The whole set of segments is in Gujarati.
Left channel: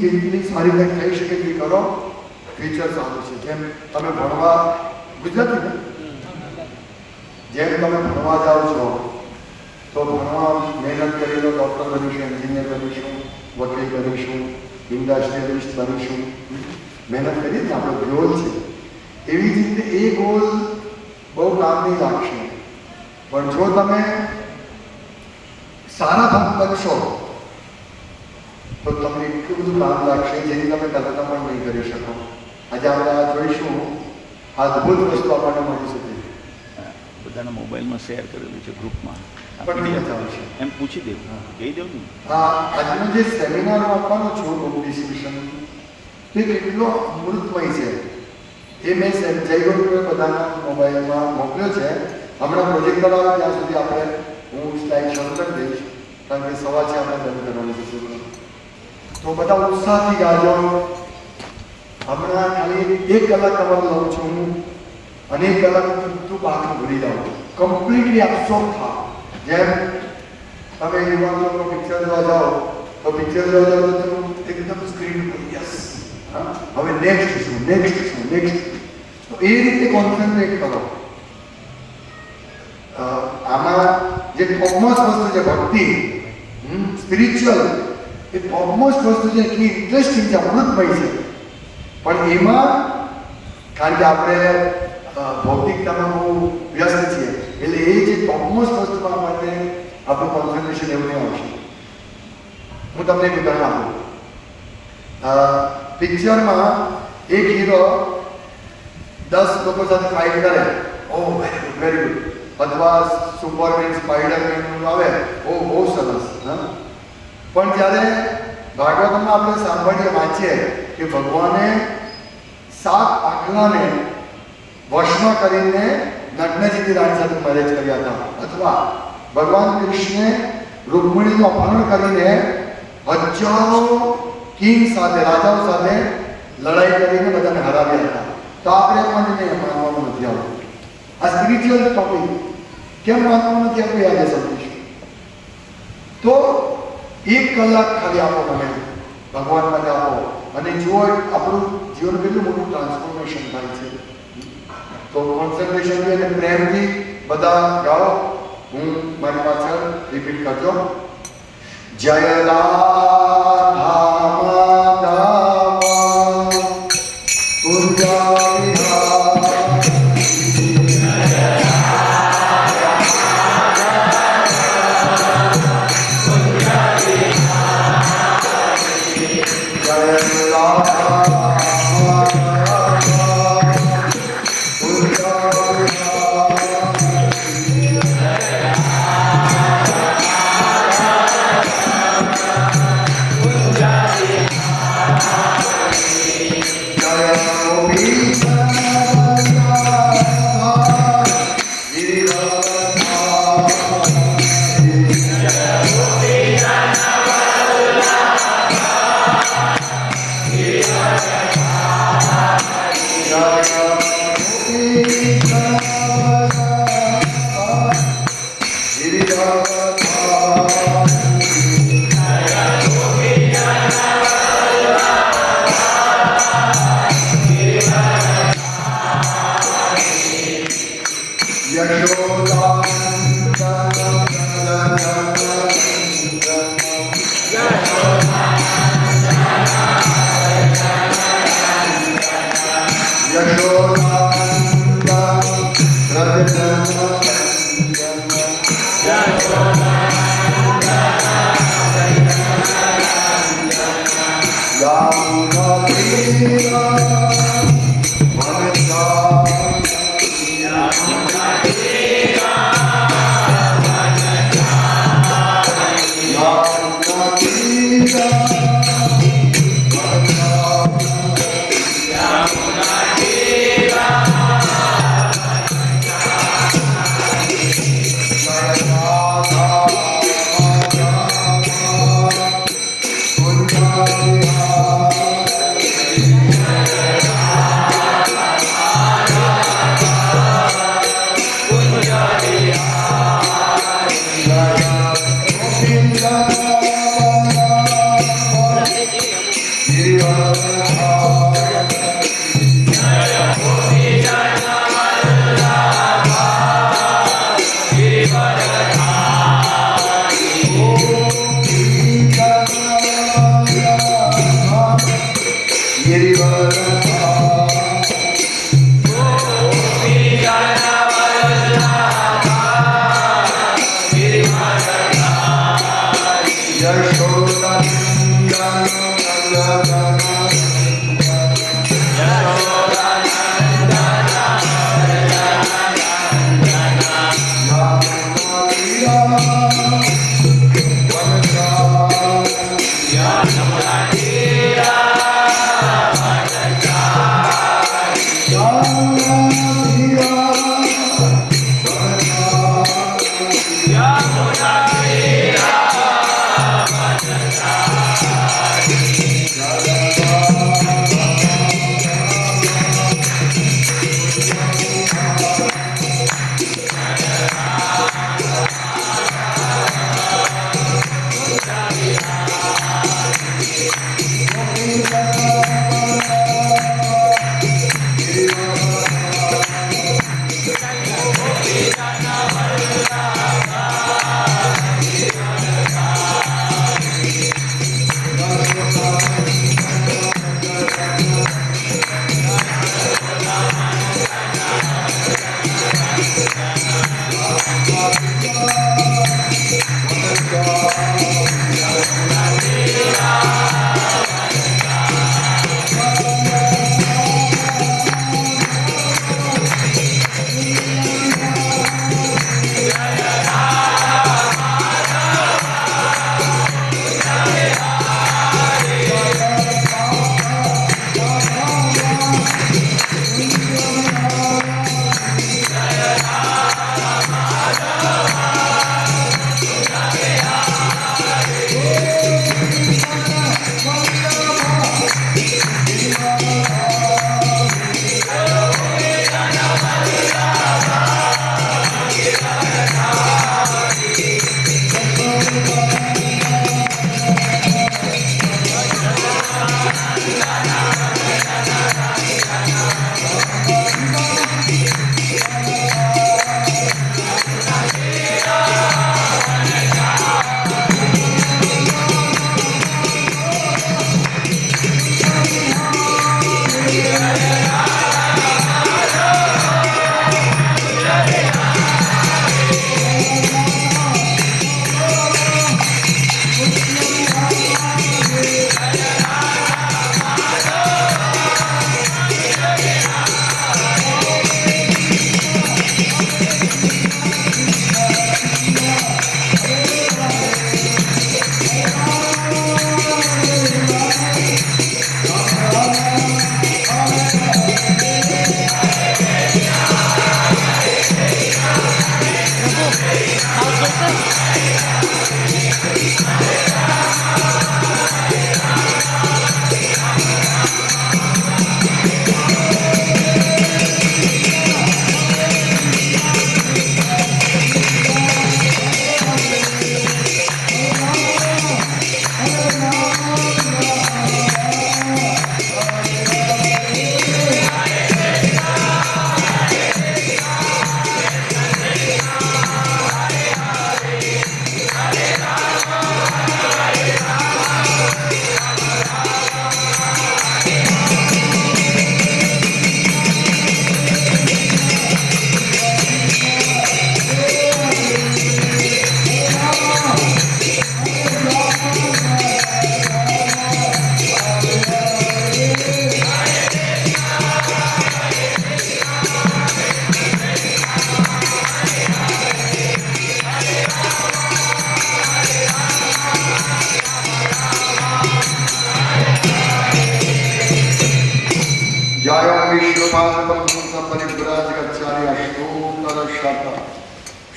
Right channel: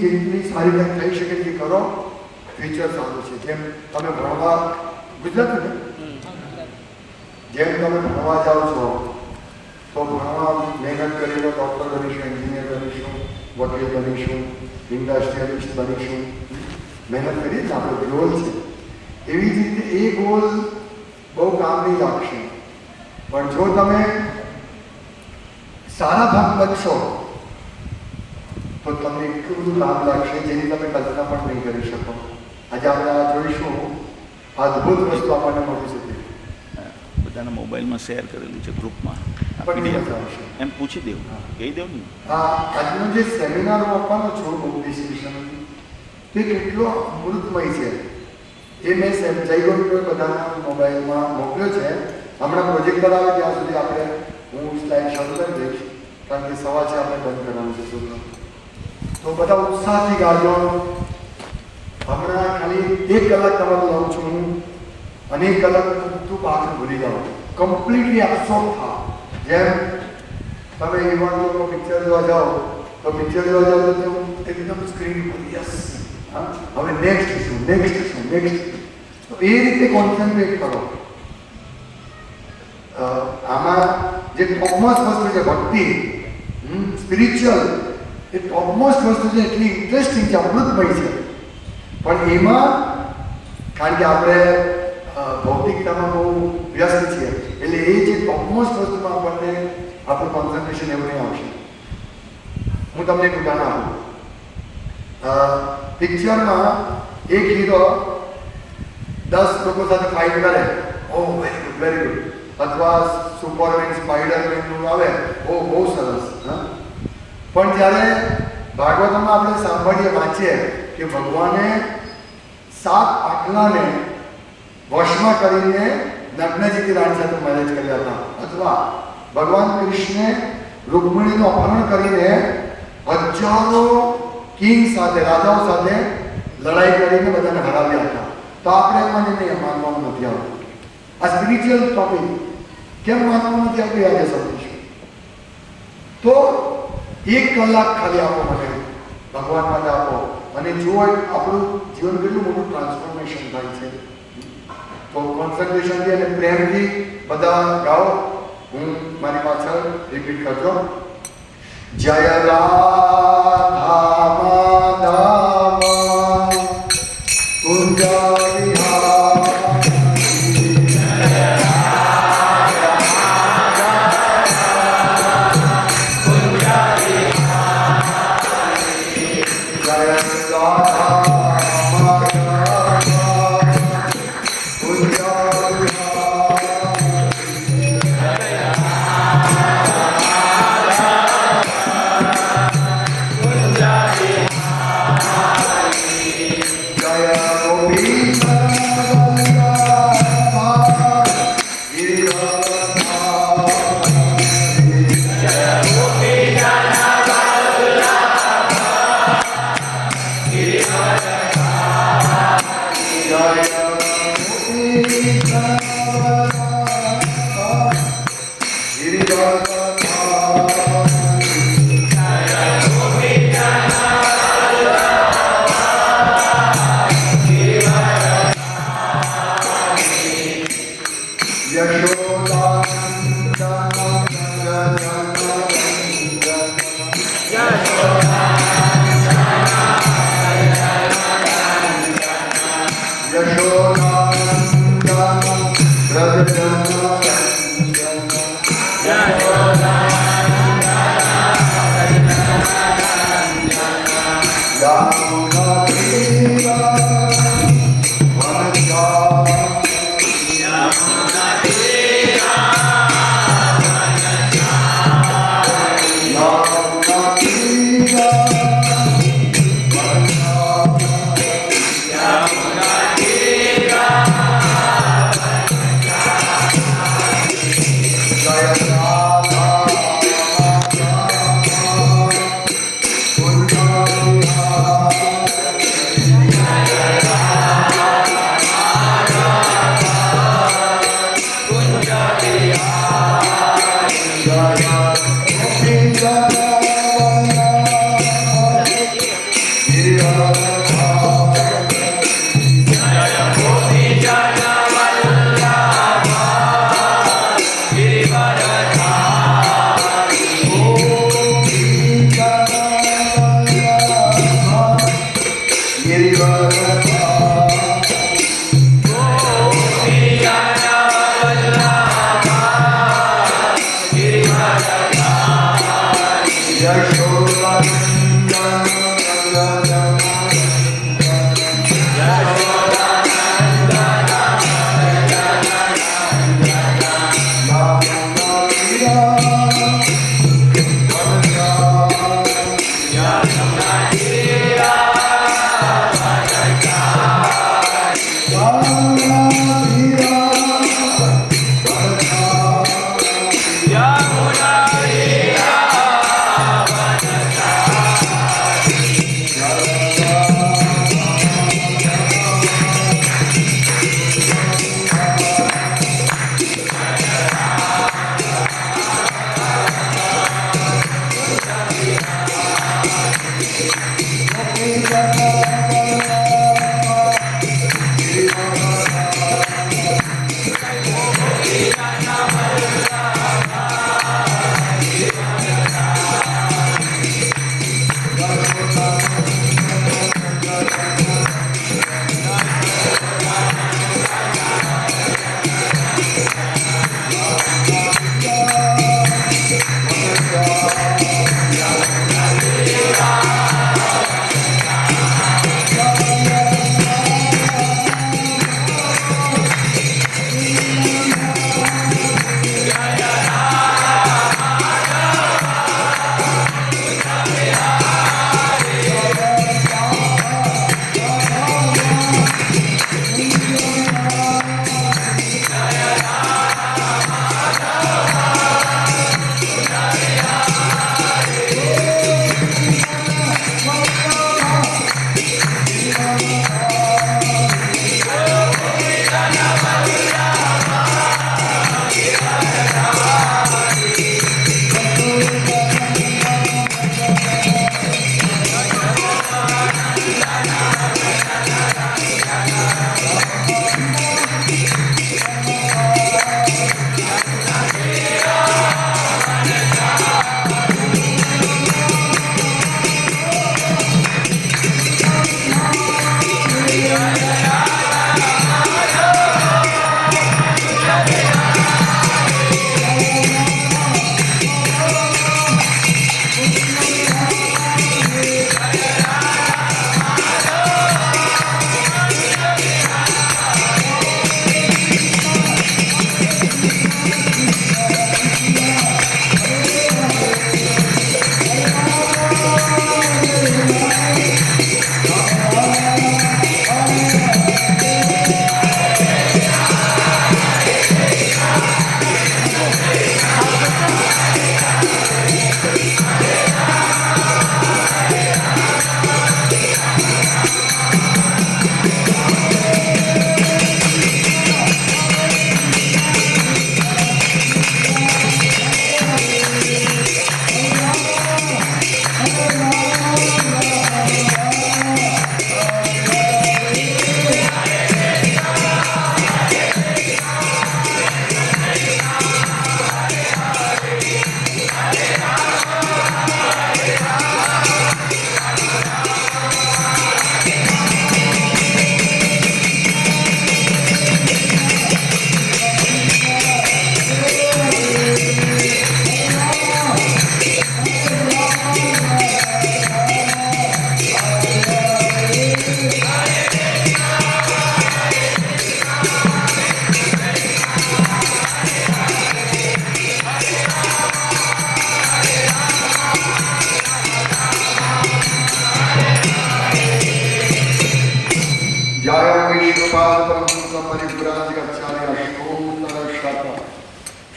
જેટલી સારી રીતે થઈ શકે એટલી કરો, ફ્યુચર સારું છે. જેમ તમે ભણવા ગુજરાતી ને જેમ તમે ભણવા જાઓ છો તો ભણવા મહેનત કરીને ડૉક્ટર બનીશું, એન્જિનિયર બનીશું, વકીલ બનીશું, ઇન્ડસ્ટ્રીયલિસ્ટ બનીશું, મહેનત કરીએ ને આપણો ગોલ છે. એવી જ રીતે એ ગોલ બહુ કામ નહીં લાગશે, પણ જો તમે સારા ભક્ત બનશો તો તમને એટલું બધું કામ લાગશે જેની તમે કલ્પના પણ નહીં કરી શકો. આજે આપણે આ જોઈશું, આ અદ્ભુત વસ્તુ આપણને મળી શકે. બધાના મોબાઈલમાં શેર કરેલું છે ગ્રુપમાં, પણ મજા આવશે એમ પૂછી દેવું, કહી દેવું ને. હા, આજનો જે સેમિનાર આપવાનો છું બુક ડિસ્કશન, તે કેટલો અમૃતમય છે એ મેં જયગુરુ બધાના મોબાઈલમાં મોકલ્યો છે. હમણાં પ્રોજેક્ટર આવે ત્યાં સુધી આપણે હું સ્લાઇડ શરૂ કરી દઈશ, કારણ કે સવા છે આપણે બંધ કરવાનું છે છોકરો. તો બધા ઉત્સાહથી ગાજો. હમણાં ખાલી 1 કલાક તમારે લઉં છું હું, અને 1 કલાકમાં બધું બાકી ભૂલી જાઓ, કમ્પ્લીટલી એબ્સોર્બ થાવ. જેમ તમે યુવાન લોકો પિક્ચર જોવા જાઓ તો પિક્ચર જોવા જાઓ તો એકદમ સ્ક્રીન પર યસ, હવે નેક્સ્ટ શું, તો એ રીતે કોન્સન્ટ્રેટ કરો. આમાં જે ટોપમોસ્ટ વસ્તુ છે ભક્તિ, સ્પિરિચ્યુઅલ, એ ટોપમોસ્ટ વસ્તુ છે, એટલી ઇન્ટરેસ્ટિંગ છે, અમૃતમય છે. પણ એમાં કારણ કે આપણે ભૌતિકતામાં બહુ વ્યસ્ત છીએ, એટલે એ જે ટોપમોસ્ટ વસ્તુમાં આપણને આપણું કોન્સન્ટ્રેશન એવું નહીં આવશે. હું તમને એક ઉદાહરણ આપું. પિક્ચરમાં એક હીરો 10 લોકો સાથે ફાઇટ કરે, ઓ વેરી ગુડ, અથવા સુપરમેન, સ્પાઈડરમેન આવે, ઓ બહુ સરસ. પણ જ્યારે ભાગવતમાં આપણે સાંભળીએ, વાંચીએ કે ભગવાને 7 આખલાને વશમાં કરીને નગ્નજીથી રાણી સાથે મેરેજ કર્યા હતા, અથવા ભગવાન કૃષ્ણે રૂકમણીનું અપહરણ કરીને હજારો કિંગ સાથે, રાજાઓ સાથે લડાઈ કરીને બધાને હરાવ્યા હતા. તો આપણે મને માનવાનું નથી આવતું. આ સ્પિરિચ્યુઅલ ટોપિક કેમ માનવાનું નથી આપણે આજે સમજીશું. તો 1 કલાક ખાલી આપો મને, ભગવાન માટે આપો, અને જુઓ આપણું જીવન કેટલું મોટું ટ્રાન્સફોર્મેશન થાય છે. તો કોન્સન્ટ્રેશનથી અને પ્રેમથી બધા ગાઓ. હું મારી પાછળ રિપીટ કરજો. જય રાધા માધવ કુંજ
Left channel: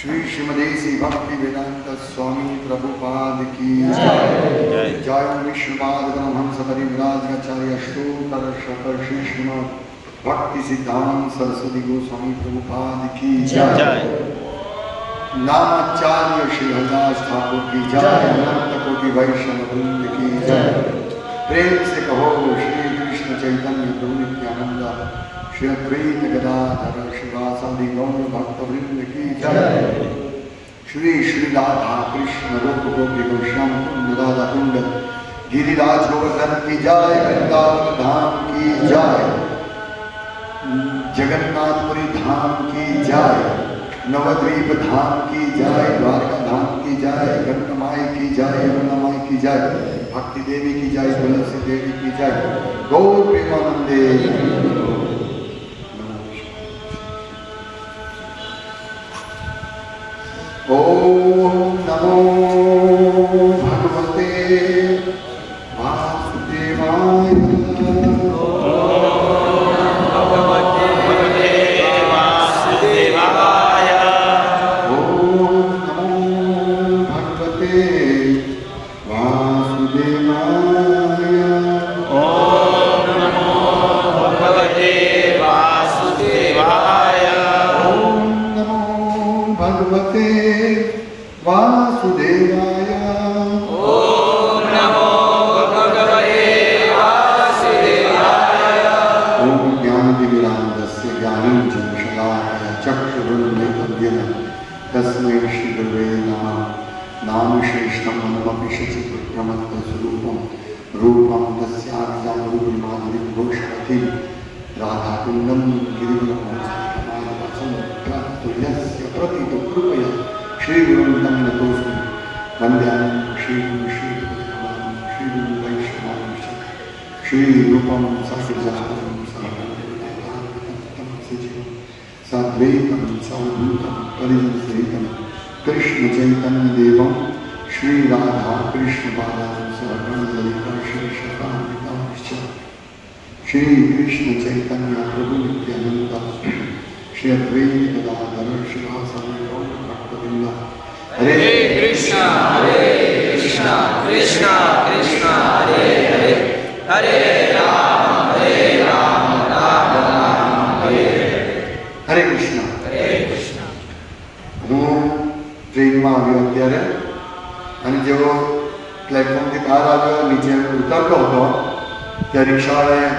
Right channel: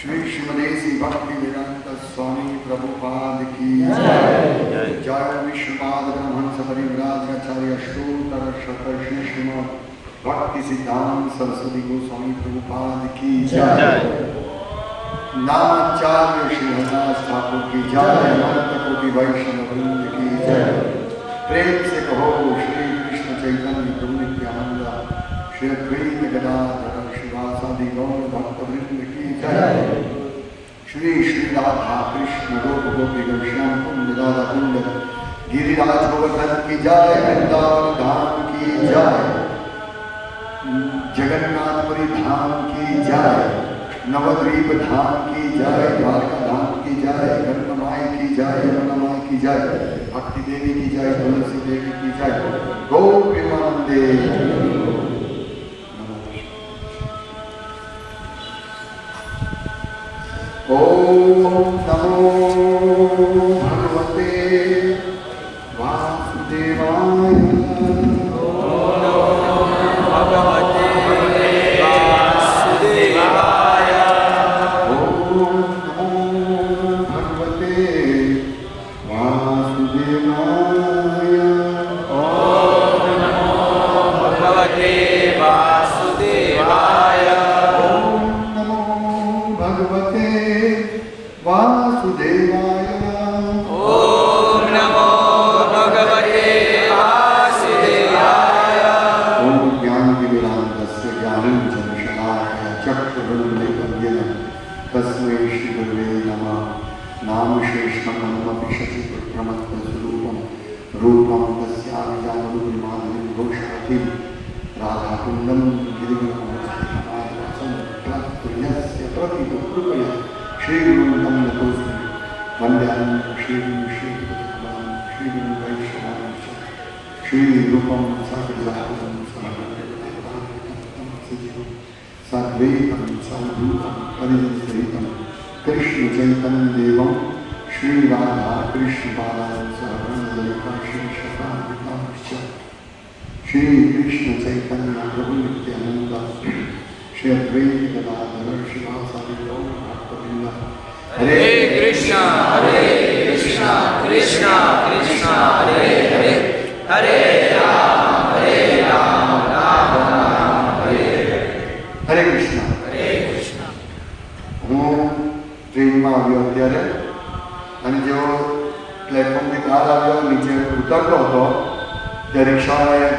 श्री श्रीमदेसी भक्ति वेदांत स्वामी प्रभुपाद की जय। जय विश्वपाद ब्रह्मंस परिव्राजकाचार्य अष्टोत्तर शत श्री श्रीमद भक्ति सिद्धांत सरस्वती गोस्वामी प्रभुपाद की जय। नामाचार्य श्री हरिदास ठाकुर की जय। अनंत कोटि वैष्णव वृंद की जय। प्रेम से कहो श्री कृष्ण चैतन्य प्रभु नित्यानंद श्री अद्वैत गदाधर शिवासादि गौर भक्त वृंद की जय। श्री श्री राधा कृष्ण रूप गोपी श्याम कुंड राधा कुंड गिरिराज गोवर्धन की जय। वृंदावन धाम की जय। जगन्नाथपुरी धाम की जय। नवद्वीप धाम की जय। द्वारका धाम की जय। गंगमाई की जय। यमुनामाई की जय। भक्ति देवी की जय। तुलसी देवी की जय। गौर प्रेमानंदे। ओम नमो भगवते वासुदेवाय। कृष्ण चैतन्य देवम श्री राधा कृष्ण श्री कृष्ण चैतन्य प्रभु नित्यानंद श्री अद्वैत गदाधर शिवासादि गौर भक्तवृंद। हरे कृष्णा कृष्णा कृष्णा हरे हरे हरे राम राम राम हरे हरे कृष्ण। હું ટ્રેનમાં આવ્યો અત્યારે અને જેવો પ્લેટફોર્મથી બહાર આવ્યો નીચે ઉતરતો હતો ત્યાં રિક્ષાવાળાએ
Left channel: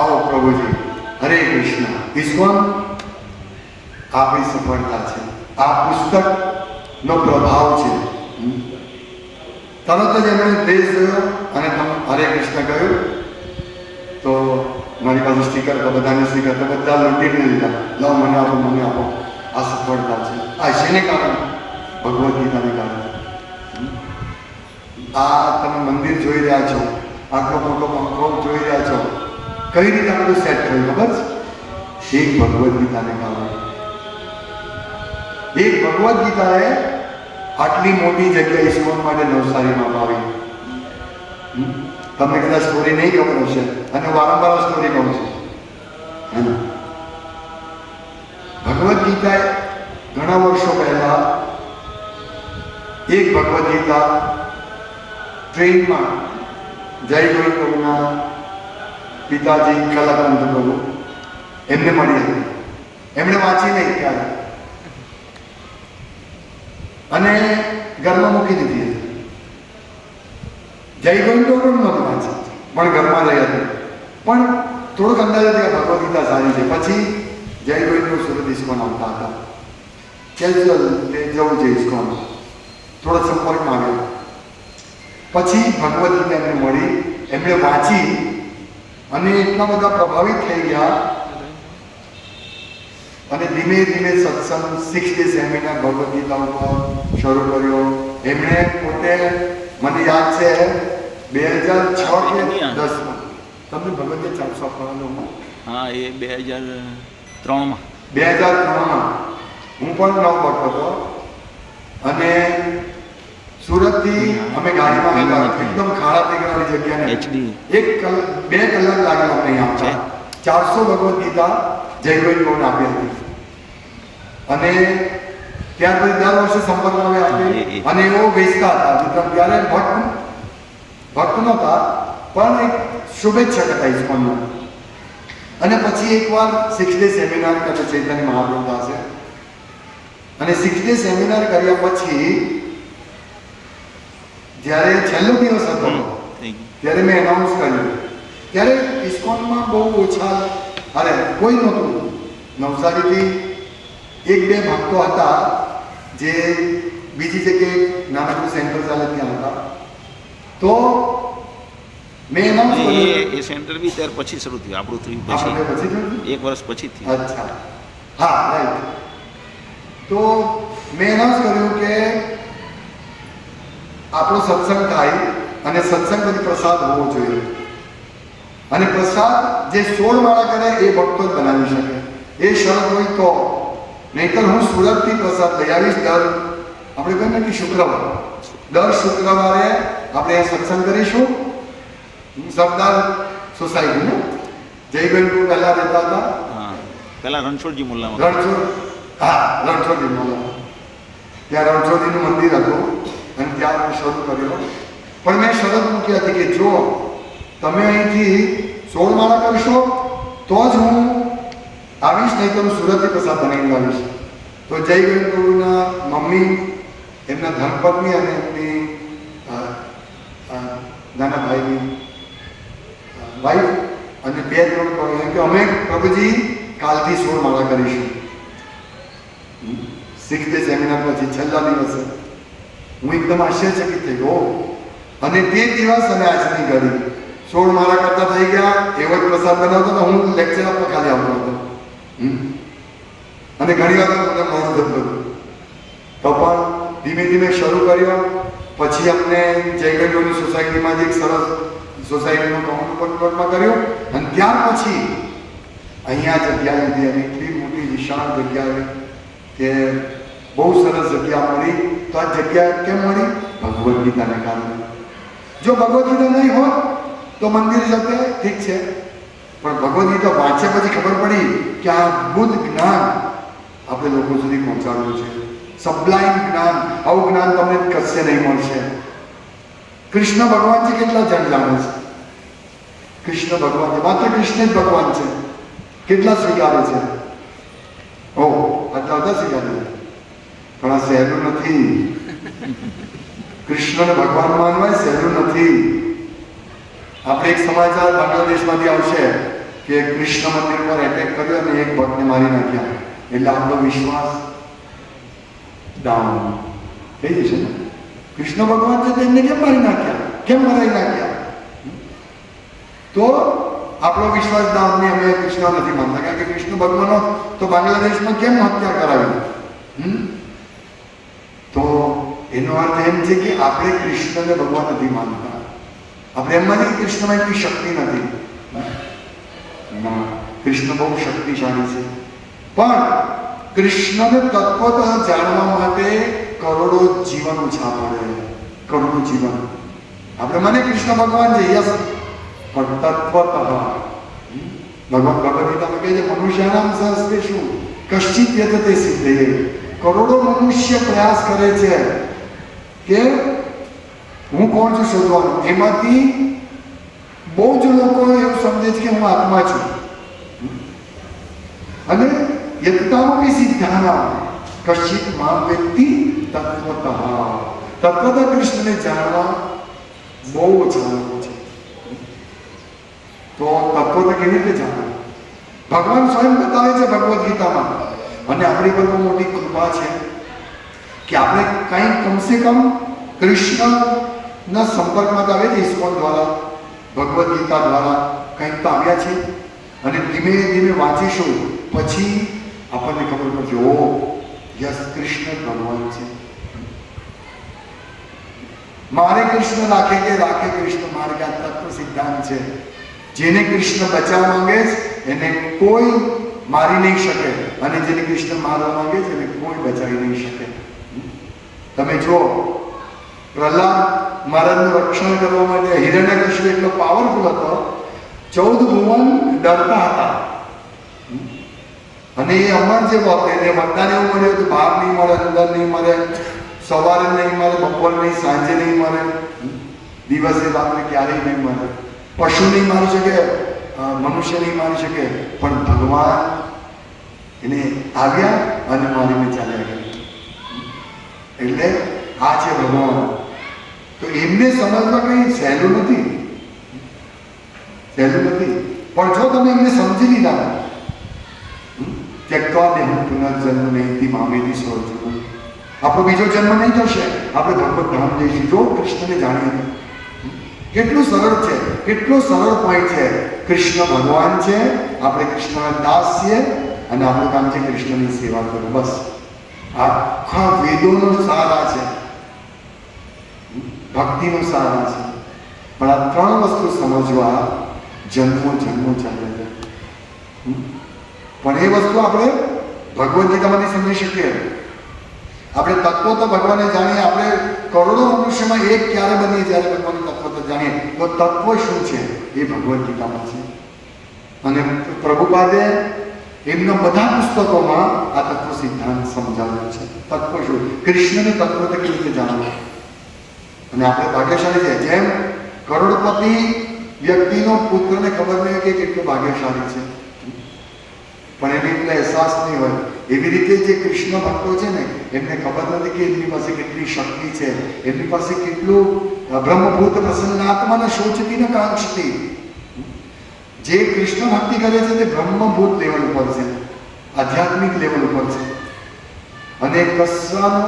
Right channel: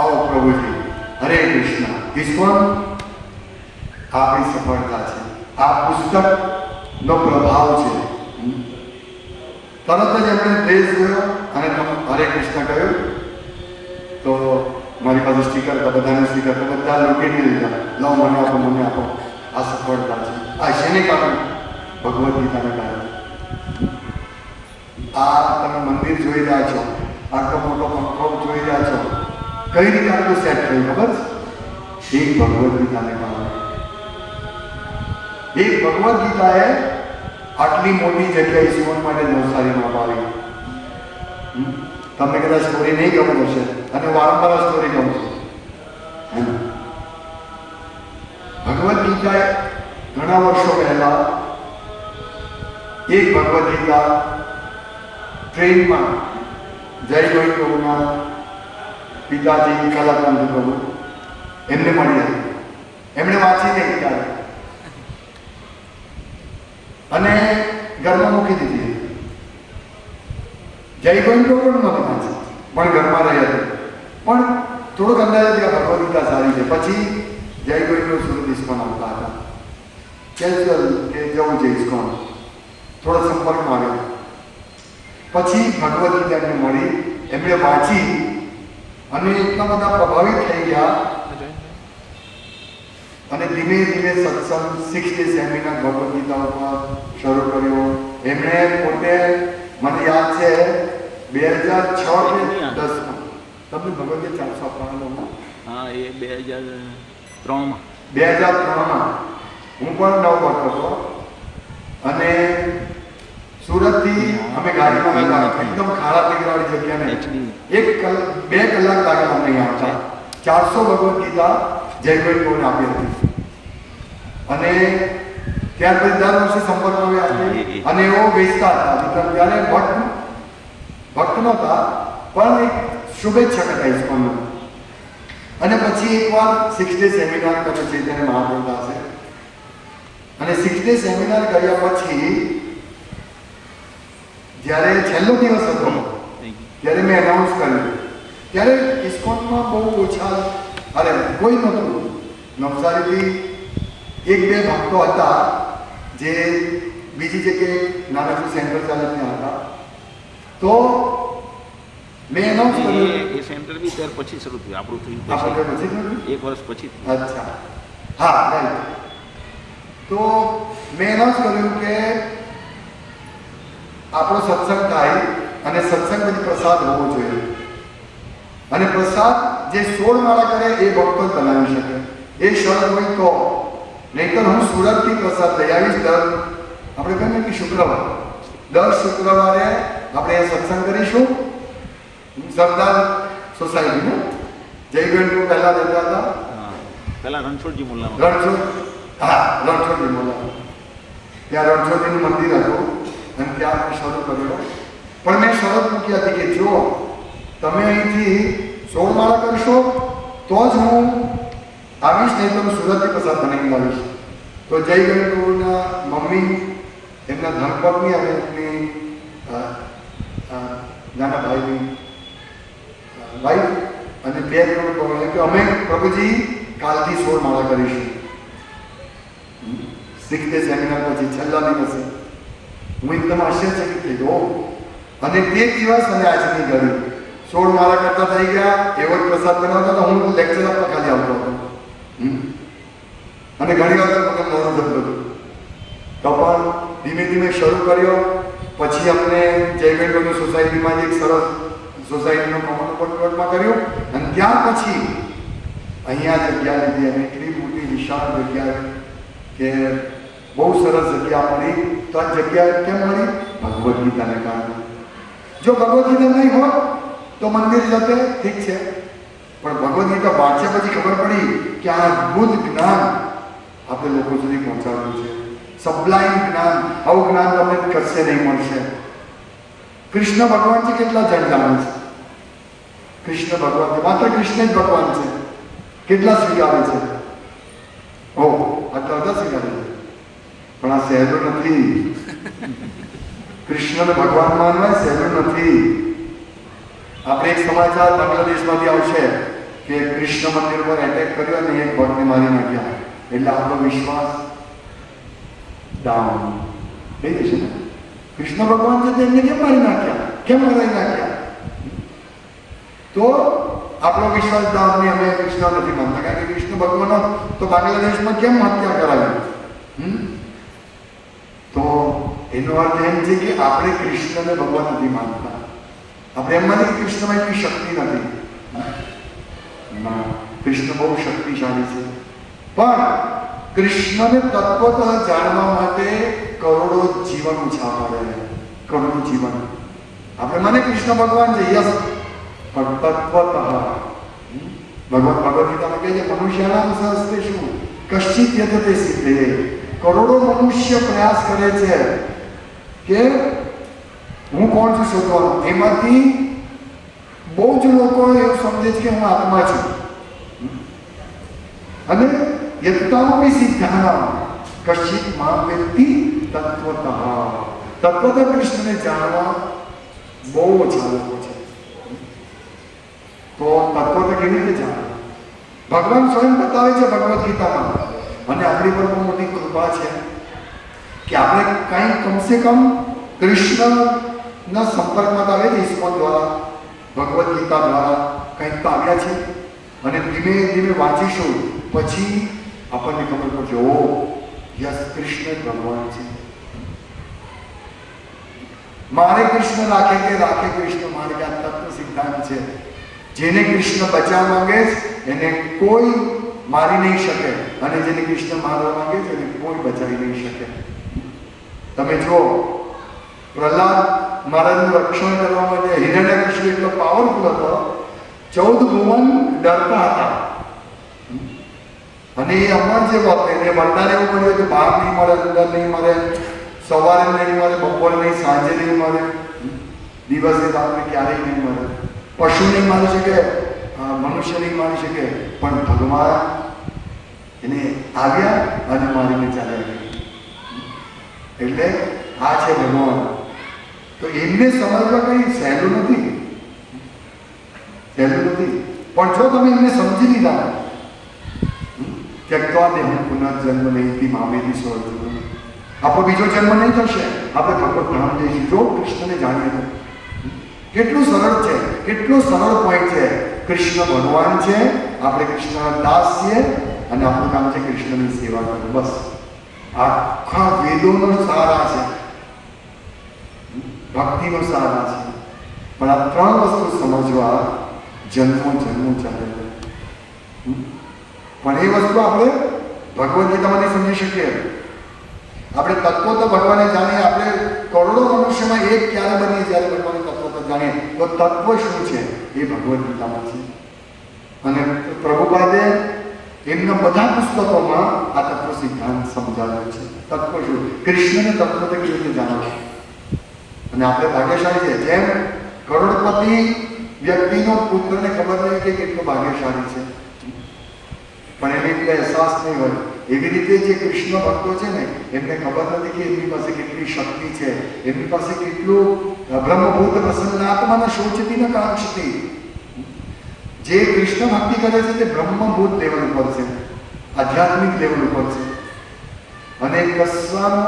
આવો પ્રભુજી હરે કૃષ્ણ ઈશ્વર આપણી સફળતા છે આ પુસ્તકનો પ્રભાવ છે। તરત જ એમણે દેશ જોયો અને હરે કૃષ્ણ કહ્યું તો મારી પાસે સ્ટીકર હતા બધાને સ્ટીકર તો બધા લૂંટીને લીધા લો મને આપો આ સફળતા છે આ શેને કારણે ભગવદ્ ગીતાને કારણે। આ તમે મંદિર જોઈ રહ્યા છો આટલો મોટો પંખો જોઈ રહ્યા છો કઈ રીતે આ બધું સેટ થયું ખબર છે એક ભગવદ્ ગીતાને કારણે। એક ભગવદ્ ગીતાએ આટલી મોટી જગ્યા ઈશ્વર માટે નવસારીમાં આવી। તમને કદાચ સ્ટોરી નહીં ખબર હશે અને વારંવાર સ્ટોરી કહું છું। ભગવદ્ ગીતા ઘણા વર્ષો પહેલા એક ભગવદ્ ગીતા ટ્રેનમાં જય ગોવિંદના પિતાજી કલાકાંત પ્રભુ એમને મળી હતી। એમણે વાંચી નહીં ત્યારે અને ઘરમાં મૂકી દીધી હતી। જય ગોવિંદ પણ નહોતી વાંચી પણ ઘરમાં રહી હતી પણ થોડુંક અંદાજ હતી કે ભગવદ્ ગીતા સારી છે। પછી જય ગોવિંદ સુરત ઇસ્કોન આવતા હતા કેઝ્યુઅલ તે જવું છે ઇસ્કોન થોડો સંપર્કમાં આવ્યો પછી ભગવદ્ ગીતા એમને મળી એમણે વાંચી અને એટલા બધા પ્રભાવિત થઈ ગયા અને ધીમે ધીમે સત્સંગ 6 ડે સેમિનાર ભગવદ્ ગીતા ઉપર શરૂ કર્યો। એમણે પોતે મને યાદ છે 2006 કે 10માં તમને ભગવદ્ ગીતા 455 હા એ 2003માં હું પણ નવ હતો અને સુરતથી અમે ગાડીમાં હતા એકદમ ખાડા ટેકરાવાળી જગ્યાને 2 કલાક લાગ્યા અમને અહીંયા 400 ભગવદ્ ગીતા જયભાઈ આપી હતી અને ત્યાર પછી દર વર્ષે સંપર્કમાં આપી અને એવો વેચતા હતા વિતરણ ત્યારે ભક્ત નહોતા પણ એક શુભેચ્છક હતા ઇસ્કોનના। અને પછી એકવાર 6 ડે સેમિનાર તમે ચૈતન્ય મહાપ્રભુ હશે અને 6 ડે સેમિનાર કર્યા પછી જ્યારે છેલ્લો દિવસ હતો ત્યારે મેં એનાઉન્સ કર્યું. ત્યારે ઇસ્કોનમાં બહુ ઓછા, અરે કોઈ નહોતું. નવસારીથી એક બે ભક્તો હતા જે બીજી જગ્યાએ નાનકડું સેન્ટર ચાલે ત્યાં હતા. તો મેં એનાઉન્સ કર્યું. એ સેન્ટર બી ત્યાર પછી શરૂ થયું, આપણું થયું આપણે પછી, પછી થયું? 1 વર્ષ પછી થયું. અચ્છા, હા, રાઈટ. તો મેં એનાઉન્સ કર્યું કે આપણો સત્સંગ થાય અને સત્સંગ પછી પ્રસાદ હોવો જોઈએ. અને પ્રસાદ જે 16 માળા કરે એ ભક્તો જ બનાવી શકે, એ શરત હોય તો. નહીંતર હું સુરતથી પ્રસાદ લઈ આવીશ. આપણે કહીએ કે દર શુક્રવારે આપણે સત્સંગ કરીશું. સરદાર સોસાયટીનું જયગઢપુર પહેલાં રહેતા હતા, હા, પહેલાં રણછોડજી મુલ્લા. રણછોડજી મુલ્લા. ત્યાં રણછોડજીનું મંદિર હતું અને ત્યાં મેં શરૂ કર્યો. પણ મેં શરત મૂકી હતી કે જો તમે અહીંથી 16 માળા કરશો તો જ હું આવીશ, નહીં તો હું સુરતથી પ્રસાદ બનાવીને આવીશ. તો જયગઢપુરના મમ્મી, એમના ધર્મપત્ની અને એમની નાના ભાઈની વાઈફ અને 2 જણ કહ્યું કે અમે પ્રભુજી કાલથી 16 માળા કરીશું. 6th ડે સેમિનાર પછી છેલ્લા દિવસે હું એકદમ આશ્ચર્યચકિત થઈ ગયો. અને તે દિવસ અને આજની ઘડી 16 માળા કરતા થઈ ગયા. એવો જ પ્રસાદ બનાવતો હતો. હું લેક્ચર આપવા ખાલી આવતો હતો અને ઘણી વાર મને મોડું થતું હતું. તો પણ ધીમે ધીમે શરૂ કર્યો. પછી અમને જયગઢપુરની સોસાયટીમાં એક સરસ સોસાયટીનું કોમનમાં કર્યું અને ત્યાર પછી અહીંયા જગ્યા લીધી અને એટલી મોટી વિશાળ જગ્યા કે બહુ સરસ જગ્યા મળી. તો આ જગ્યા કેમ મળી? ભગવદ્ ગીતાને કારણે. જો ભગવદ્ ગીતા નહીં હોત તો મંદિર જતે ઠીક છે, પણ ભગવદ્ ગીતા વાંચ્યા પછી ખબર પડી કે આ અદ્ભુત જ્ઞાન આપણે લોકો સુધી પહોંચાડવું છે. સબ્લાઇમ જ્ઞાન, આવું જ્ઞાન તમને કશે નહીં મળશે. કૃષ્ણ ભગવાન છે, કેટલા જણ જાણે છે? કૃષ્ણ ભગવાન છે, માત્ર કૃષ્ણ જ ભગવાન છે. કેટલા સ્વીકારે છે? આટલા બધા સ્વીકારે છે. પણ આ સહેલું નથી. કૃષ્ણને ભગવાન માનવા સહેલું નથી. આપણે એક સમાચાર બાંગ્લાદેશમાંથી આવશે કે કૃષ્ણ મંદિર પર એટેક કર્યો અને એક ભક્તને મારી નાખ્યા. એટલે આપણો વિશ્વાસ ડાઉન થઈ જશે ને. કૃષ્ણ ભગવાન છે તેમને કેમ મારી નાખ્યા? કેમ મરાઈ નાખ્યા? તો આપણો વિશ્વાસ ડાઉન નહીં. અમે કૃષ્ણ નથી માનતા, કારણ કે કૃષ્ણ ભગવાન તો બાંગ્લાદેશમાં કેમ હત્યા કરાવી? તો એનો અર્થ એમ છે કે આપણે કૃષ્ણને ભગવાન નથી માનતા. આપણે એમ નથી કે કૃષ્ણમાં એટલી શક્તિ નથી. કૃષ્ણ બહુ શક્તિશાળી છે, પણ કૃષ્ણને તત્વતઃ જાણવા માટે કરોડો જીવન ઓછા પડે. કરોડો જીવન. આપણે મને કૃષ્ણ ભગવાન છે, યસ, પણ તત્વતઃ ભગવાન ભગવદ ગીતામાં કહે છે મનુષ્યનામ સહસ્તે શું કશ્ચિત યતતે સિદ્ધે. કરોડો મનુષ્ય પ્રયાસ કરે છે કે હું કોણ છું શોધવાનું. એમાંથી બહુ જ લોકો એવું સમજે છે કે હું આત્મા છું. અને યત્તામપી સિદ્ધાનામ કશ્ચિત મામ વેત્તિ તત્વતઃ. તત્વતઃ કૃષ્ણને જાણવા બહુ ઓછા લોકો છે. તો તત્વતઃ કેવી રીતે જાણવું? ભગવાન સ્વયં બતાવે છે ભગવદ્ ગીતામાં. અને આપણી પર બહુ મોટી કૃપા છે કે આપણે કંઈ કમસે કમ કૃષ્ણના સંપર્કમાં આવે છે. ઇસ્કોન દ્વારા, ભગવદ્ ગીતા દ્વારા કંઈક તો આવ્યા છે. અને ધીમે ધીમે વાંચીશું પછી આપણને ખબર પડશે, ઓ યસ, કૃષ્ણ ભગવાન છે. મારે કૃષ્ણ રાખે કે રાખે કૃષ્ણ મારે, કે આ તત્વ સિદ્ધાંત છે. જેને કૃષ્ણ બચાવવા માંગે એને કોઈ મારી નહીં શકે, અને જેને કૃષ્ણ મારવા માંગે છે એને કોઈ બચાવી નહીં શકે. તમે જો પ્રહલાદ મહારાજનું રક્ષણ કરવા માટે હિરણ્યકશિપુ એટલો પાવરફુલ હતો, 14 ભુવન ડરતા હતા. અને એ અમર જેવો હતો, એને વરદાન એવું કર્યું કે બહાર નહીં મળે, અંદર નહીં મળે, સવારે નહીં મળે, બપોરે નહીં, સાંજે નહીં મળે, દિવસે રાત્રે ક્યારેય નહીં મળે. પશુ નહીં મારી શકે, મનુષ્ય નહીં મારી શકે, પણ ભગવાન એને આવ્યા અને મારીને ચાલ્યા ગયા. એટલે આ છે ભગવાન. તો એમને સમજવા કંઈ સહેલું નથી. સહેલું નથી. પણ જો તમે એમને સમજી લીધા ત્યક્ત્વા દેહં પુનર્જન્મ નહિ મામેતિ સ્વર્ગમ, આપણો બીજો જન્મ નહીં થશે, આપણે ભગવત ધામ જઈશું જો કૃષ્ણને જાણીએ તો. કેટલું સરળ છે, કેટલો સરળ પોઈન્ટ છે. કૃષ્ણ ભગવાન છે, આપણે કૃષ્ણના દાસ છીએ અને આપણું કામ છે કૃષ્ણની સેવા કરવું. બસ આખા વેદોનો સારા છે, ભક્તિનો સારા છે. પણ આ ત્રણ વસ્તુ સમજવા જન્મો ચાલે છે. પણ એ વસ્તુ આપણે ભગવદ્ ગીતામાંથી સમજી શકીએ. આપણે તત્વો તો ભગવાને જાણીએ, આપણે કરોડો મનુષ્યમાં એક ક્યારે બનીએ જ્યારે ભગવાનનું તત્વ તો જાણીએ. તો તત્વ શું છે એ ભગવદ્ ગીતામાં છે. અને પ્રભુપાદે એમના બધા પુસ્તકોમાં આ તત્વ સિદ્ધાંત સમજાવ્યો છે. તત્વ શું, કૃષ્ણને તત્વ તો કેવી રીતે જાણો. અને આપણે ભાગ્યશાળી છે. જેમ કરોડપતિ વ્યક્તિનો પુત્રને ખબર નહીં કે કેટલો ભાગ્યશાળી છે, પણ એને એટલે અહેસાસ નહીં હોય. એવી રીતે જે કૃષ્ણ ભક્તો છે ને એમને ખબર નથી કે એમની પાસે કેટલી શક્તિ છે, એમની પાસે કેટલું બ્રહ્મભૂત પ્રસન્નાત્માને શોચતી ન કાંક્ષતી. જે કૃષ્ણ ભક્તિ કરે છે તે બ્રહ્મભૂત લેવલ ઉપર છે, આધ્યાત્મિક લેવલ ઉપર છે. અને કશાનો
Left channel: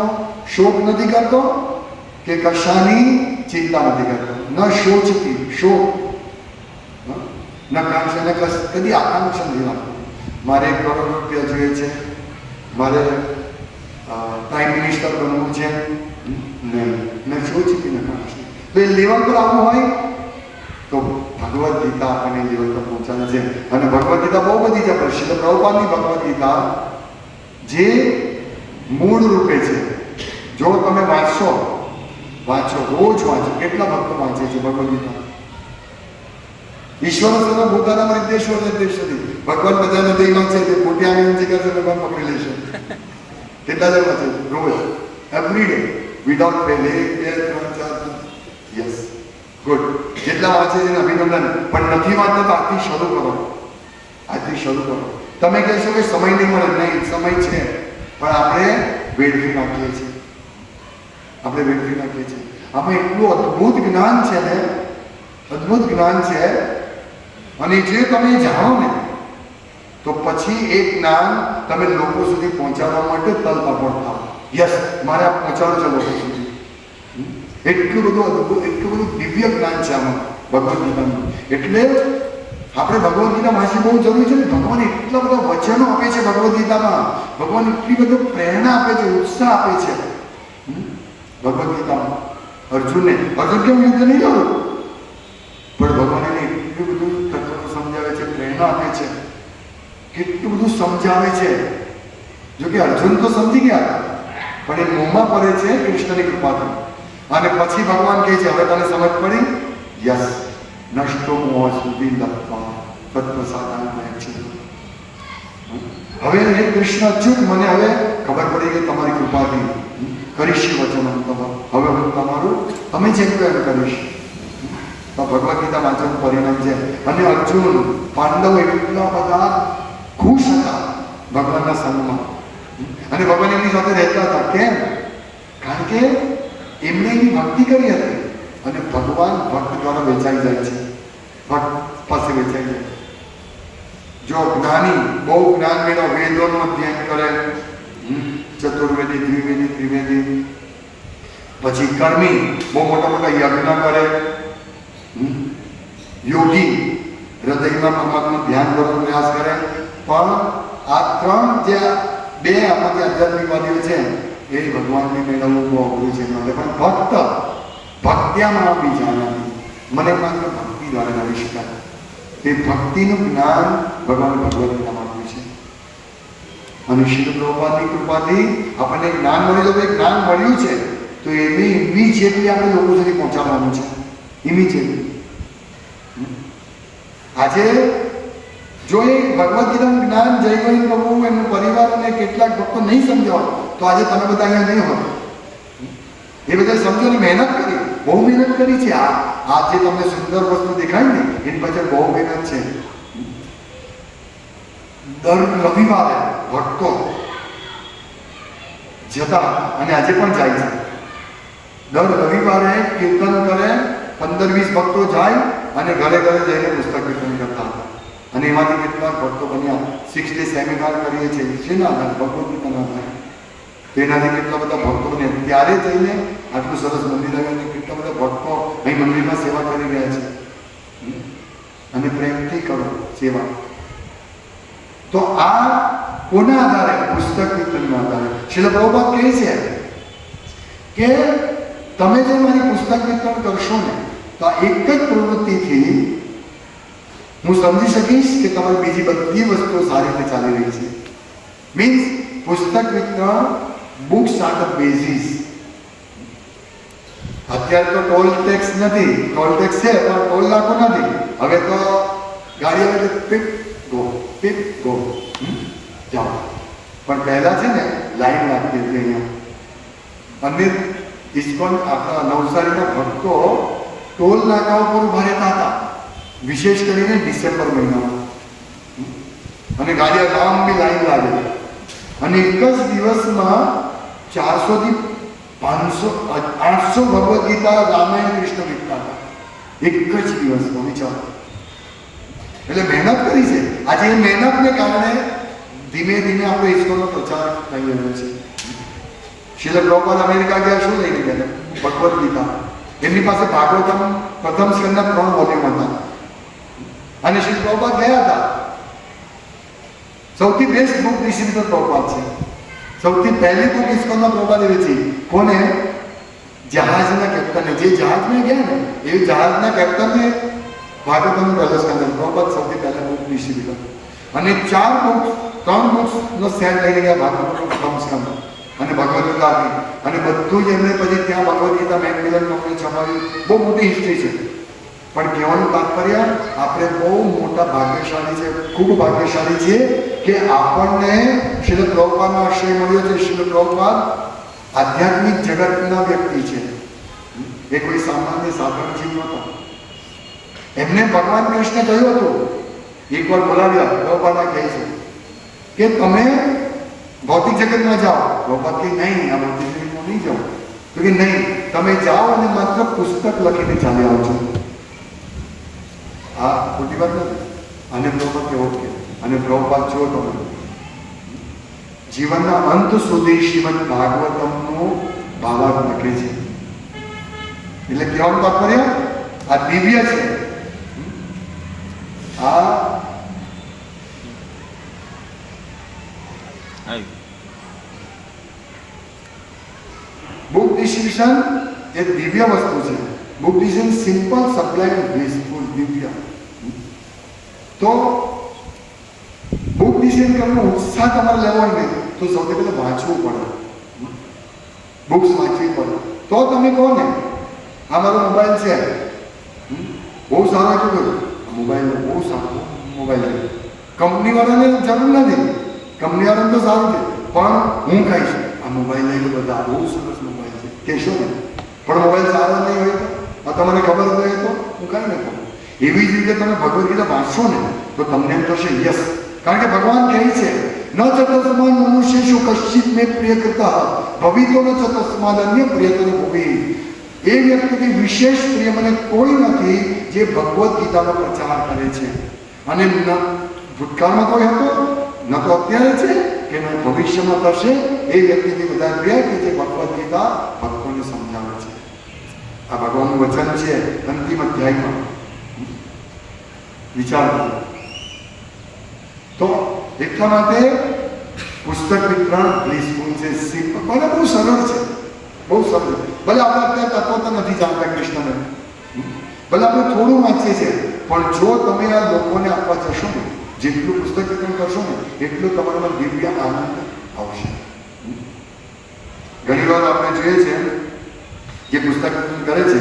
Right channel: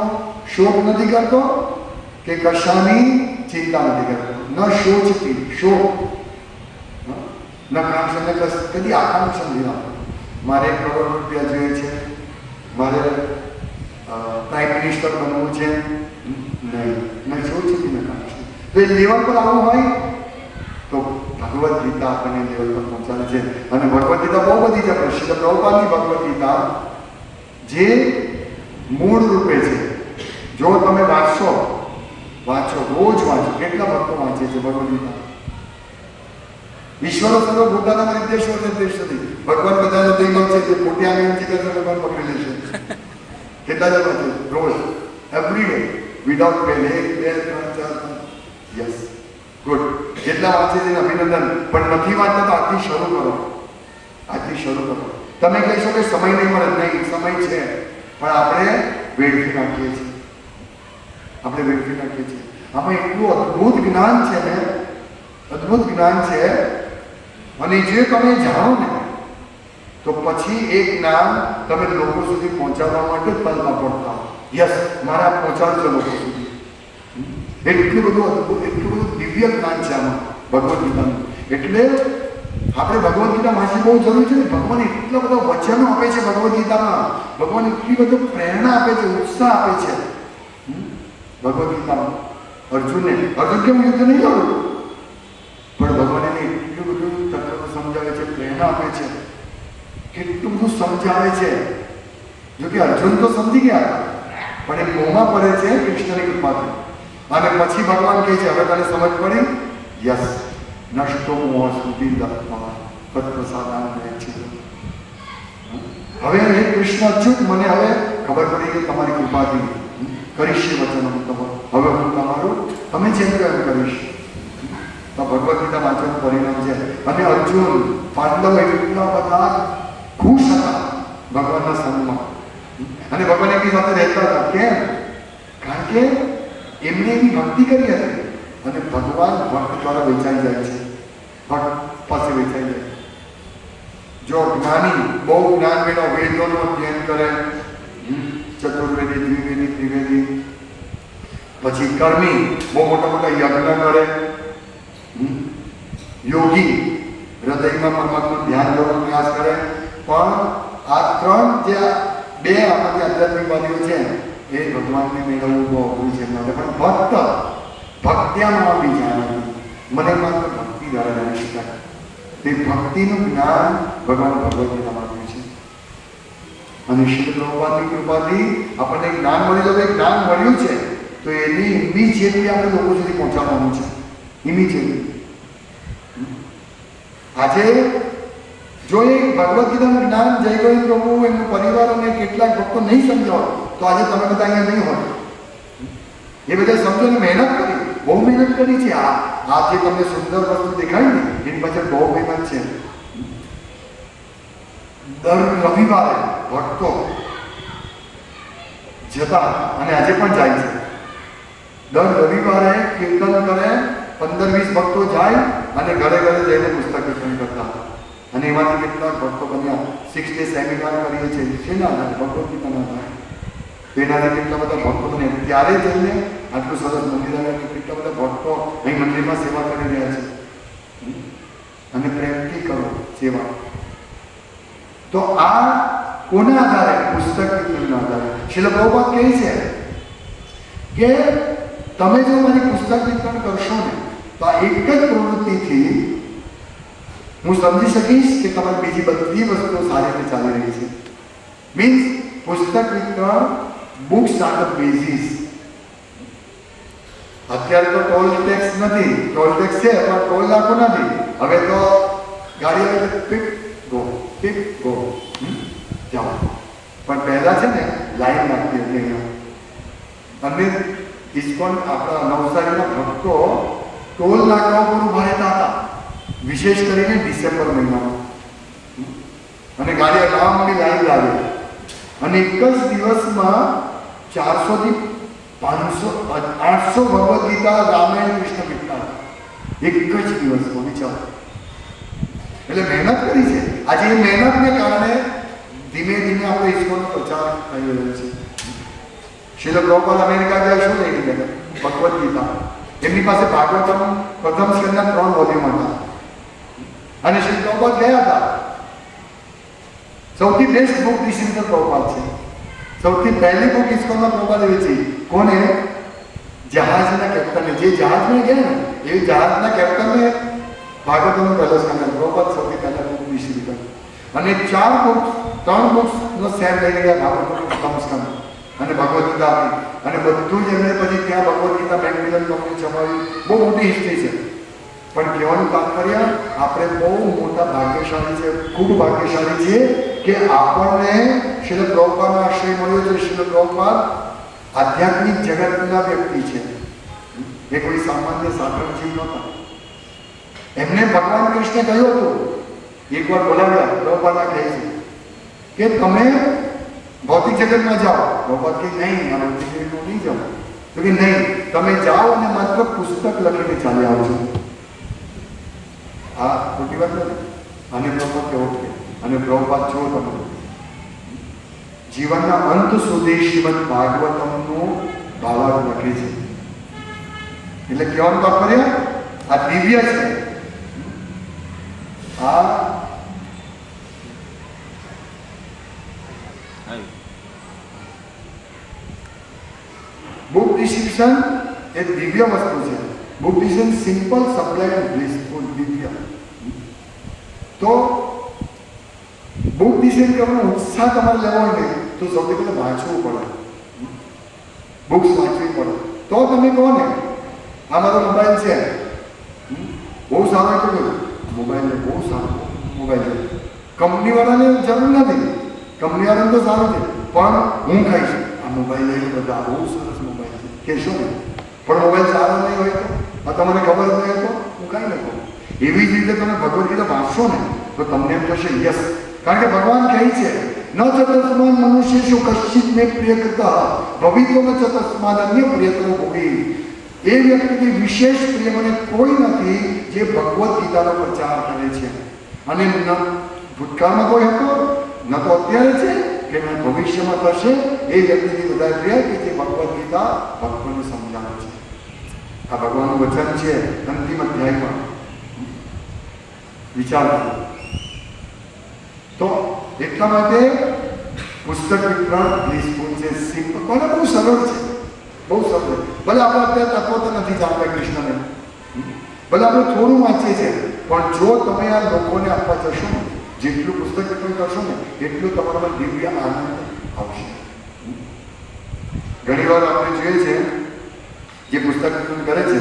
શોક નથી કરતો કે કશાની ચિંતા નથી કરતો. ન શોચતી, શોક ન કાંક્ષા, ને કદી આકાંક્ષા નથી રાખતો. મારે 1 કરોડ રૂપિયા જોઈએ છે, મારે પ્રાઇમ મિનિસ્ટર બનવું છે, નહીં સોચી ન કાંક્ષી. તો એ લેવલ પર આવું હોય તો ભગવદ્ ગીતા આપણને લેવલ પર પહોંચાડે છે. અને ભગવદ્ ગીતા બહુ બધી છે. શ્રીલ પ્રભુપાદની ભગવદ્ ગીતા જે મૂળ રૂપે છે, જો તમે વાંચો રોજ વાંચો. કેટલા ભક્તો વાંચે છે ભગવદ્ ગીતા? ઈશ્વર સર્વભૂતાનામ નિર્દેશો નિર્દેશોથી. ભગવાન બધાને દેહમાં છે, તે મોટી આંગળી કરશે ભગવાન પકડી લેશે. કેટલા જણ વાંચે રોજ, every day, without fail? 1, 2, 3, 4. Yes, good. જેટલા વાંચે છે અભિનંદન. પણ નથી વાંચતા તો આજથી શરૂ કરો, આજથી શરૂ કરો. તમે કહેશો કે સમય નહીં મળે, નહીં, સમય છે, પણ આપણે વેડફી નાખીએ છીએ. આમાં એટલું અદ્ભુત જ્ઞાન છે ને, અદ્ભુત જ્ઞાન છે. અને જે તમે જાણો ને તો પછી એ જ્ઞાન તમે લોકો સુધી પહોંચાડવા માટે તલપકડ થાઓ. યસ, મારે આ પહોંચાડો છે લોકો સુધી. એટલું બધું અદ્ભુત, એટલું બધું દિવ્ય જ્ઞાન છે આમાં ભગવદ્ ગીતાનું. એટલે આપણે ભગવદ્ ગીતા વાંચવી બહુ જરૂરી છે ને. ભગવાન એટલા બધા વચનો આપે છે ભગવદ્ ગીતામાં. ભગવાન એટલી બધી પ્રેરણા આપે છે, ઉત્સાહ આપે છે ભગવદ્ ગીતામાં. અર્જુન કેમ યુદ્ધ નહીં જોયું, પણ ભગવાન એને એટલું બધું તત્વ સમજાવે છે, પ્રેરણા આપે છે, કેટલું બધું સમજાવે છે. જોકે અર્જુન તો સમજી ગયા, પણ એ મોંમાં પડે છે કૃષ્ણની કૃપાથી. અને પછી ભગવાન કહે છે, હવે તને સમજ પડી? યસ, નષ્ટો મોહ સુધી લખવા તત્પ્રસાદાન છે. હવે હે કૃષ્ણ અચ્યુત, મને હવે ખબર પડી કે તમારી કૃપાથી કરીશ વચન. હવે હું તમારું તમે જેમ કહો એમ કરીશ. તો ભગવદ્ ગીતા વાંચન પરિણામ છે. અને અર્જુન, પાંડવો એટલા બધા ખુશ હતા ભગવાનના સંગમાં. અને ભગવાન એમની સાથે રહેતા હતા. કેમ? કારણ કે એમણે એની ભક્તિ કરી હતી. અને ભગવાન ભક્ત દ્વારા વેચાઈ જાય છે, ભક્ત પાસે વેચાઈ જાય. જો જ્ઞાની બહુ જ્ઞાન મેળવો, વેદોનું અધ્યયન કરે, ચતુર્વેદી, દ્વિવેદી, ત્રિવેદી, પછી કર્મી બહુ મોટા મોટા યજ્ઞ કરે, યોગી હૃદયમાં પરમાત્માનું ધ્યાન કરવાનો પ્રયાસ કરે. પણ આ ત્રણ જે બે આમાંથી આધ્યાત્મિકવાદીઓ છે એ ભગવાનને મેળવવું બહુ અઘરું છે. માટે પણ ભક્ત્યામાં આપણી જાણવાની મને માત્ર ભક્તિ દ્વારા જાણી શકાય. તે ભક્તિનું જ્ઞાન ભગવાન ભગવદ્ગીતામાં આપ્યું છે. અને શ્રી પ્રભુપાદની કૃપાથી આપણને જ્ઞાન મળ્યું. તો જ્ઞાન મળ્યું છે તો એને ઇમિજિએટલી આપણે લોકો સુધી પહોંચાડવાનું છે. ઇમિજિએટલી આજે જો એ ભગવદ્ ગીતાનું જ્ઞાન જય ગોવિંદ પ્રભુ એમનો પરિવાર અને કેટલાક ભક્તો નહીં સમજાવો તો આજે તમે બધા અહીંયા નહીં હોય. એ બધા સમજવાની મહેનત કરી, બહુ મહેનત કરી છે. આ જે તમને સુંદર વસ્તુ દેખાય ને એની પાછળ બહુ મહેનત છે. દર રવિવારે ભક્તો જતા અને આજે પણ જાય છે. દર રવિવારે કીર્તન કરે, 15-20 ભક્તો જાય અને ઘરે ઘરે જઈને પુસ્તક અને એમાંથી કેટલાક ભક્તો બન્યા. 6 ડે સેમિનાર કરીએ છીએ શેના આધારે? ભગવદ્ ગીતાના આધારે. તો એનાથી કેટલા બધા ભક્તો બન્યા. ત્યારે જઈને આટલું સરસ મંદિર આવ્યું, કેટલા બધા ભક્તો અહીં મંદિરમાં સેવા કરી રહ્યા છે. અને પ્રેમથી કરો સેવા. તો આ કોના આધારે? પુસ્તક વિતરણના આધારે. શીલ પ્રભુપાદ કહે છે કે તમે જો મારી પુસ્તક વિતરણ કરશો ને તો આ એક જ પ્રવૃત્તિથી હું સમજી શકીશ કે તમારી બીજી બધી વસ્તુઓ સારી રીતે ચાલી રહી છે. મીન્સ પુસ્તક વિતરણ બુક્સ આર ધ બેઝિસ. અત્યારે તો ટોલ ટેક્સ નથી, ટોલ ટેક્સ છે પણ ટોલ લાગુ નથી. હવે તો ગાડી આવે તો પીપ ગો જાઓ. પણ પહેલા છે ને લાઈન લાગતી હતી અહીંયા. અને ઇસ્કોન આપણા નવસારીના ભક્તો ટોલ નાકા ઉપર ઉભા રહેતા હતા, વિશેષ કરીને ડિસેમ્બર મહિનામાં. અને ગાડીઓ લાંબી લાઈન લાગે. અને એક જ દિવસમાં 400 થી 500 800 ભગવદ્ ગીતા, રામાયણ, કૃષ્ણ ગીતા એક જ દિવસમાં. વિચારો. એટલે મહેનત કરી છે. આજે એ મહેનતને કારણે ધીમે ધીમે આપણે ઈશ્વરનો પ્રચાર થઈ રહ્યો છે. શીલ પ્રભુપાદ અમેરિકા ગયા, શું લઈને ગયા? ભગવદ્ ગીતા. એમની પાસે ભાગવતમ પ્રથમ સ્કંદના 3 વોલ્યુમ હતા. અને શીલ પ્રભુપાદ ગયા હતા. સૌથી બેસ્ટ બુક ડિસ્ટ્રીબ્યુટર પ્રભુપાદ છે. સૌથી પહેલી બુક ઇસ્કોનના પ્રભુપાદે વેચી. કોને? જહાજના કેપ્ટને. જે જહાજમાં ગયા ને એ જહાજના કેપ્ટને ભાગવતમનું પહેલો સ્કંદ. પ્રભુપાદ સૌથી પહેલા બુક ડિસ્ટ્રીબ્યુટર. અને 4 બુક 3 બુક્સનો સેટ લઈને ગયા ભાગવતમનું પ્રથમ સ્કંદ અને ભગવદ્ ગીતા આપી. અને બધું જ એમને પછી ત્યાં ભગવદ્ ગીતા મેકમિલન કંપની છપાવી. બહુ મોટી હિસ્ટ્રી છે. પણ કહેવાનું તાત્પર્ય આપણે બહુ મોટા ભાગ્યશાળી છે, ખૂબ ભાગ્યશાળી છે કે આપણને શીલ પ્રભુપાદનો આશ્રય મળ્યો છે. શીલ પ્રભુપાદ આધ્યાત્મિક જગતના વ્યક્તિ છે. એ કોઈ સામાન્ય સાધારણ જીવ નહોતા. એમને ભગવાન કૃષ્ણે કહ્યું હતું, એકવાર બોલાવ્યા, પ્રભુપાદને કહે છે કે તમે ભૌતિક જગતમાં જાઓ. પ્રભુપાદ કે નહીં, આ ભૌતિક જગતમાં નહીં જાઓ. તો કે નહીં, તમે જાઓ અને માત્ર પુસ્તક લખીને ચાલી આવજો. હા, ખોટી વાત નથી. અને પ્રભુપાદ કે ઓકે. અને પ્રભુપાદ જુઓ તમે જીવનના અંત સુધી શ્રીમદ ભાગવતમનું ભાવાર્થ લખે છે. એટલે કહેવાનું તાત્પર્ય આ દિવ્ય છે. આ બુક ડિસ્ટ્રીબ્યુશન એ દિવ્ય વસ્તુ છે. બુક ડિસ્ટ્રીબ્યુશન સિમ્પલ, સપ્લાય, બ્લિસફુલ, દિવ્ય. તો બુક ડિસ્ટ્રીબ્યુટ કરવાનો ઉત્સાહ તમારે લેવો હોય ને તો સૌથી પહેલાં વાંચવું પડે. બુક્સ વાંચવી પડે. તો તમે કહો ને આ મારો મોબાઈલ છે, બહુ સારો એટલું મોબાઈલ બહુ સારો મોબાઈલ છે. કંપનીવાળાને જરૂર નથી, કંપનીવાળાને તો સારું છે, પણ હું કહીશ આ મોબાઈલ લઈને બધા બહુ સરસ મોબાઈલ છે કહેશો ને. પણ મોબાઈલ સારો નહીં હોય તો તમને ખબર જ નહીં તો હું કાંઈ નહીં કહું. એવી જ રીતે તમે ભગવદ્ ગીતા વાંચશો ને તો તમને એમ થશે યસ. કારણ કે ભગવાન કહે છે ન ચતસ્માન મનુષ્યેષુ કશ્ચિત મે પ્રિય કૃતઃ ભવિતો ન ચતસ્માન અન્ય પ્રિયતર ભુવિ. એ વ્યક્તિથી વિશેષ પ્રિય મને કોઈ નથી જે ભગવદ્ ગીતાનો પ્રચાર કરે છે. અને ન ભૂતકાળમાં કોઈ હતો, ન તો અત્યારે છે કે ન ભવિષ્યમાં થશે. એ વ્યક્તિથી વધારે પ્રિય કે જે ભગવદ્ ગીતા ભક્તોને સમજાવે છે. આ ભગવાનનું વચન છે અંતિમ અધ્યાયમાં. વિચાર તો એટલા માટે પુસ્તક વિતરણ બ્લિસફુલ છે, સિમ્પલ, ભલે બહુ સરળ છે, બહુ સરળ. ભલે આપણે અત્યારે તત્વો તો નથી જાણતા કૃષ્ણને, ભલે આપણે થોડું વાંચીએ છીએ, પણ જો તમે આ લોકોને આપવા જશો ને, જેટલું પુસ્તક વિતરણ કરશો ને એટલું તમારામાં દિવ્ય આનંદ આવશે. ઘણી વાર આપણે જોઈએ છે જે પુસ્તક વિતરણ કરે છે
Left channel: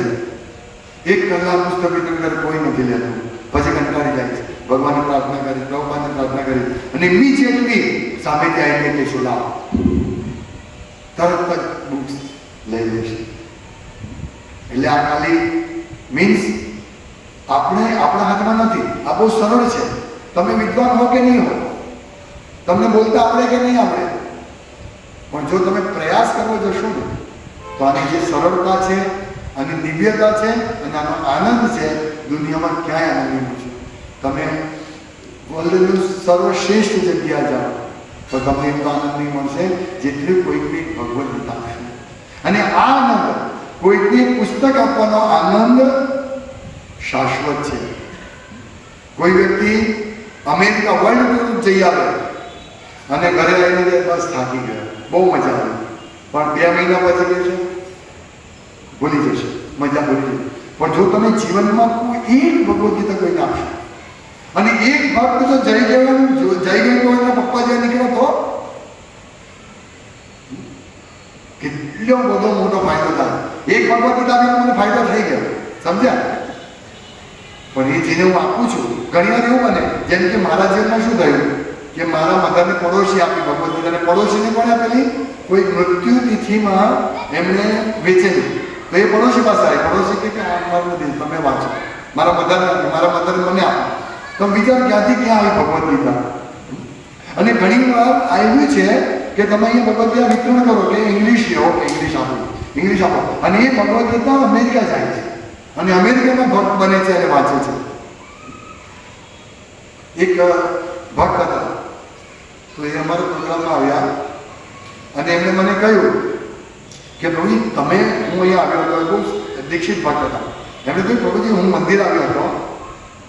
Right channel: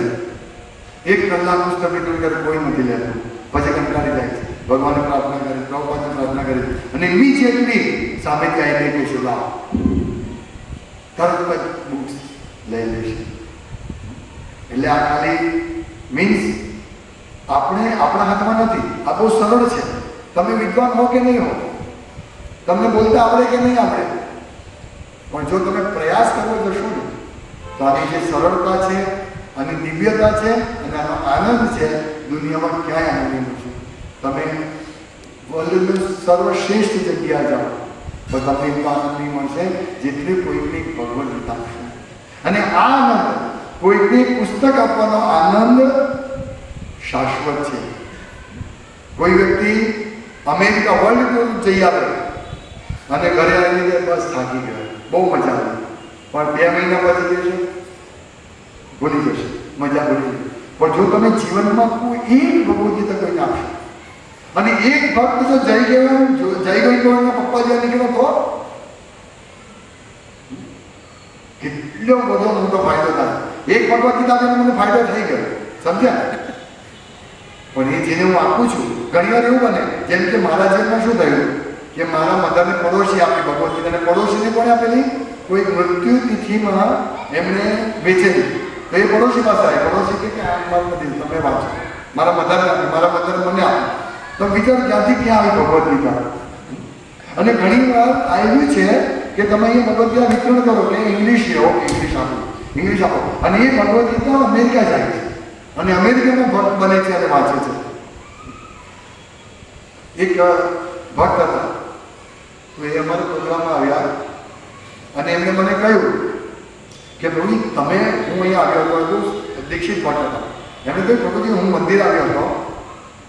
1 કલાક પુસ્તક વિતરણ કરે, કોઈ નથી લેતું, પછી કંટાળી જાય છે. ભગવાનને પ્રાર્થના કરી, પ્રભુપાદને પ્રાર્થના કરી અને ઇમિડિયેટલી સામેથી આવીને કે શું લાવ તરત જ બુક્સ લઈ લેશે. એટલે આ ખાલી મીન્સ આપણે આપણા હાથમાં નથી. આ બહુ સરળ છે. તમે વિદ્વાન હો કે નહીં હો, તમને બોલતા આવડે કે નહીં આવડે, પણ જો તમે પ્રયાસ કરવો જશો ને તો આની જે સરળતા છે અને દિવ્યતા છે અને આનો આનંદ છે દુનિયામાં ક્યાંય આનંદ નથી. તમે બોલેલું સર્વશ્રેષ્ઠ જગ્યા જાઓ તો તમને એટલો આનંદ નહીં મળશે જેટલું કોઈકને ભગવદ ગીતા આપશે. અને આ આનંદ કોઈકને પુસ્તક આપવાનો આનંદ શાશ્વત છે. કોઈ વ્યક્તિ અમેરિકા વર્લ્ડ ટૂર જઈ આવે અને ઘરે આવીને કે બસ થાકી ગયો, બહુ મજા આવી, પણ 2 મહિના પછી કે છે ભૂલી જશે, મજા ભૂલી જશે. પણ જો તમે જીવનમાં કોઈ એક ભગવદ ગીતા કોઈને આપશો અને એક ભક્ત તો જય ગયેલા પપ્પા જેવા નીકળ્યો તો કેટલો બધો મોટો ફાયદો થાય. એક ભગવદ ગીતા આપીને મને ફાયદો થઈ ગયો, સમજ્યા? પણ એ જેને હું આપું છું ઘણી વાર એવું બને જેમ કે મારા જીવનમાં શું થયું કે મારા મધરને પડોશી આપી ભગવદ ગીતાને, પડોશીને પણ આપેલી કોઈ મૃત્યુ તિથિમાં એમણે વેચેલી. તો એ પડોશી પાસે આવી, પડોશી કે મારું નથી, તમે વાંચો. મારા મધર નથી, મારા મધર મને આપો. તો વિચાર ક્યાંથી ક્યાં આવી ભગવદ ગીતા. અને ઘણી વાર આવ્યું છે કે તમે અહીંયા ભગવદ ગીતા વિતરણ કરો કે ઇંગ્લિશ ઇંગ્લિશ આપો અને એ ભગવદ ગીતા અમેરિકા જાય છે અને અમેરિકામાં ભક્ત બને છે અને વાંચે છે. એક ભક્ત હતા તો એ અમારા પ્રોગ્રામમાં આવ્યા અને એમણે મને કહ્યું કે પ્રભુ તમે, હું અહીંયા આવ્યો હતો, દીક્ષિત ભક્ત હતા. એમણે કહ્યું પ્રભુજી હું મંદિર આવ્યો હતો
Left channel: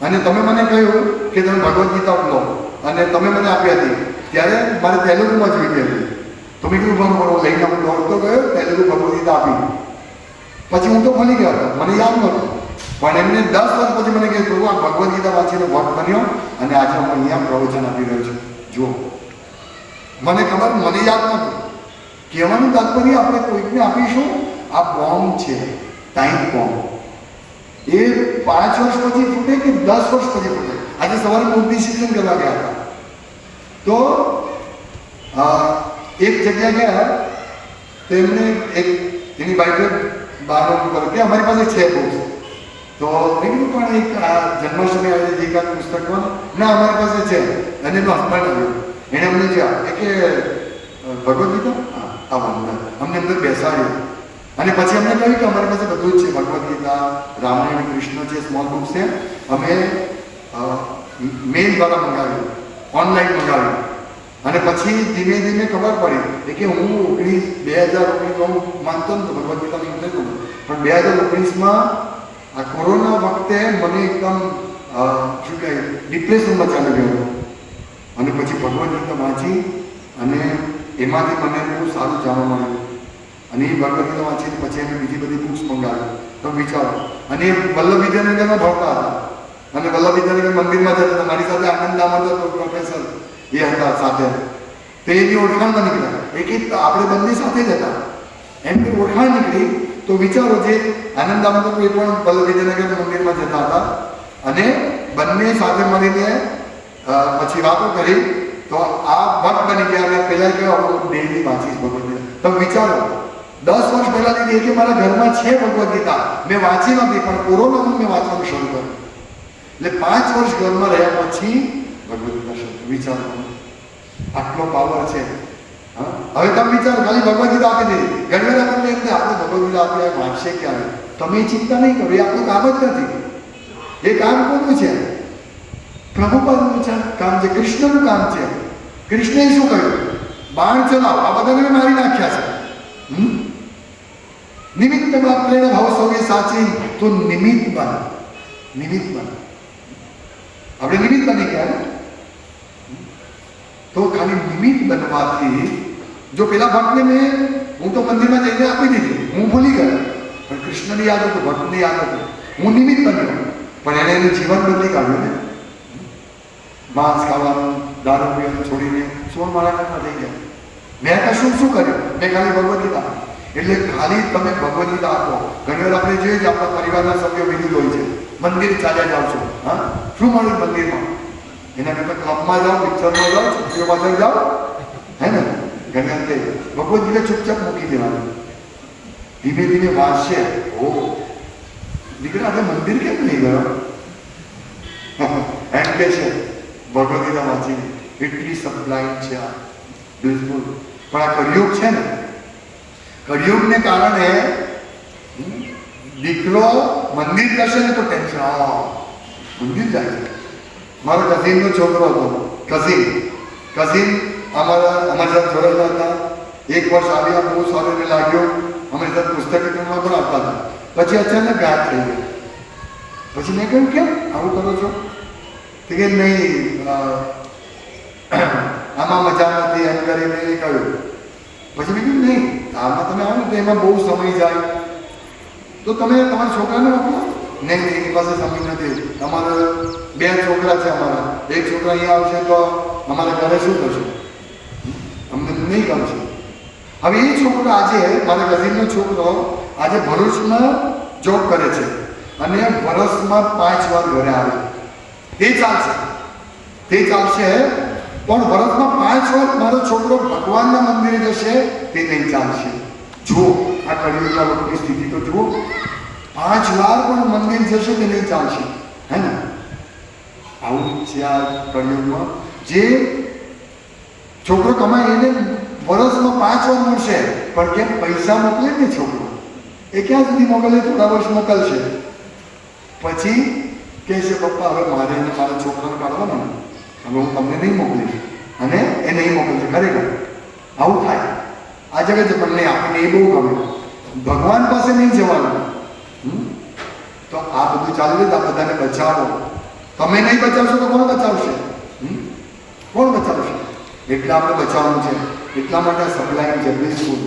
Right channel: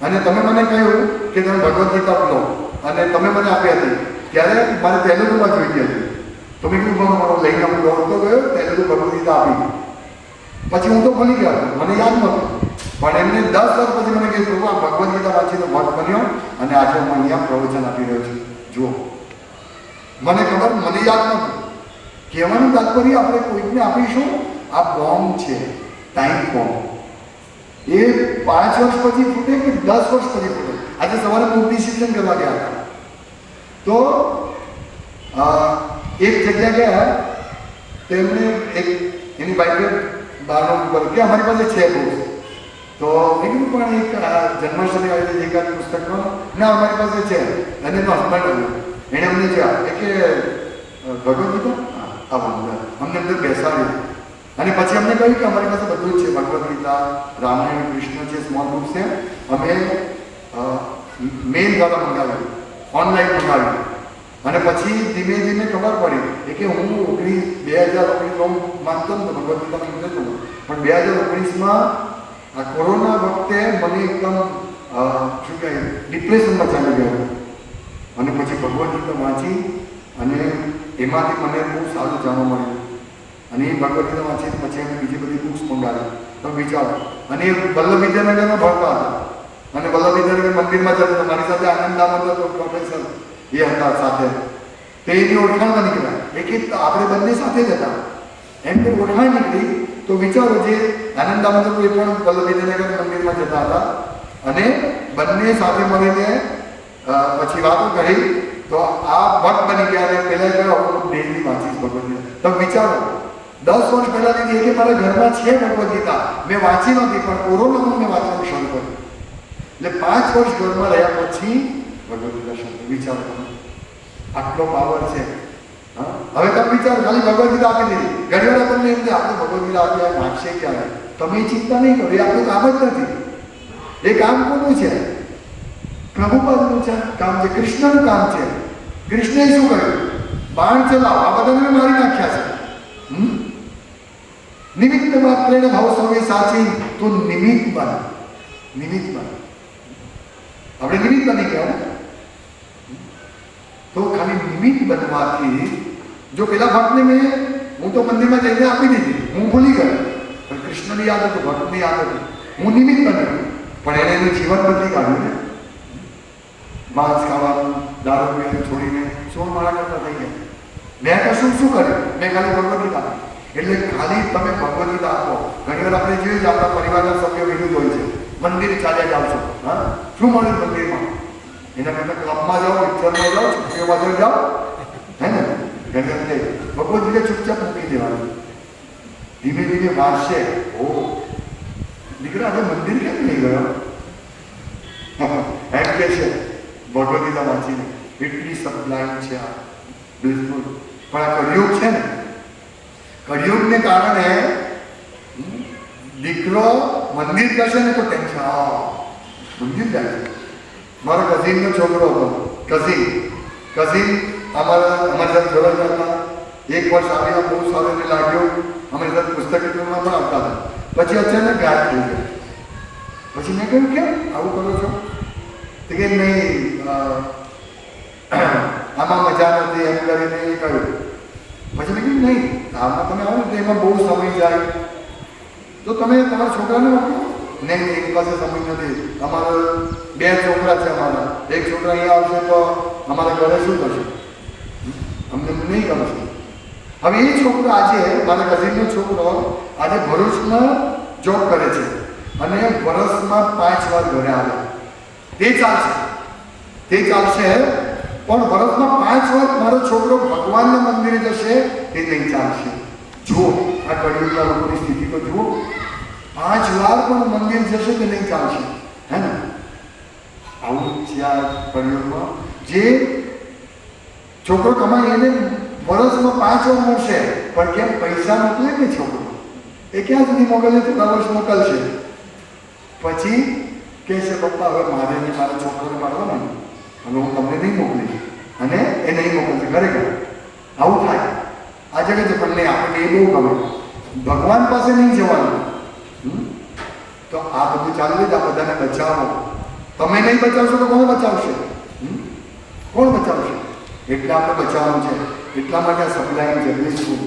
અને તમે મને કહ્યું કે તમે ભગવદ ગીતા લો અને તમે મને આપી હતી, ત્યારે મારે તેલુગુમાં જોઈતી હતી. તો મેં કીધું બહુ લઈને હું દોડતો ગયો, તેલુગુ ભગવદ ગીતા આપી. પછી હું તો ભૂલી ગયો હતો, મને યાદ નહોતું. પણ એમને 10 વર્ષ પછી મને કહ્યું પ્રભુ આ ભગવદ ગીતા વાંચીને ભક્ત બન્યો અને આજે હું અહીંયા પ્રવચન આપી રહ્યો છું. જુઓ, મને ખબર, મને યાદ નહોતું. કહેવાનું તાત્પર્ય આપણે કોઈકને આપીશું, આ બોમ્બ છે, ટાઈમ બોમ્બ. એ 5 વર્ષ પછી ફૂટે કે 10 વર્ષ પછી ફૂટે. આજે સવારે હું ડિસિઝન કરવા ગયા હતા તો એક જગ્યા ગયા તો એમને એક એની બાઈકે બહાર ઉપર કે અમારી પાસે છે બુક્સ. તો મેં કીધું પણ એક આ જન્માષ્ટમી આવેલી એકાદ પુસ્તકમાં, ના અમારી પાસે છે. અને એનો હસબન્ડ આવ્યો, એણે અમને જ્યાં કે ભગવદ ગીતા અમને અંદર બેસાડ્યું અને પછી અમને કહ્યું કે અમારી પાસે બધું જ છે, ભગવદ ગીતા, રામાયણ, કૃષ્ણ છે, સ્મોલ બુક્સ છે. અમે મેલ દ્વારા મંગાવ્યું, ઓનલાઈન મંગાવ્યું અને પછી ધીમે ધીમે ખબર પડી કે હું 2019 હું માનતો નતો ભગવદ ગીતામાં ઇન્ટરેસ્ટ હતો, પણ 2019માં આ કોરોના વખતે મને એકદમ શું કહે ડિપ્રેશનમાં ચાલી ગયો હતો. અને પછી ભગવદ ગીતા વાંચી અને એમાંથી મને બહુ સારું જાણવા મળ્યું અને એ ભગવદ ગીતા વાંચી પછી અમે બીજી બધી બુક્સ મંગાવી. તો વિચારો, અને એ વલ્લભ વિદ્યાનગરમાં ભણતા હતા અને વલ્લભ વિદ્યાનગર મંદિરમાં જતા હતા. મારી સાથે આનંદ દામોદર પ્રોફેસર એ હતા સાથે. તો એની ઓળખાણમાં નીકળ્યા એ કે આપણે બંને સાથે જ હતા. એમની ઓળખાણ નીકળી તો વિચારો, જે આનંદ દામોદર એ પણ વલ્લભ વિદ્યાનગર મંદિરમાં જતા હતા અને બંને સાથે મળીને પછી વાતો કરી તો આ ભક્ત બની ગયા. અને પહેલા કહ્યું હું ડેલી વાંચીશ ભગવદ ગીતા. તો વિચારો, 10 વર્ષ પહેલાની કે મારા ઘરમાં છે ભગવદ ગીતા, મેં વાંચી નથી, પણ કોરોનામાં મેં વાંચવાનું શરૂ કર્યું. એટલે 5 વર્ષ ઘરમાં રહ્યા પછી ભગવદ ગીતા શરૂ. વિચારો, આટલો પાવર છે. હવે તમે વિચારો, ખાલી ભગવદ ગીતા આપી દીધી. ઘણી વાર તમને એમ કે આપણે ભગવદ ગીતા આપી આ વાંચશે ક્યારે? તમે ચિંતા નહીં કરો, એ આપણું કામ જ નથી. એ કામ કોનું છે? પ્રભુપાદનું છે કામ, છે કૃષ્ણનું કામ છે. કૃષ્ણએ શું કહ્યું? બાણ ચલાવો, આ બધાને મારી નાખ્યા છે. નિમિત્ત માત્ર ભાવ સૌએ સાચી, તો નિમિત્ત બન, નિમિત્ત બન. આપણે નિમિત્ત બની ગયા ને, તો ખાલી નિમિત્ત બનવાથી જો પેલા ભક્તને હું તો મંદિરમાં જઈને આપી દીધી, હું ભૂલી ગયો, પણ કૃષ્ણની યાદ હતું, ભક્તની યાદ હતું, હું નિમિત્ત બન્યો. પણ એને એનું જીવન બદલી કાઢ્યું ને. માંસ ખાવાનું, દારૂ પીવાનું છોડીને 16 માળા કરતા થઈ ગયા. મેં કશું શું કર્યું? મેં ખાલી ભગવદ ગીતા. એટલે ખાલી તમે ભગવદ ગીતા આપો. ઘણી વાર આપણે જોઈએ આપણા પરિવારના સભ્યો વિરુદ્ધ હોય છે, મંદિર ચાલ્યા જાવ છો, હા શું મળ્યું મંદિરમાં? એના કરતાં ક્લબમાં જાઓ, પિક્ચરમાં જાઓ, છોકરીઓ પાછળ જાઓ, હે ને? ઘણી વાર ભગવદ ગીતા ચૂપચાપ મૂકી દેવાનું. ધીમે ધીમે વાંચશે. ઓ દીકરા, આપણે મંદિર કેમ નહીં ગયો? એમ કે છે ભગવદ ગીતા વાંચીને એટલી સપ્લાઇન છે આ, બિલકુલ. પણ આ કળિયુગ છે ને, કળિયુગને કારણે દીકરો મંદિર કરશે ને તો ટેન્શન, મંદિર જાય છે. મારો કઝિનનો છોકરો હતો, કઝિન અમારી સાથે જોડાયેલા હતા. એક વર્ષ આવ્યા, બહુ સારું એને લાગ્યું, અમારી સાથે પુસ્તક વિતરણમાં પણ આવતા હતા. પછી અચાનક ગાયબ થઈ ગયા. પછી મેં કહ્યું કેમ આવું કરો છો? તો કે નહીં આમાં મજા નથી એમ કરીને એ કહ્યું. પછી મેં કીધું નહીં, આમાં તમે આવો ને તો એમાં બહુ સમય જાય, તો તમે તમારા છોકરાને મોકલો. નહીં એની પાસે સમય નથી, અમારા 2 છોકરા છે અમારા, એક છોકરા અહીંયા આવશે તો અમારા ઘરે શું થશે? અમને નહીં ગમશે. હવે એ છોકરો આજે, મારા કઝિનનો છોકરો આજે ભરૂચમાં જોબ કરે છે અને વર્ષમાં 5 વાર ઘરે આવે. તે ચાલશે પણ વર્ષમાં 5 વાર મારો છોકરો ભગવાનના મંદિરે જશે તે નહીં ચાલશે. જુઓ આ કળિયુગના લોકોની સ્થિતિ તો જુઓ. 5 વાર પણ મંદિર જશે કે નહીં ચાલશે, હે ને? આવું છે આ કળિયુગમાં. જે છોકરો કમાય એને વર્ષમાં 5 વાર મળશે, પણ કેમ પૈસા મોકલે ને છોકરો, એ ક્યાં સુધી મોકલે? થોડા વર્ષ મોકલશે, પછી કહેશે પપ્પા હવે મારે નહીં, મારા છોકરાને કાઢવો ને, હવે હું તમને નહીં મોકલીશ, અને એ નહીં મોકલશે. ખરેખર આવું થાય આ જગતે. પણ નહીં, આપણને એ બહુ ગમે, ભગવાન પાસે નહીં જવાનું. તો આ બધું ચાલુ જ, આ બધાને બચાવો. તમે નહીં બચાવશો તો કોણ બચાવશે? કોણ બચાવશે? એટલે આપણે બચાવવાનું છે. એટલા માટે સપ્લાય જગદીશ સ્કૂલ.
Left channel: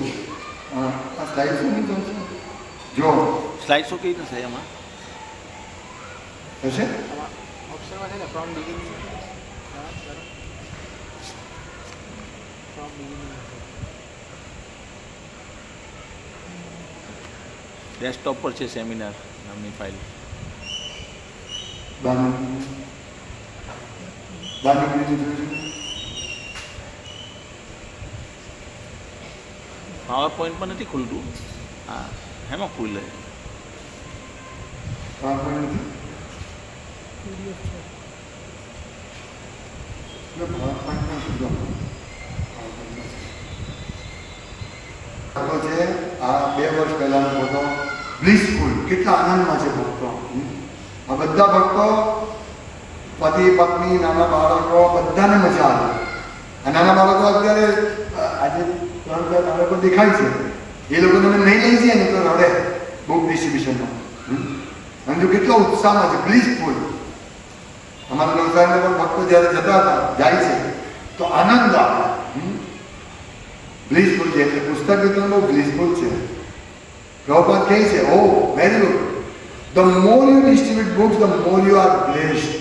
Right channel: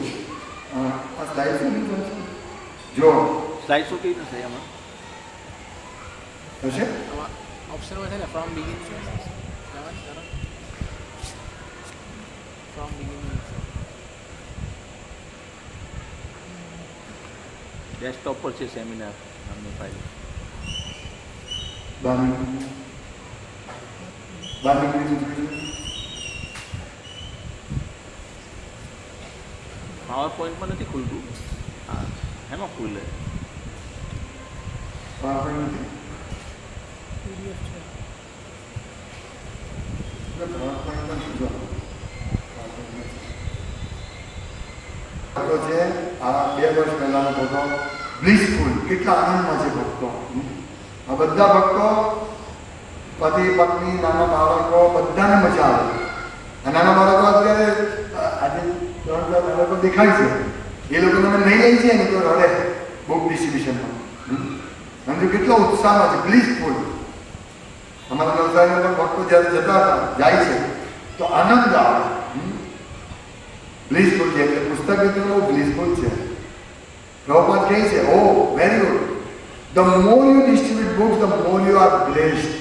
આ સ્લાઇડ શું નહીં ચાલશે? જો સ્લાઇડ શું કઈ થશે એમાં થશે ઓપ્શનમાં છે ને ફ્રોમ બિગિનિંગ. ડેસ્કટોપ પર છે સેમિનાર નામની ફાઇલ. બારની પાવર પોઈન્ટમાં નથી ખુલતું. હા એમાં ખુલે. છે આ 2 વર્ષ પહેલાનો ફોટો. બ્લિસફુલ, કેટલા આનંદમાં છે ભક્તો. આ બધા ભક્તો, પતિ પત્ની, નાના બાળકો, બધાને મજા આવે. આ નાના બાળકો અત્યારે આજે 3-4 બાળકો દેખાય છે, એ લોકો તમે નહીં લઈ જાય ને તો રડે બુક ડિસ્ટ્રીબ્યુશનમાં. અને જો કેટલો ઉત્સાહમાં છે, બ્લિસફુલ. અમારા વ્યવસાયમાં પણ ભક્તો જ્યારે જતા હતા, જાય છે તો આનંદ આવે. બ્લિસફુલ છે એટલે પુસ્તક વિતરણનું બ્લિસફુલ છે. પ્રભુપાદ કહે છે, oh very good, the more you distribute books the more you are blessed.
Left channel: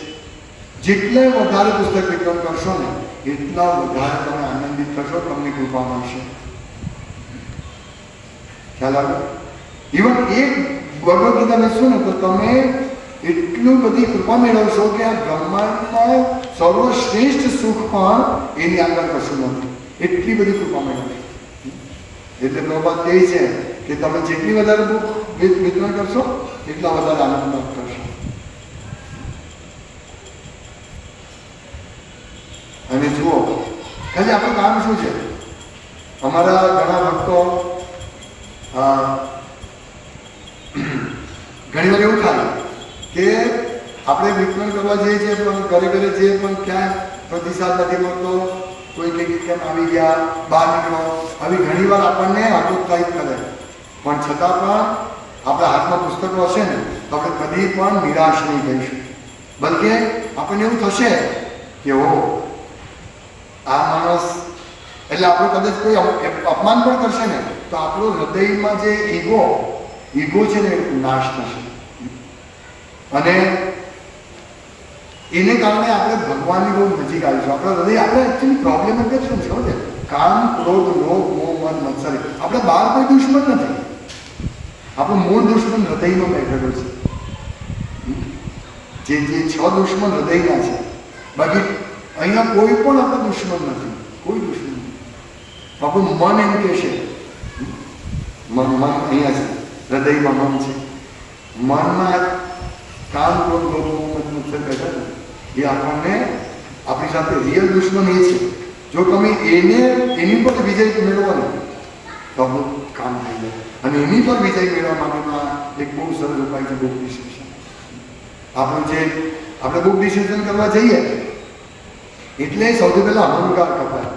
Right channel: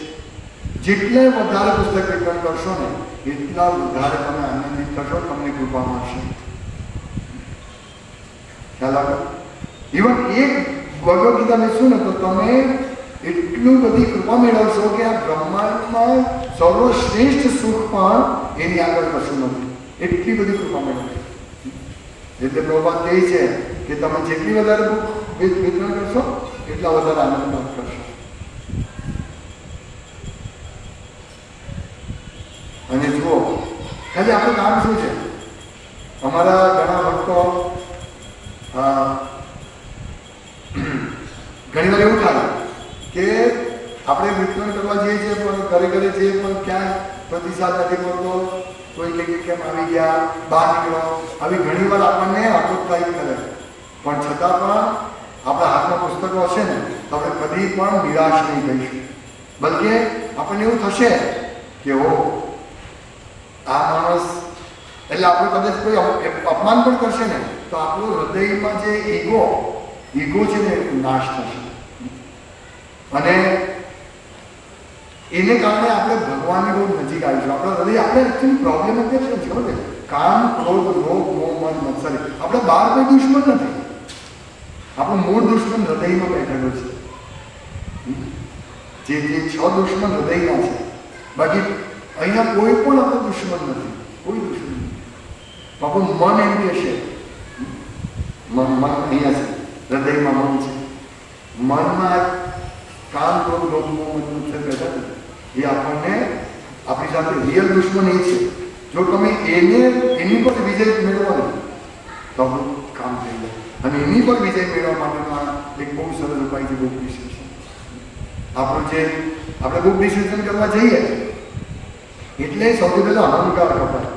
જેટલા વધારે પુસ્તક વિતરણ કરશો ને એટલા વધારે તમે આનંદિત થશો, તમને કૃપા મળશે. ખ્યાલ આવ્યો? ઇવન એક ભગવદ ગીતા બેસશો ને તો તમે એટલું બધી કૃપા મેળવશો કે આ બ્રહ્માંડમાં સર્વશ્રેષ્ઠ સુખ પણ એની આગળ કશું નથી. એટલી બધી કૃપા મેળવશે. એટલે પ્રભુપાદ કહે છે કે તમે જેટલી વધારે બુક વિતરણ કરશો એટલા વધારે આનંદ કરશો. અને જુઓ ખાલી આપણું કામ શું છે? અમારા ઘણા ભક્તો ઘણી વાર એવું થાય કે આપણે વિતરણ કરવા જઈએ છીએ પણ ઘરે જઈએ પણ ક્યાંય પ્રતિસાદ નથી મળતો. કોઈ કંઈક કેમ આવી ગયા, બહાર નીકળો, આવી ઘણી વાર આપણને આકૃતાઈ કરે. પણ છતાં પણ આપણા હાથમાં પુસ્તકો હશે ને તો આપણે કદી પણ નિરાશ નહીં થઈશું. બલકે આપણને એવું થશે કે ઓ આ માણસ, એટલે આપણે કદાચ કોઈ અપમાન પણ કરશે ને તો આપણું હૃદયમાં જે ઈગો છે ને નાશ થશે. અને એને કારણે આપણે ભગવાનની બહુ નજીક આવીશું. આપણા હૃદય, આપણે એકચ્યુઅલી પ્રોબ્લેમ એટલે છે ને કામ, ક્રોધ, લોભ, મોહ, મન, મત્સરી. આપણે બહાર કોઈ દુશ્મન નથી. આપણું મૂળ દુશ્મન હૃદયમાં બેઠેલો છે. જે 6 દુશ્મન હૃદયના છે. બાકી અહીંયા કોઈ પણ આપણો દુશ્મન નથી, કોઈ દુશ્મન નથી. આપણું મન એમ કે છે, મન અહીંયા છે, હૃદયમાં મન છે. મનમાં કામ, ક્રોધ, લોભ, મોહ, મદ, મત્સર બેઠા ને એ આપણને, આપણી સાથે રિયલ દુશ્મન એ છે. જો તમે એની પર વિજય મેળવવાનો તો આપણું કામ થઈ જાય. અને એની પર વિજય મેળવવા માટેના એક બહુ સરળ ઉપાય છે બુક ડિસ્ટ્રીબ્યુશન. આપણું જે આપણે બુક ડિસ્કશન કરવા જઈએ એટલે સૌથી પહેલાં અહંકાર કપાય.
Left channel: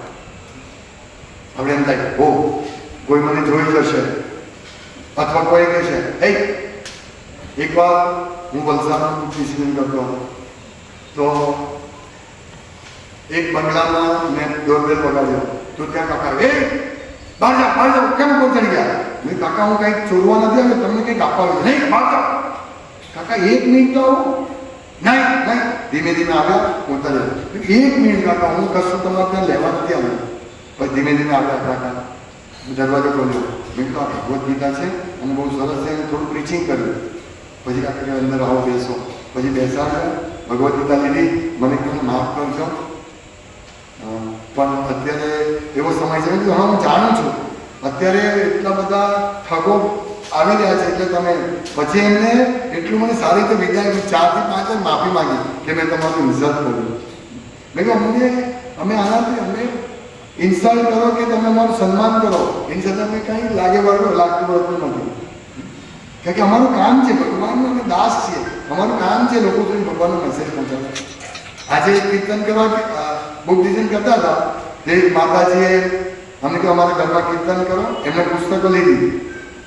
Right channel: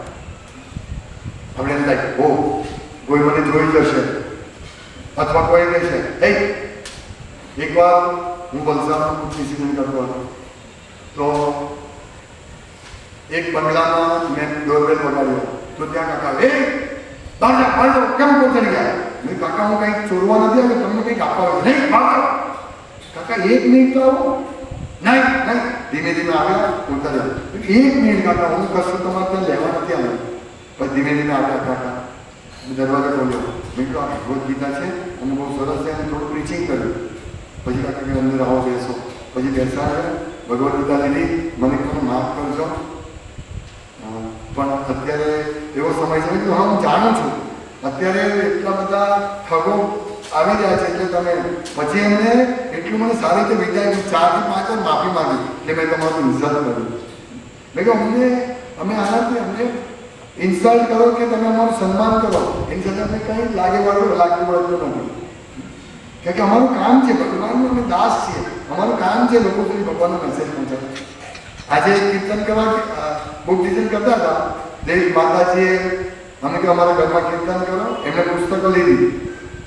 આપણે એમ થાય ઓ કોઈ મને જોઈ જશે, અથવા કોઈ કહે છે હે એકવાર હું વલસાડમાં બુક ડિસ્કશન કરતો હતો તો એક બંગલામાં મેં ડોરબેલ વગાડ્યો તો ત્યાં કાકા બહાર જાઓ કેમ કોણ ચડી ગયા? મેં કાકા હું કંઈક ચોરવા નથી આવ્યો, તમને કંઈક આપવા આવ્યો. નહીં બહાર જાઓ કાકા, 1 મિનિટ તો આવો. નહીં ધીમે ધીમે આવ્યા બોલતા જાય 1 મિનિટ કાકા, હું કશું તમારે ત્યાં લેવા નથી આવ્યું. પછી ધીમે ધીમે આવ્યા કાકા, દરવાજો ખોલ્યો. મેં કહ્યું આ ભગવદ્ ગીતા છે અને બહુ સરસ છે અને થોડું પ્રીચિંગ કર્યું. પછી કાકા કે અંદર આવો બેસો. પછી બેસાડ્યા, ભગવદ્ ગીતા લીધી. મને કહ્યું માફ કરજો પણ અત્યારે એવો સમય છે કે હું જાણું છું અત્યારે એટલા બધા ઠગો આવી રહ્યા છે એટલે તમે પછી એમને એટલું મને સારી રીતે વિદાય 4 થી 5 માફી માંગી કે મેં તમારું ઇન્સલ્ટ કર્યું. મેં કહ્યું અમે આનાથી અમને ઇન્સલ્ટ કરો કે તમે અમારું સન્માન કરો એની સાથે અમે કંઈ લાગતું વળતું નથી. કારણ કે અમારું કામ છે, ભગવાનનું અમે દાસ છીએ, અમારું કામ છે લોકો સુધી ભગવાનનો મેસેજ પહોંચાડે. આજે કીર્તન કરવા બુક ડિઝાઇન કરતા હતા દેવ માતાજીએ અમે કહ્યું અમારા ઘરમાં કીર્તન કરો, એમને પુસ્તકો લીધી.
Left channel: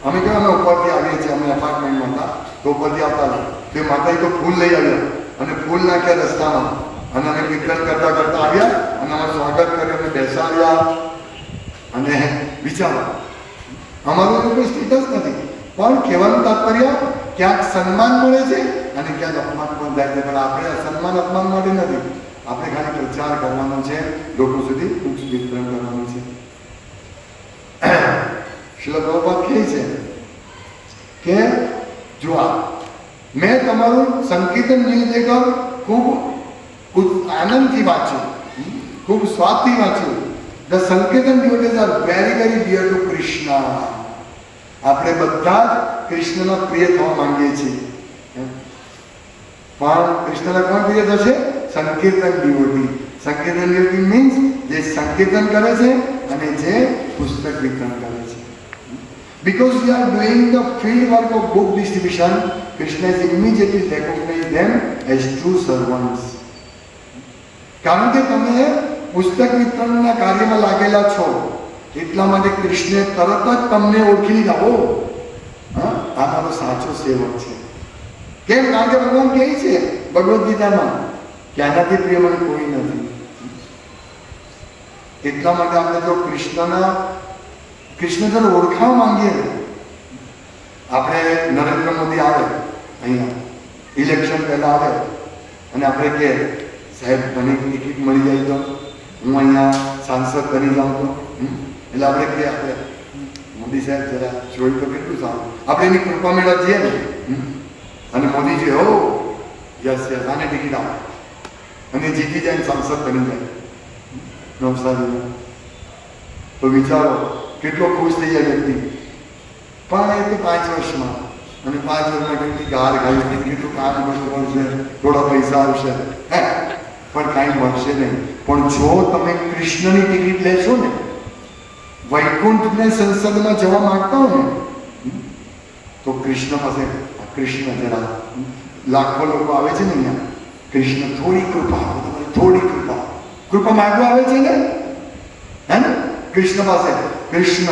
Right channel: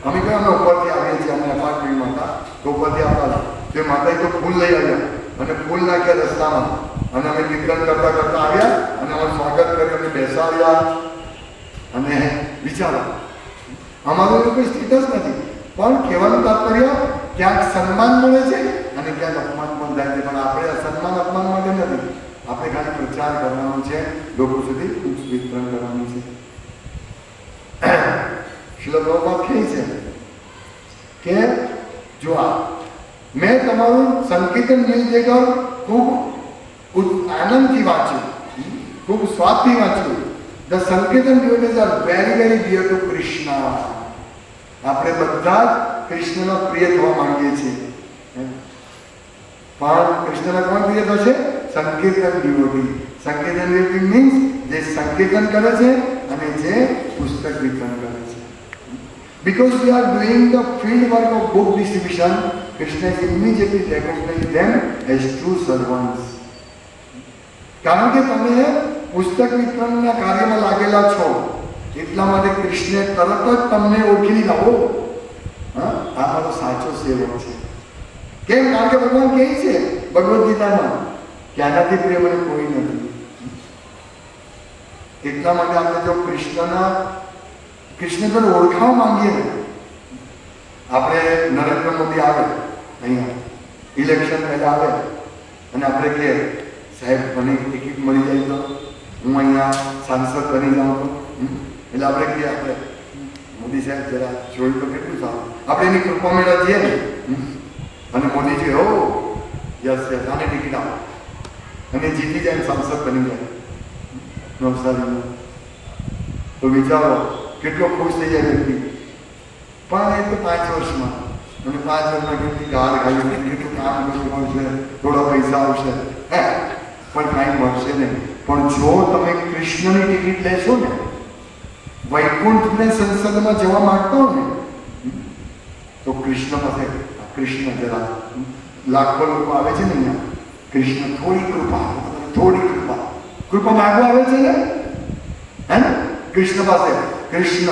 અમે કહ્યું અમે ઉપરથી આવીએ છીએ, અમે એપાર્ટમેન્ટમાં હતા તો ઉપરથી આવતા હતા તે માતાજી તો ફૂલ લઈ આવ્યા અને ફૂલ નાખ્યા રસ્તામાં અને અમે કીર્તન કરતા આવ્યા અને અમારું સ્વાગત કર્યું અને બેસાડ્યા. અને વિચારો અમારું કોઈ સ્ટેટસ નથી પણ કહેવાનું તાત્પર્ય ક્યાંક સન્માન મળે છે અને ક્યાંક અપમાન પણ થાય છે. પણ આપણે સન્માન અપમાન માટે નથી, આપણે ખાલી પ્રચાર કરવાનો છે, લોકો સુધી બુક્સ વિતરણ કરવાનું છે. શ્રીલ પ્રભુપાદ કહે છે કે જો મેં તમારું સંકીર્તન ન્યૂઝપેપર ખૂબ આનંદથી વાંચ્યું, ખૂબ સ્વાદથી વાંચ્યું. The sankirtan devotees are very very dear to Krishna. આપણે બધા જ કૃષ્ણના પ્રિય થવા માંગીએ છીએ પણ કૃષ્ણના કોણ પ્રિય થશે? સંકીર્તન ડિવોટી. સંકીર્તન ડિવોટી મીન્સ જે સંકીર્તન કરે છે અને જે પુસ્તક વિતરણ કરે છે. Because we are doing the field work of book distribution, Krishna is immediately recognizing them as true servants. કારણ કે તમે પુસ્તક વિતરણના કાર્યમાં લાગેલા છો એટલા માટે કૃષ્ણે તરત જ તમને ઓળખી લીધા. હો આ મારો સાચો સેવક છે. કેમ? કારણ કે ભગવાન કહે છે ભગવદ્ ગીતામાં કે આનાથી પ્રિય મને કોઈ નથી. એટલા માટે આપણે જો કૃષ્ણ તરફ ઓળખાવા માંગીએ ને, આપણે નરેન્દ્ર મોદી આવે અહીંયા ઇલેક્શન પહેલા આવે અને આપણે કહે સાહેબ મને ટિકિટ મળી જાય તો હું અહીંયા સાંસદ બની જાઉં તો એટલે આપણે કહીએ આપણે મોદી સાહેબ જરા જોઈ તો કેટલું સારું, આપણે એની કૃપા મેળવવા જઈએ ને અને મોદીજી હો યસ આને ટિકિટ આપે અને જીતી જાય સાંસદ બની જાય નવસારીમાં તો વિચારો કેટલો ખુશ થઈ જાય વ્યક્તિ. પણ એ તો 5 વર્ષમાં અને 5 વર્ષમાં કેટલી ગાર ખાઈ કેટલું કામ કરવું છે, થોડા પૈસા આવશે પણ કાંઈ મળશે નહીં. પણ જો તમે કૃષ્ણની ટિકિટ લેશો ને, વૈકુંઠને સંસદમાં જવા માંગતા હો ને તો કૃષ્ણ પાસે કૃષ્ણ જરા લાખો લોકો આવે છે ને અહીંયા, કૃષ્ણ થોડી કૃપા માંગવા આવે છે ને હે ને કૃષ્ણ પાસે. કૃષ્ણ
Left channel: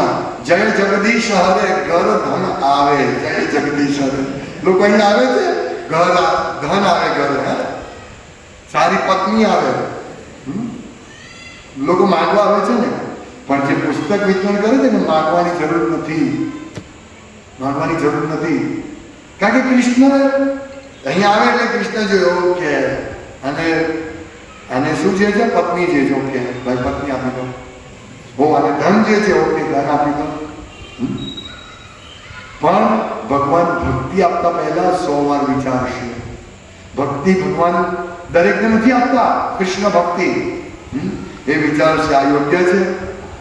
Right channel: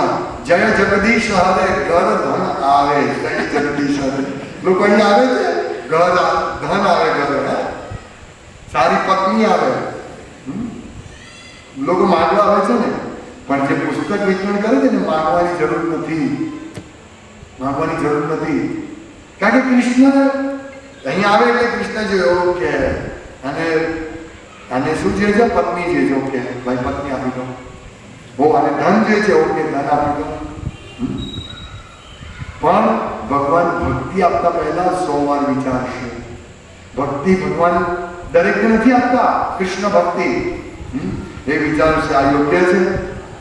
જય જગદીશ હરે ઘર ધન આવે, જય જગદીશ હરે. લોકો અહીંયા આવે છે, ઘર ધન આવે, ઘર સારી પત્ની આવે, લોકો માંગવા આવે છે ને. પણ જે પુસ્તક વિતરણ કરે છે ને માંગવાની જરૂર નથી, કારણ કે કૃષ્ણ અહીંયા આવે એટલે કૃષ્ણ જોયો કે અને શું છે પત્ની છે જો કે ભાઈ પત્ની આપી દો, હો અને ધન જે છે ઓકે ધન આપી દો. પણ ભગવાન ભક્તિ આપતા પહેલા 100 વાર વિચારશે. ભક્તિ ભગવાન દરેકને નથી આપતા, કૃષ્ણ ભક્તિ એ વિચારશે આ યોગ્ય છે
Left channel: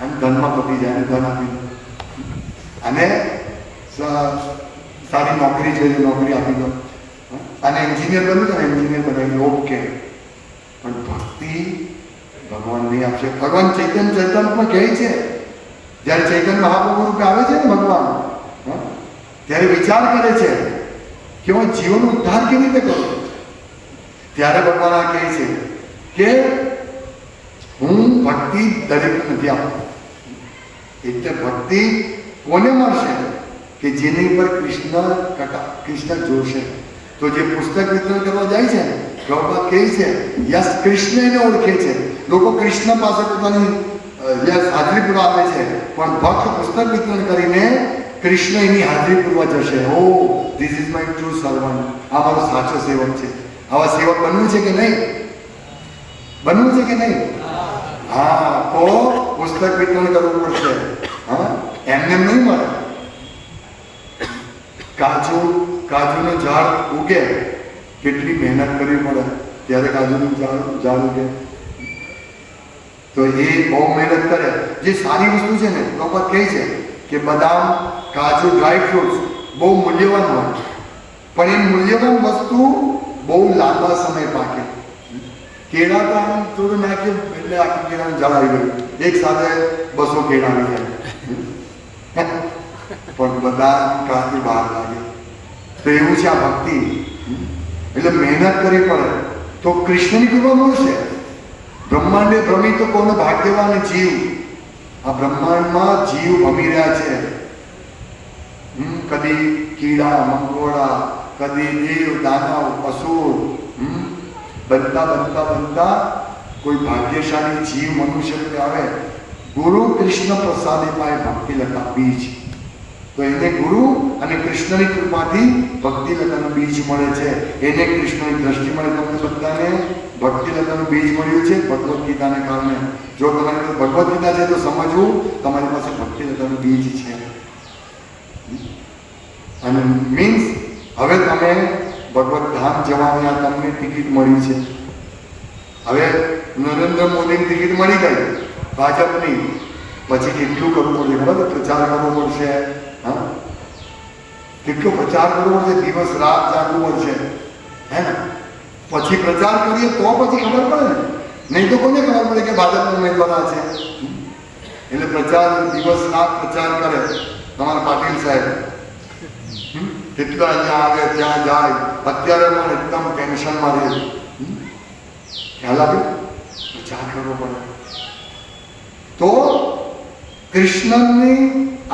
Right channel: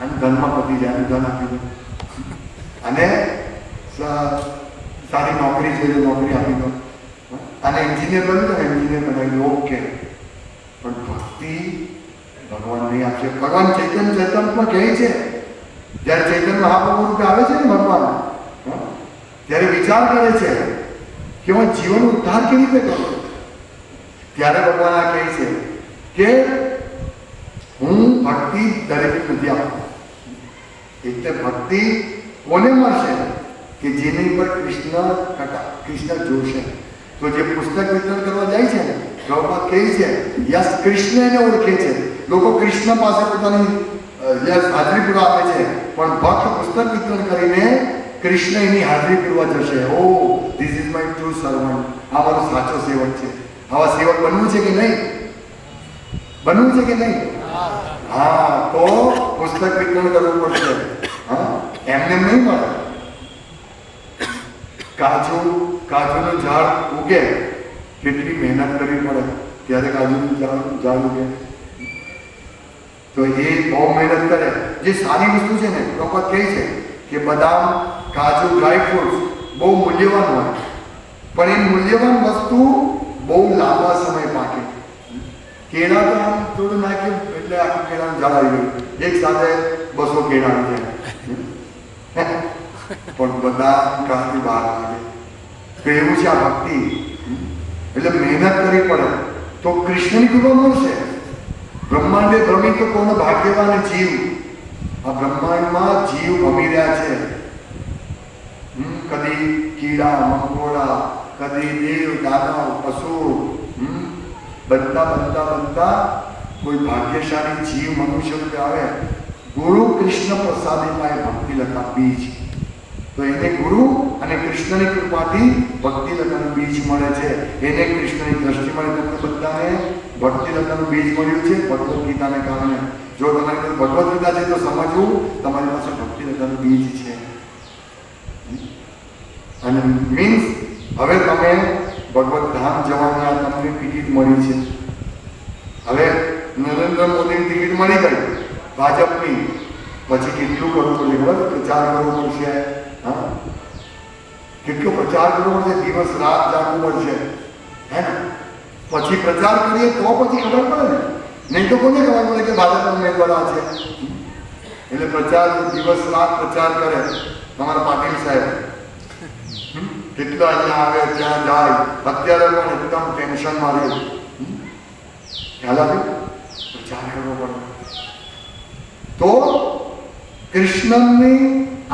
અને ધનમાં પતી જાય ધન આપી દો, અને સારી નોકરી છે નોકરી આપી દો, અને એન્જિનિયર બન્યું તો એન્જિનિયર બનાવી દો ઓકે. પણ ભક્તિ ભગવાન નહીં આપશે. ભગવાન ચૈતન્ય પણ કહે છે જ્યારે ચૈતન્ય મહાપ્રભુ રૂપે આવે છે ને ભગવાન ત્યારે વિચાર કરે છે કે હું જીવનનો ઉદ્ધાર કેવી રીતે કરું. ત્યારે ભગવાન આ કહે છે કે હું ભક્તિ દરેક નથી આપતો. એટલે ભક્તિ કોને મળશે કે જેની પર કૃષ્ણ જોશે. તો જે પુસ્તક વિતરણ કરવા જાય છે ને, પ્રભુપાદ કહે છે યસ કૃષ્ણ એને ઓળખે છે. લોકો કૃષ્ણ પાસે પોતાની હાજરી પૂરવા આપે છે, પણ ભક્ત પુસ્તક વિતરણ કરીને કૃષ્ણ એની હાજરી પૂરવા જશે. Oh this is my true servant, આ મારો સાચો સેવક છે. આવા સેવક બનવું છે કે નહીં? બનવું છે કે નહીં? હા, તો પુસ્તક વિતરણ કરવું પડશે. હા, એમને નહીં મળે. કાજુનું ઝાડ ઉગે, કેટલી મહેનત કરવી પડે ત્યારે કાજુનું ઝાડ ઉગે. તો એ બહુ મહેનત કરે. જે સારી વસ્તુ છે ને, પ્રભુપાદ કહે છે કે બદામ, કાજુ, ડ્રાય ફ્રૂટ્સ બહુ મૂલ્યવાન હોય, પણ એ મૂલ્યવાન વસ્તુ બહુ લાંબા સમય પાકે. કેળા તો આમ થોડું નાખ્યું એટલે આખું કેળાનું ઝાડ આવી ગયું, એક સાથે 200 કેળા આવી જાય. પણ બધા કાથી બહાર લાગે. તો એવું છે આ ભક્તિ. એટલે મહેનત કરવી પડે તો કૃષ્ણની કૃપા મળશે. બ્રહ્માંડે ભ્રમી તો કોનો ભાગ્યવાન જીવ. આ બ્રહ્માંડમાં જીવ ભમી રહ્યા છે. કદી કીડા મંગોળા, કદી દેવ દાનવ અસુર, બનતા કોઈ ભાગ્યશાળી જીવ મનુષ્ય રૂપે આવે. ગુરુ કૃષ્ણ પ્રસાદી પાસે ભક્તિ લતા બીજ. તો એને ગુરુ અને કૃષ્ણની કૃપાથી ભક્તિ લતાનું બીજ મળે છે. એને કૃષ્ણની દ્રષ્ટિ મળે. તમને બધાને ભક્તિ લતાનું બીજ મળ્યું છે ભગવદ્ ગીતાને કારણે. જો તમારી પાસે ભગવદ્ ગીતા છે તો સમજવું તમારી પાસે ભક્તિ લતાનું બીજ છે. અને મીન્સ હવે તમે ભગવત ધામ જવાની આ તમને ટિકિટ મળી છે. હવે નરેન્દ્ર મોદીની ટિકિટ મળી ગઈ ભાજપની. પછી કેટલું કરવું પડશે ખબર? પ્રચાર કરવો પડશે. હા, કેટલો પ્રચાર કરવો પડશે, દિવસ રાત જાગવું પડશે. હે ને? પછી પ્રચાર કરીએ તો પછી ખબર પડે ને. નહીં તો કોને ખબર પડે કે ભાજપના ઉમેદવાર છે? એટલે પ્રચાર દિવસ રાત પ્રચાર કરે તમારા પાટીલ સાહેબ. કેટલા અહીંયા આવે ત્યાં જાય. અત્યારે પણ એકદમ ટેન્શનમાં રહે. ખ્યાલ આવે? પ્રચાર કરવો પડે. તો કૃષ્ણની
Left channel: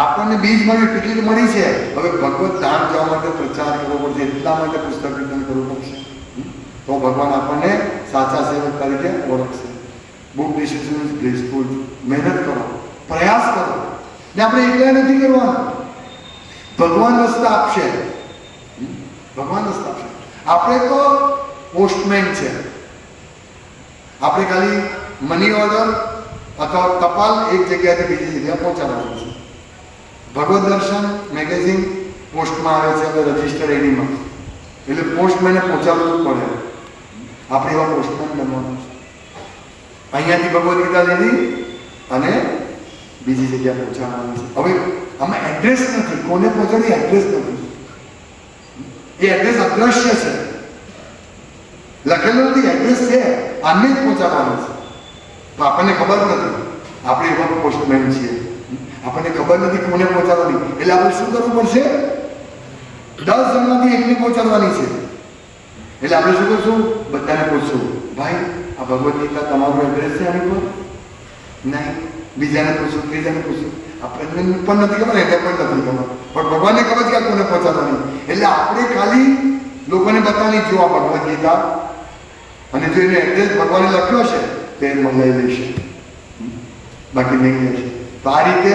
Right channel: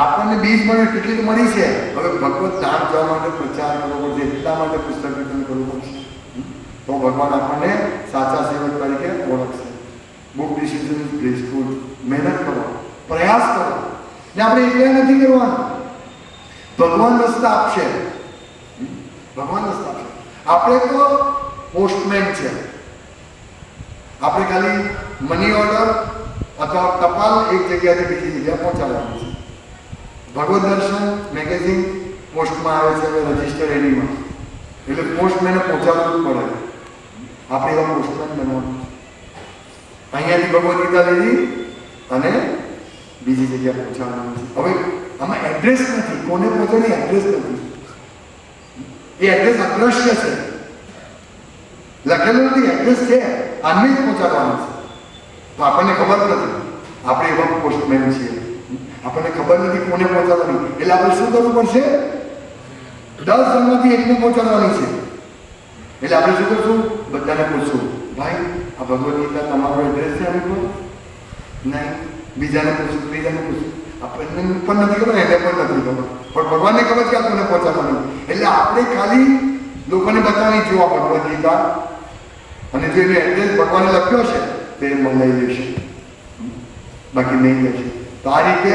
આપણને બીજ મળ્યું, ટિકિટ મળી છે. હવે ભગવત ધામ જવા માટે પ્રચાર કરવો પડશે. એટલા માટે પુસ્તક વિતરણ કરવું પડશે. તો ભગવાન આપણને સાચા સેવક તરીકે ઓળખશે. બુક ડિસિઝન ઇઝ બ્લેસફુલ. મહેનત કરો, પ્રયાસ કરો. ને આપણે એકલા નથી કરવાનું. ભગવાન રસ્તા આપશે. ભગવાન રસ્તા આપશે. આપણે તો પોસ્ટમેન છે. આપણે ખાલી મની ઓર્ડર અથવા ટપાલ એક જગ્યાથી બીજી જગ્યાએ પહોંચાડવાનું છે. ભગવદ દર્શન મેગેઝિન પોસ્ટમાં આવે છે, રજિસ્ટર એનીમાં. એટલે પોસ્ટમેને પહોંચાડવું જ પડે. આપણે એવા પોસ્ટમેન બનવાનું. અહીંયાથી ભગવદ ગીતા લીધી અને બીજી જગ્યાએ પહોંચાડવાનું છે. હવે આમાં એડ્રેસ નથી. કોને પહોંચાડી એડ્રેસ નથી. એ એડ્રેસ અદ્રશ્ય છે. લખેલું નથી, એડ્રેસ છે. આને જ પહોંચાડવાનું છે. તો આપણને ખબર નથી. આપણે એવા પોસ્ટમેન છીએ. આપણને ખબર નથી કોને પહોંચાડવાની. એટલે આપણે શું કરવું પડશે? 10 જણમાંથી એકને પહોંચાડવાની છે. એટલે આપણે શું કરશું? બધાને પૂછશું, ભાઈ આ ભગવદ ગીતા તમારું એડ્રેસ છે આની પર? નહીં. બીજાને પૂછશું, ત્રીજાને પૂછશું. આપણને પણ નથી ખબર, એને પણ નથી ખબર. પણ ભગવાનને ખબર કે આ કોને પહોંચાડવાની. એટલે આપણે ખાલી લોકોને બતાવવાની, જો આ ભગવદ ગીતા, અને જો એને એડ્રેસ ભગવાને લખ્યો છે તો એ મંગાવી લેશે, બાકી નહીં લેશે. તો આ રીતે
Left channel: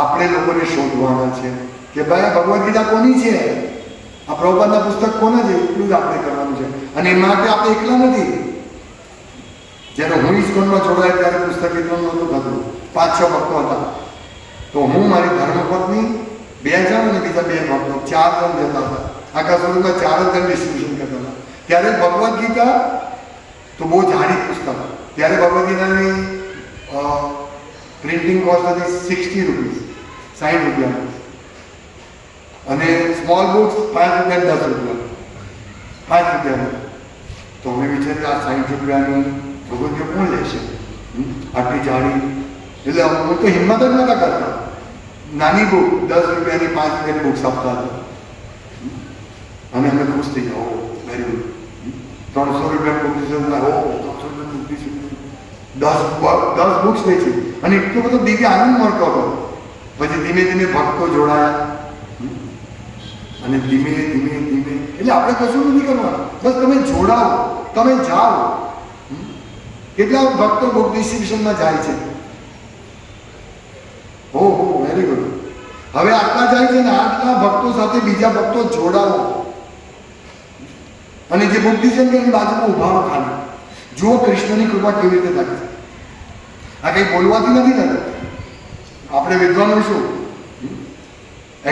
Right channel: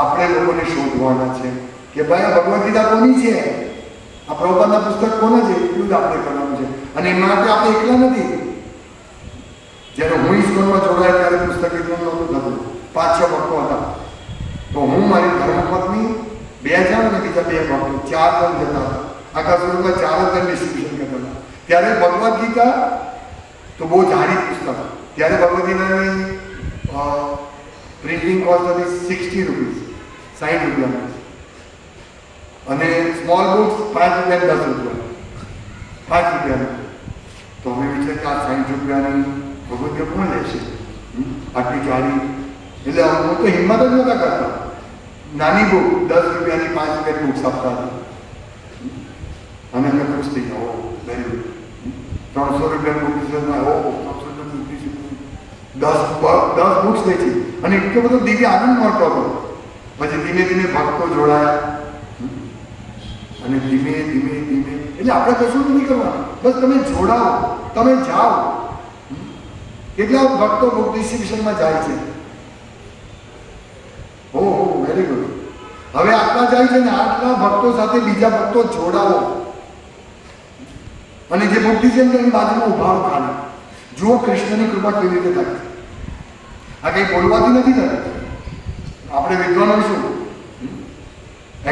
આપણે લોકોને શોધવાના છે કે ભાઈ ભગવદ ગીતા કોની છે, આ પ્રભુપાદના પુસ્તક કોને છે, એટલું જ આપણે કરવાનું છે. અને એ માટે આપણે એકલા નથી. જ્યારે હું ઇસ્કોનમાં જોડાયા ત્યારે પુસ્તક વિતરણ નહોતું થતું. 5-6 ભક્તો હતા. તો હું મારી ધર્મપત્ની 2 જણ અને બીજા 2 ભક્તો 4 જણ જતા હતા. આખા સ્વરૂપમાં 4 જ જણ ડિસ્ટ્રીબ્યુશન કરતા હતા. ત્યારે ભગવદ ગીતા તો બહુ જાણી પુસ્તક. ત્યારે ભગવદ ગીતાની પ્રિન્ટિંગ કોસ્ટ હતી 60 રૂપીસ, 60 રૂપિયા. અને સ્મોલ બુક્સ 5 રૂપિયા, 10 રૂપિયા, 5 રૂપિયા. તો અમે વિચાર્યું આ 60 રૂપિયાની ભગવદ ગીતા કોણ લેશે આટલી જાડી. એટલે હું તો હિંમત જ નહોતા કરતા. નાની બુક 10 રૂપિયાની, 5 રૂપિયાની બુક્સ આપતા હતા. અને અમે ખુશ થઈ ગયા, વેરી ગુડ. ₹300 બુક ડિસિઝનમાં 300 બુક ડિસિઝન 10 બુક્સ વેચી અને એટલો બધો દિવ્ય આનંદ મળતો હતો. પછી ધીમે ધીમે ભક્તો જોડાયા અને ધીમે ધીમે ધીમે એટલે આપણે કશું નથી કરવાનું, બસ તમે જોડાઓ, તમે જાઓ. કેટલા ભક્તો બુક ડિસ્ટ્રીબ્યુશનમાં જાય છે? ઓહો, વેરી ગુડ. હવે આટલા જાય છે ને આટલા ભક્તો સાથે બીજા ભક્તો જોડાવો અને જે બુક ડિસ્ટ્રીબ્યુશન બાજુમાં ઉભા ખાલી જુઓ કૃષ્ણની કૃપા કેવી રીતે થાય છે. આ કંઈ બોલવાથી નથી થતું. આપણે વિદ્વાનો શું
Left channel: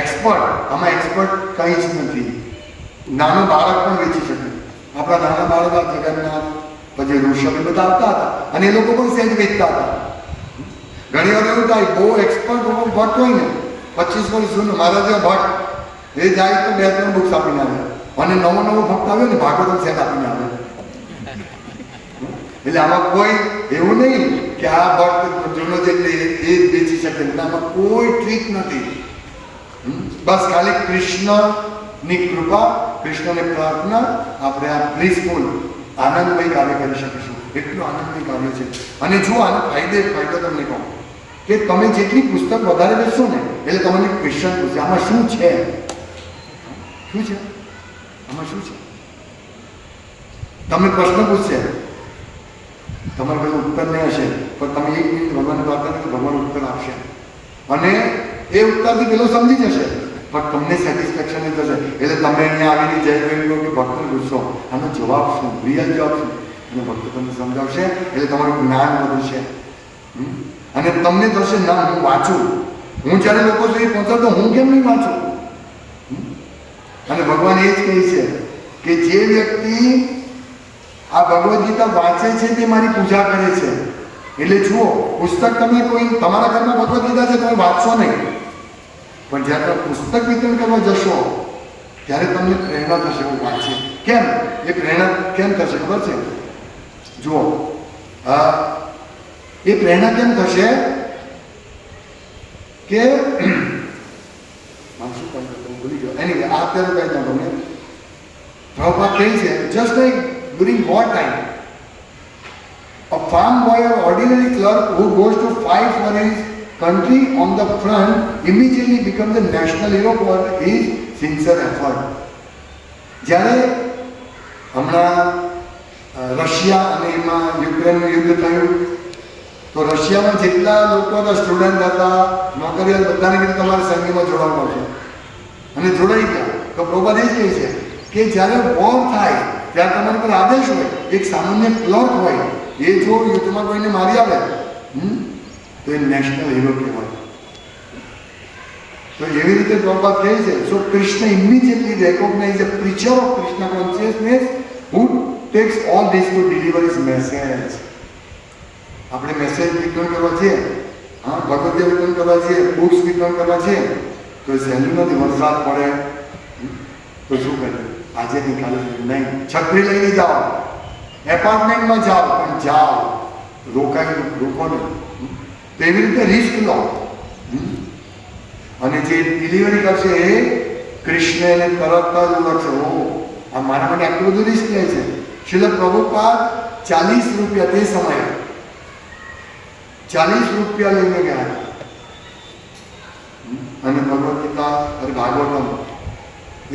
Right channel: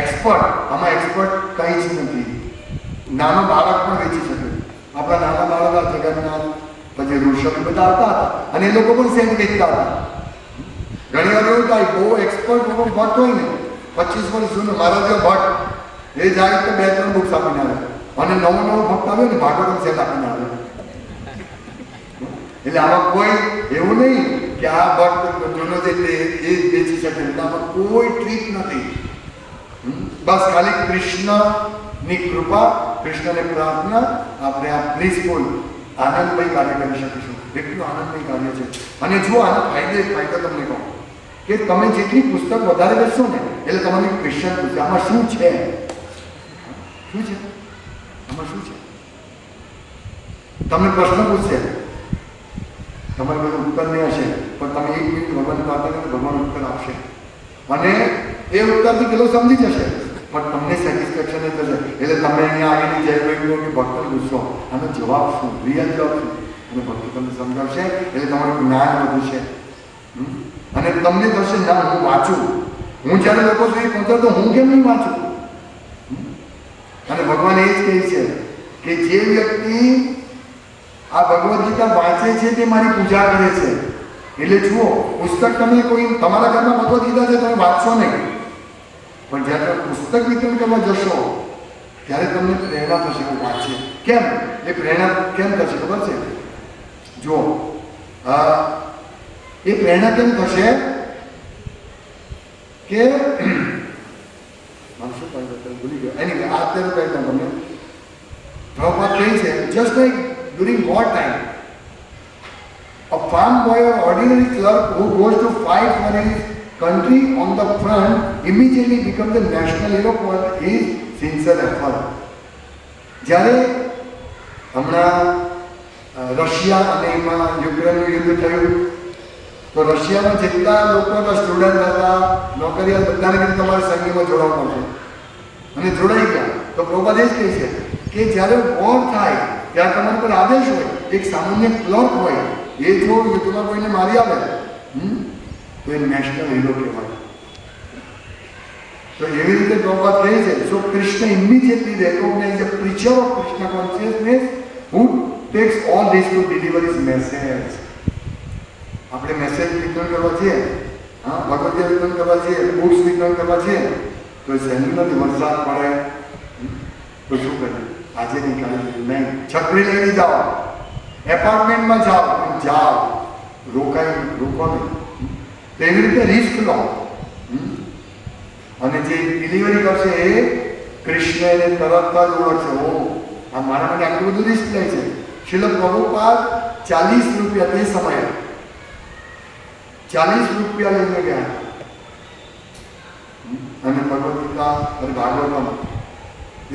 એક્સપર્ટ, આમાં એક્સપર્ટ કંઈ જ નથી. નાનો બાળક પણ વેચી શકે. આપણા નાના બાળક જગન્નાથ પછી ઋષભ બધા આવતા હતા અને એ લોકો પણ સેન્ટ વેચતા હતા. ઘણી વાર એવું થાય બહુ એક્સપર્ટ બહુ ભટ્ટ હોય ને 25 વર્ષ જૂનું મારા જે ભટ્ટ એ જાય તો 2-3 બુક્સ આપીને આવે અને નવો ભક્ત આવ્યો ને ભાગવતમ સેટ આપીને આવે. એટલે આમાં કોઈ એવું નહીં કે આ ભક્ત જૂનો છે એટલે એ જ વેચી શકે. આમાં કોઈ ટ્રીક નથી. બસ ખાલી કૃષ્ણની કૃપા, કૃષ્ણને પ્રાર્થના, આપણે આ બ્લિસફુલ આનંદમય કાર્ય કરી શકીશું. એટલું આનંદમય કાર્ય છે. અને જો આનો ફાયદો તમને કહું કે તમે જેટલી પુસ્તક વધારે લેશો ને એટલે તમને ક્વેશ્ચન પૂછશે આમાં શું છે, શું છે, આમાં શું છે. તમને પ્રશ્ન પૂછશે, તમારે બધું ઉત્તર નહીં હશે પણ તમે 1 મિનિટ ભગવાન પ્રાર્થના કરો, ભગવાન ઉત્તર આપશે અને એ ઉત્તરથી પેલો સમજી જશે પણ તમને સેટિસ્ફેક્શન નહીં થશે. એટલે તમે અહીંયા આવીને જય કહ્યું કે ભક્તને પૂછશો આનો જવાબ શું, રિયલ જવાબ શું, અને ભક્તો તમને સમજાવશે એટલે તમારું જ્ઞાન વધશે અને તમને થશે ના હું વાંચું, હું જ્યારે લોકો સુધી પહોંચાડતો હું કેમ નહીં વાંચું. અને ભગવાન એ જ કહે છે કે જે વ્યક્તિ આ ભગવદ્ ગીતા વાંચે છે તે મારી પૂજા કરે છે. એટલે જુઓ, પુસ્તક તમે કોઈ તમારા ઘરમાં ભગવદ્ ગીતા છે તમે વાંચશો નહીં પણ જ્યારે તમે પુસ્તક વિતરણ કરવા જશો ત્યારે તમને પ્રેરણા થશે હું વાંચે. કેમ એ પ્રેરણા કેમ થશે ખબર છે? જુઓ, એ પ્રેરણા કેમ થશે કે શું કહી ભૂલી ગયો. એની અત્યારે કહી દઉં તમને. પ્રભુપાદ કહે છે just like during war time a farm boy or ordinary clerk who goes to fight for his country on the front immediately becomes the national hero for his sincere effort. જ્યારે હમણાં રશિયા અને એમાં યુક્રેનનું યુદ્ધ થયું તો રશિયામાં જેટલા લોકો હતા, સ્ટુડન્ટ હતા, નોકરીયાત બધાને કીધું તમારે સૈન્યમાં જોડાવવું પડશે અને જોડાઈ ગયા. તો પ્રભુપાદ એ જ કહે છે કે જ્યારે વોર થાય ત્યારે તમારા પર આદેશ હોય, એક સામાન્ય ક્લર્ક હોય, એ જો યુદ્ધમાં કોઈને મારી આવે તો એ નેશનલ હીરો કહેવાય. તો એવી રીતે પ્રભુપાદ કહે છે so Krishna immediately recognize the preacher of Krishna consciousness who takes all this to deliver his message. આપણે મેસેજ વિતરણ કરવા છીએ, હા, ભગવદ્ ગીતા વિતરણ કરવા છીએ, બુક્સ વિતરણ કરવા છીએ તો સહેલું નથી. વરસાદ પડે તો શું કરીએ? આજે નીકાળી નહીં, છત્રી લઈને જાઓ, એપાર્ટમેન્ટમાં જાઓ પણ જાઓ, રોકાઈ રોકો નહીં. તો એવી રીતે રિસ્ક લો અને જે ડિલિવરી કરશે એ કૃષ્ણ એને તરત જ ઓળખશે. ઓ આ મારા માટે આટલું બધું રિસ્ક લે છે. શીલ પ્રભુપાદ ₹40 તે સમયે ₹40 લઈને ગયા અને ભગવદ્ ગીતા અને ભાગવતમ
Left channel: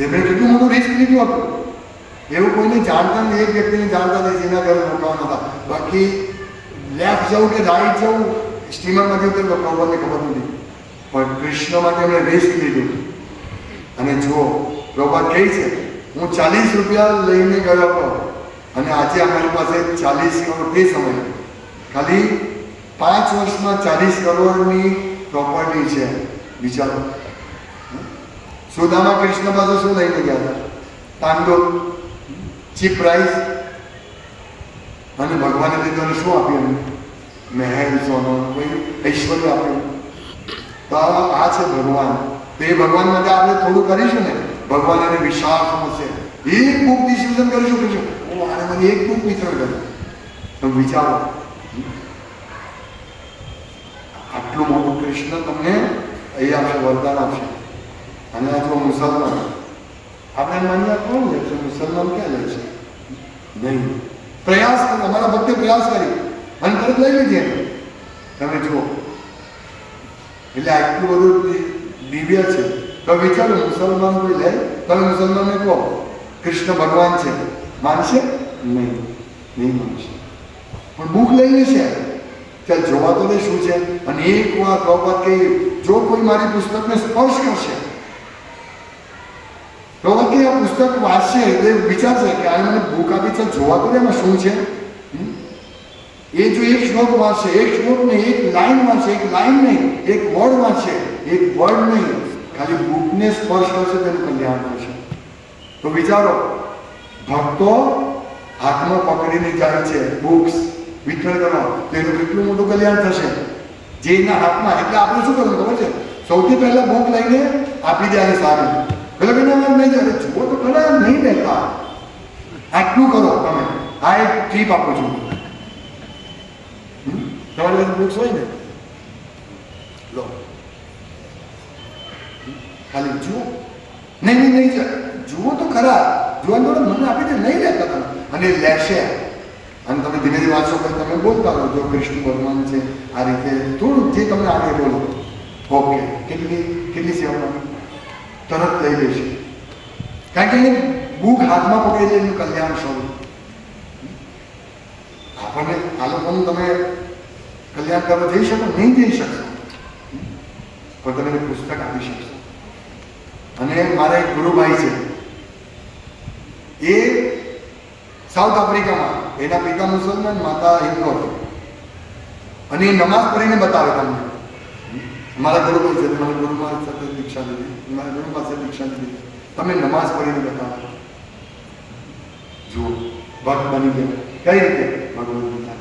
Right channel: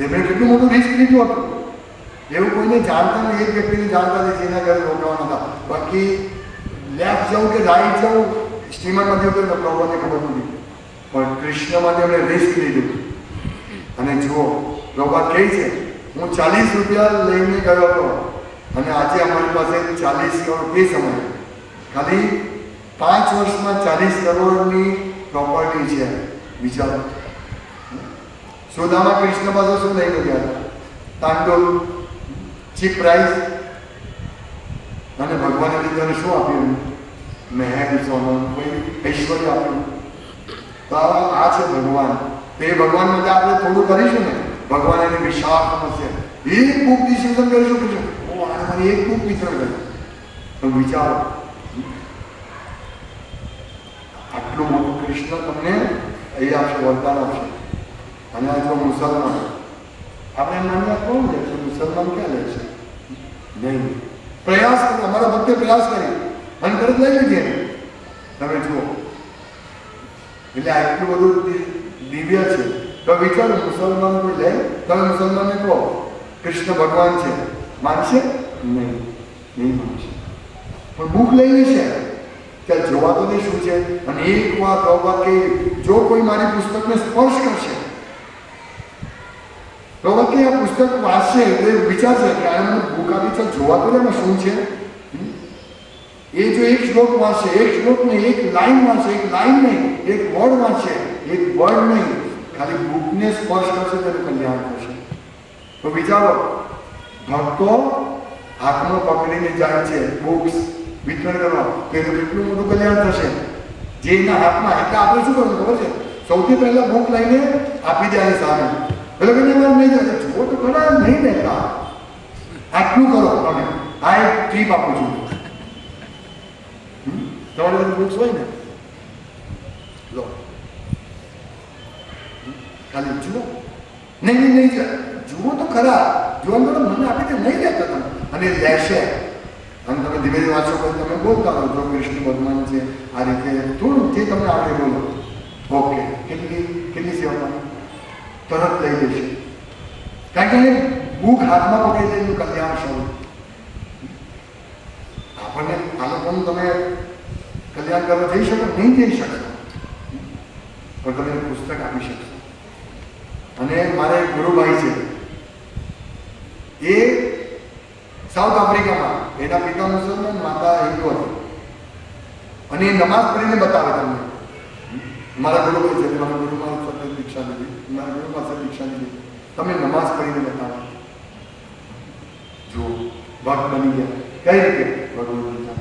એમણે કેટલું મોટું રિસ્ક લીધું હતું. એવું કોઈને જાણતા નહીં, એક વ્યક્તિને જાણતા નહીં જેના ઘરે રોકાવાના હતા. બાકી લેફ્ટ જવું કે રાઈટ જવું, સ્ટીમરમાં જવું તો ભગવાનને ખબર નથી પણ કૃષ્ણ માટે એમણે રિસ્ક લીધું. અને જુઓ, પ્રભુપાદ કહે છે હું ₹40 લઈને ગયો હતો અને આજે અમારી પાસે 40 કરોડ તે સમયે ખાલી 5 વર્ષમાં 40 કરોડની પ્રોપર્ટી છે. વિચારો, સુદામા કૃષ્ણ પાસે શું લઈને ગયા હતા? તાંડુલ, ચીપ પ્રાઇસ. અને ભગવાને દીધોને શું આપ્યું? મહેલ, સોનું, કોઈ ઐશ્વર્ય આપ્યું. તો આ છે ભગવાન. તો એ ભગવાન માટે આપણે થોડું કરીશું ને, ભગવાન એને વિશાળ સમજશે. એક બુક ડિસિઝન કરીશું કે આને મારી એક બુક વિતરણ કરી તો વિચારો આટલું મોટું કૃષ્ણ તમને અહીં આપશે, વરદાન આપશે. અને આ તો મુસલમાન આપણે માન્યા કોણ લે છે? મુસલમાન ક્યાં લે છે? નહીં. પ્રયાસ અમારા ભક્તે પ્રયાસ કરી અને તરત લઈ લીધી એને. તમે જુઓ એટલે આટલું બધું દિવ્ય છે. તો વિચારો મુસલમાન કોઈ લે, તમે મુસલમાનને કહો કૃષ્ણ ભગવાન છે, માનશે? નહીં માનશે. પણ બુક લઈ લેશે. ચાલ જોવા તો દે શું છે. અને એક વાત કે જો કોઈ મારી પુસ્તકને સ્પર્શ કરશે, પ્રભુ કે આ પુસ્તક વાંચશે એટલે વિચારશે કે આ મને બુક આપી છે, જોવા તો દે એમાં શું છે. એ જો એક શ્લોક વાંચશે, એક શ્લોક નહીં, એક લાઈન વાંચશે, એક લાઈન નહીં, એક વર્ડ વાંચશે, એક વર્ડ નહીં, ખાલી બુકને સ્પર્શ કરશે તેનું કલ્યાણ થશે. તો વિચારો ભક્તો હાથમાં પકડીને જાય છે બુક્સ વિતરણ કરવા, તો એનું કેટલું મોટું કલ્યાણ થશે. જે એના હાથમાં, એટલે આપણે શું કરવું ખબર છે? સૌથી પહેલા બુક લઈને આપી દે આની સામે. પેલા ભાઈ નહીં જાય જુઓ તો ખરા નહીં લેતા, આટલું કરો તમે, આ એક ટીપ આપું છું. તમારી પાસે બુક્સ હોય ને, લો ખાલી જુઓ. નહીં જુઓ તો ખરા, જોવાનું તો મને આપી દે, નહીં લેતા તમે. અને લેશે અને તમે ધીમે ધીમે વાંચો કે તમે બોલતા રહો જો કૃષ્ણ ભગવાન છે આ રીતે થોડું જે તમને આગળ બોલો. ઓકે, કેટલી સેવા તરત લઈ લેશે. કારણ કે બુક હાથમાં પકડી લઈને કલ્યાણ શરૂ. આપણને આ લોકોનું તમે કલ્યાણ કરવા જઈ શકો? નહીં જઈ શકશો, પણ તમે પુસ્તક આપી શકશો. અને મારા એક ગુરુભાઈ છે, એ સાઉથ આફ્રિકામાં, એના પિતા મુસલમાન, માતા હિન્દુ હતી. અને એ નમાઝ પઢીને બતાવે તમને. મારા ગુરુભાઈ છે, મારા ગુરુ મારી સાથે દીક્ષા લીધી, મારા ગુરુ પાસે દીક્ષા લીધી. તમે નમાઝ પઢીને બતાવો. જુઓ ભક્ત બની ગયા. કઈ રીતે? ભગવદ્ ગીતા.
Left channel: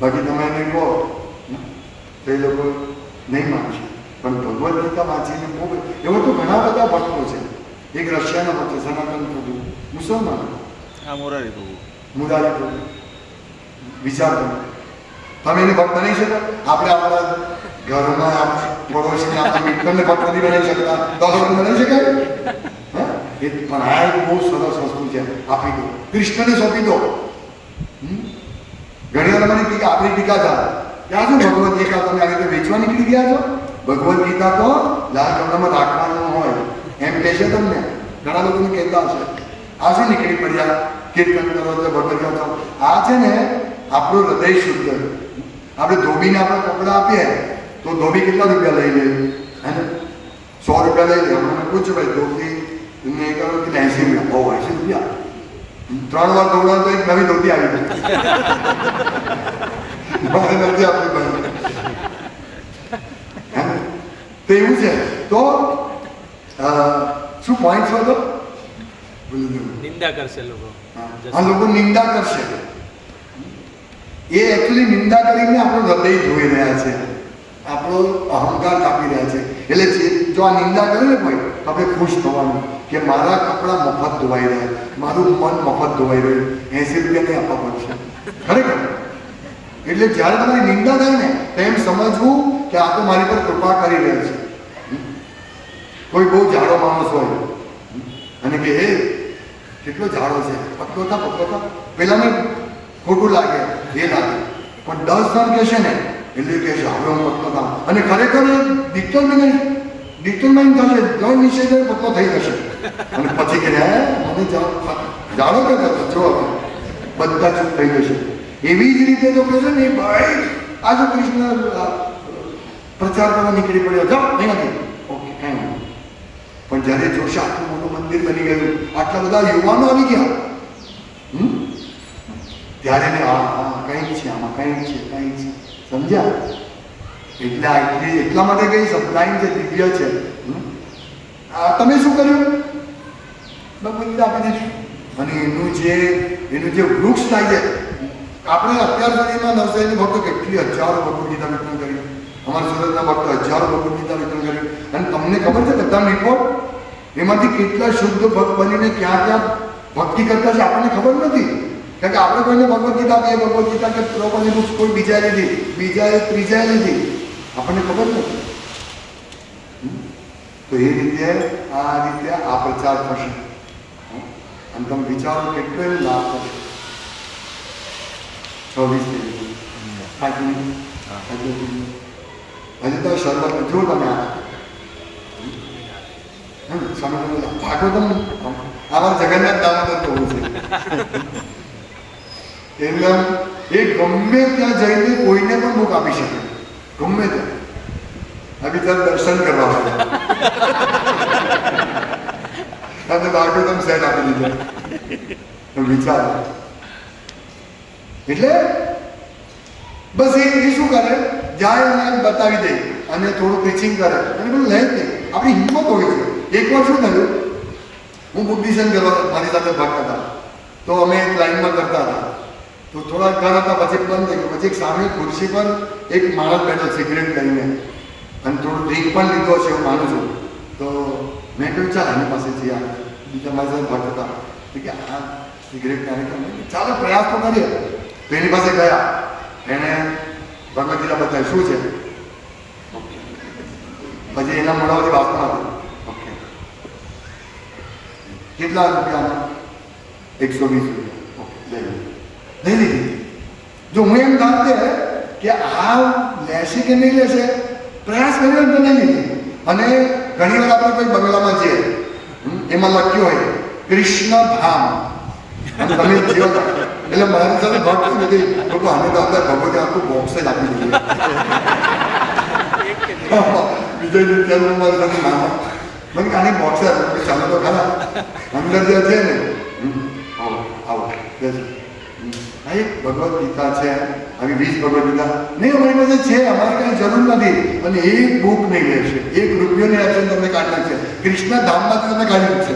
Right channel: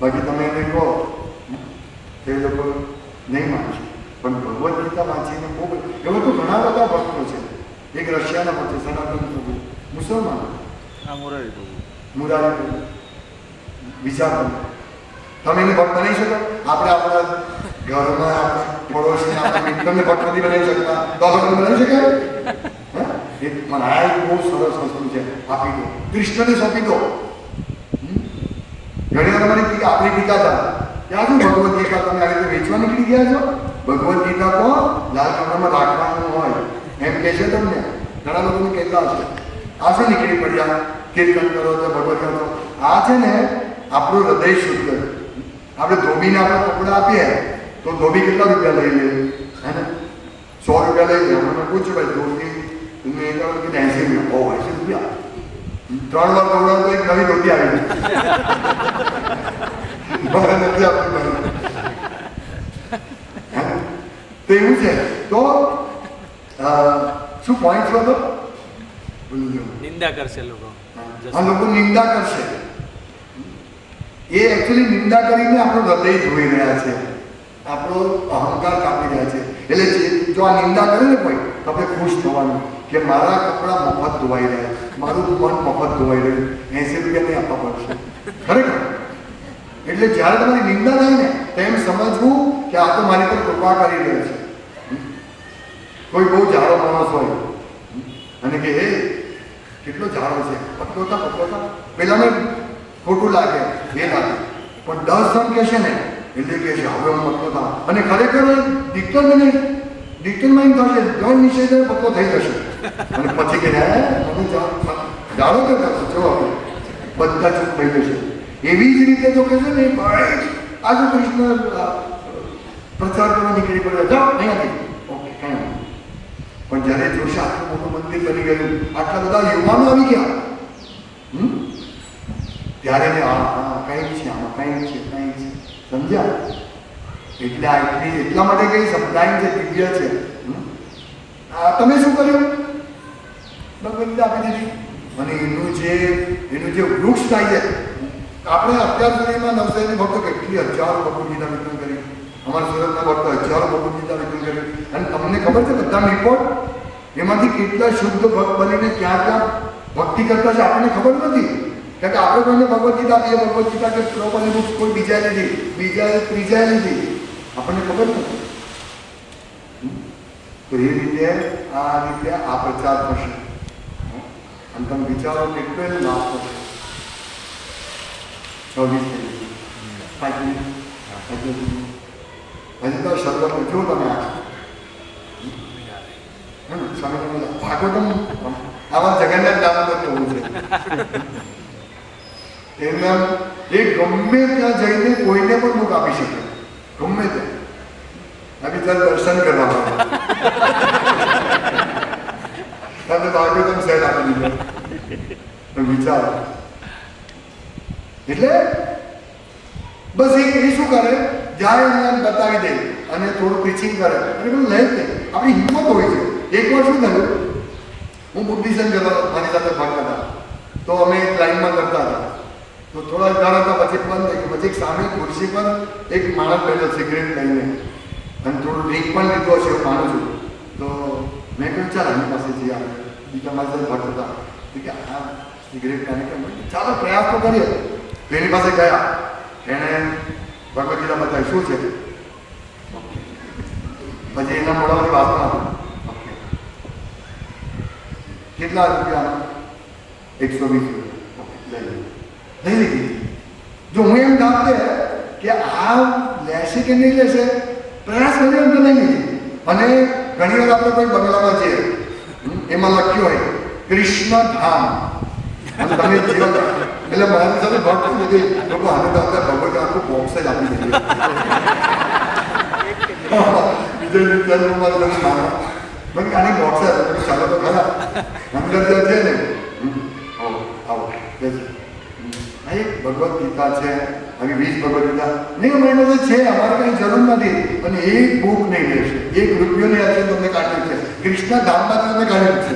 બાકી તમે એને કહો તો એ લોકો નહીં માનશે. પણ ભગવદ્ ગીતા વાંચીને બહુ એવો તો ઘણા બધા ભક્તો છે. એક રશિયાના ભક્ત સનાતન પ્રભુ, મુસલમાન, મુરારી પ્રભુ. વિચાર કરો, તમે એને ભક્ત બની શકો? આપણે આપણા ઘરમાં પડોશી આપણા મિત્રને ભક્ત નથી બનાવી શકતા, તો આપણે બનાવી શકાય? પણ આ એક બહુ સરસ વસ્તુ છે, આપી દો, કૃષ્ણને સોંપી દો. ઘણી વાર તમારી ટીકા, આપણી ટીકા થાય ત્યાં શું ભગવદ્ ગીતા તમે આવી રીતે વેચવા નીકળી ગયા છો? ભગવદ્ ગીતા તો લાલ કપડામાં રાખવાનું હોય એમ કહે છે તમને. ઘણા લોકોને કહેતા હશે આ છે નીકળી પડ્યા, કીર્તન કરો છો, ભગવદ્ ગીતા. આ છે ને આપણું હૃદય શુદ્ધ. આપણે ધોબીને આપણે કપડાં આપીએ તો ધોબી કેટલા રૂપિયા લઈ લે? હે ને 100 રૂપિયા લઈ લે. મને પૂછ્યું ભાઈ ધોબી તમે એ કહો કે 80 રૂપિયા. 80 રૂપિયા 3 વાર કપડા તો એક નવી ધોતી આવી ગઈ. મારે નથી આપવી. તો એવું છે. તો શું પોઈન્ટ હતો? નિંદા કરશે લોકો. હા, લોકો નિંદા કરશે. એ એકચ્યુઅલી નિંદા કરીને આપણું હૃદય ધોઈ રહ્યા છે, આપણો અહંકાર કાપી રહ્યા છે. એટલે જો આ નિંદા કરે ને કોઈ, તો આપણે ખુશ થવાનું કે મારા કપડાં મફત ધોવાઈ રહ્યા, મારું મન મફત ધોવાઈ રહ્યું, 80 રૂપિયા નહીં આપવા પડશે. ખરેખર. એટલે જ્યારે તમારી નિંદા થાય ને તેમ સમજવું કે આ તો મારી પર કૃપા કરી રહ્યો છે. કોઈ બહુ જાડો માણસ હોય અને કે હે કેટલો જાડો છે, પતલો થા, પેલાને ખોટું લાગે, એ લાગે. પણ 10 જણ કહેશે ને એટલે કે છે હવે હું પતલો થા. અને ખરેખર એ ડિટરમાઇન થશે, જણ નિષેધ પતલો થઈ જશે. અને પછી કે મને જાડો કરતો જો બધા ચૂપ થઈ જશે. એવી જ રીતે તો કહેશે ને ભાઈ આજે કૃષ્ણ પ્રચાર કરવા નીકળી પડ્યો, જાઓ અહીંયાથી. ઓકે, કઈ નહીં. પણ જ્યારે જોશે આટલું મોટું મંદિર બની ગયું, આટલા બધા યુવાનો આવી ગયા, ત્યારે કંઈક છે, આમાં કંઈક છે. સમજ્યા? એટલે એટલા માટે કઈ સપ્લાઈન છે, દિવ્ય છે. તમે શું કર્યું? ભગવદ્ ગીતા આપી દીધી. અને એનું જે વૃક્ષ થાય છે, આપણે અત્યાર સુધીમાં નવસારીની ભક્તો કેટલી હજારો ભગવદ્ ગીતા વિતરણ કરી. અમારા સુરતના ભક્તો હજારો ભગવદ્ ગીતા વિતરણ કર્યું. અને તમને ખબર છે બધા રિપોર્ટ એમાંથી કેટલા શુદ્ધ ભક્ત બનીને ક્યાં ભક્તિ કરતા છે આપણને ખબર નથી. કારણ કે આપણે કોઈને ભગવદ્ ગીતા આપીએ, ભગવદ્ ગીતા કે પ્રોપર કોઈ બીજાએ લીધી, બીજાએ ત્રીજાએ લીધી, આપણને ખબર નથી. તો એ રીતે આ પ્રચાર થશે. અને તમે વિચારો કેટલો એનો લાભ થશે. 26 હજુ તો શરૂઆત જો તમે ભાગવતમ આવા જગન્નાથ દામોદર કહું છે. એટલે એ ગમે ત્યાં જઈને કોઈને પણ બુક આપી શકે, ગમે ત્યાં. આવી ત્યાં દર્શન કરવા અને ભાગવતમ સેટ આપી દીધો. વિચાર એટલે બસ એ શું કરે, જાય અને બતાવી દે અને થોડું ટીચિંગ કરે અને પેલું લે જ નહીં. આપણી હિંમત હોય છે. એકવાર શું થયું, હું બુદ્ધિઝમ કરવા મારી સાથે ભણતા હતા, તો અમે એક લાઈનમાં કરતા હતા. તો થોડા ઘર હતા, પછી બંધ થઈ ગયું. પછી એક સામે ખુરશી પર એક માણસ બેઠો સિગરેટ લઈને અને થોડું ડ્રિંક પણ લીધો છે હું માનું છું. તો મેં કહ્યું ચાલ એની પાસેથી આ બીજા મારી સાથે ભણતા હતા કે આ સિગરેટ પાણી ચાલો પ્રયાસ તો કરીએ. તો એની પાસે ગયા, એણે ભગવદ ગીતા બતાવી શું છે, પછી એના મોઢામાંથી વાસણ હતું. કેટલા રૂપિયા? 120 રૂપિયા. નહીં લીધી. જો હું એમ ધારતે કે આ લેશે કે નહીં લેશે, પ્રયાસ કર્યો તો નહીં લીધી. અને ઘણી વાર આપણે કોઈ બંગલામાં જઈએ, એમાં લખ્યું હોય કૃષ્ણ ધામ, અને તમે જીવો એટલે મારી સાથે ભક્ત નથી લોકો આને તો આપણે ખબર આખું બોક્સ જ આપી દઈએ. બીજા વિચારવું મારે તમે ના મને આની બોક્સ ચાલો તો ખરા અંદર જે છે ને આવો આવો આ એક ભગવદ ગીતા છે, આવી 20 ભગવદ ગીતા નહીં અમારી પાસે છે, અમારે કંઈ જરૂર નથી. અને એક બુક નહીં લેશે, એક રૂપિયોની આજે તમને કાઢી નાખશે, કૃષ્ણ ધામમાંથી તમને કાઢી નાખશે.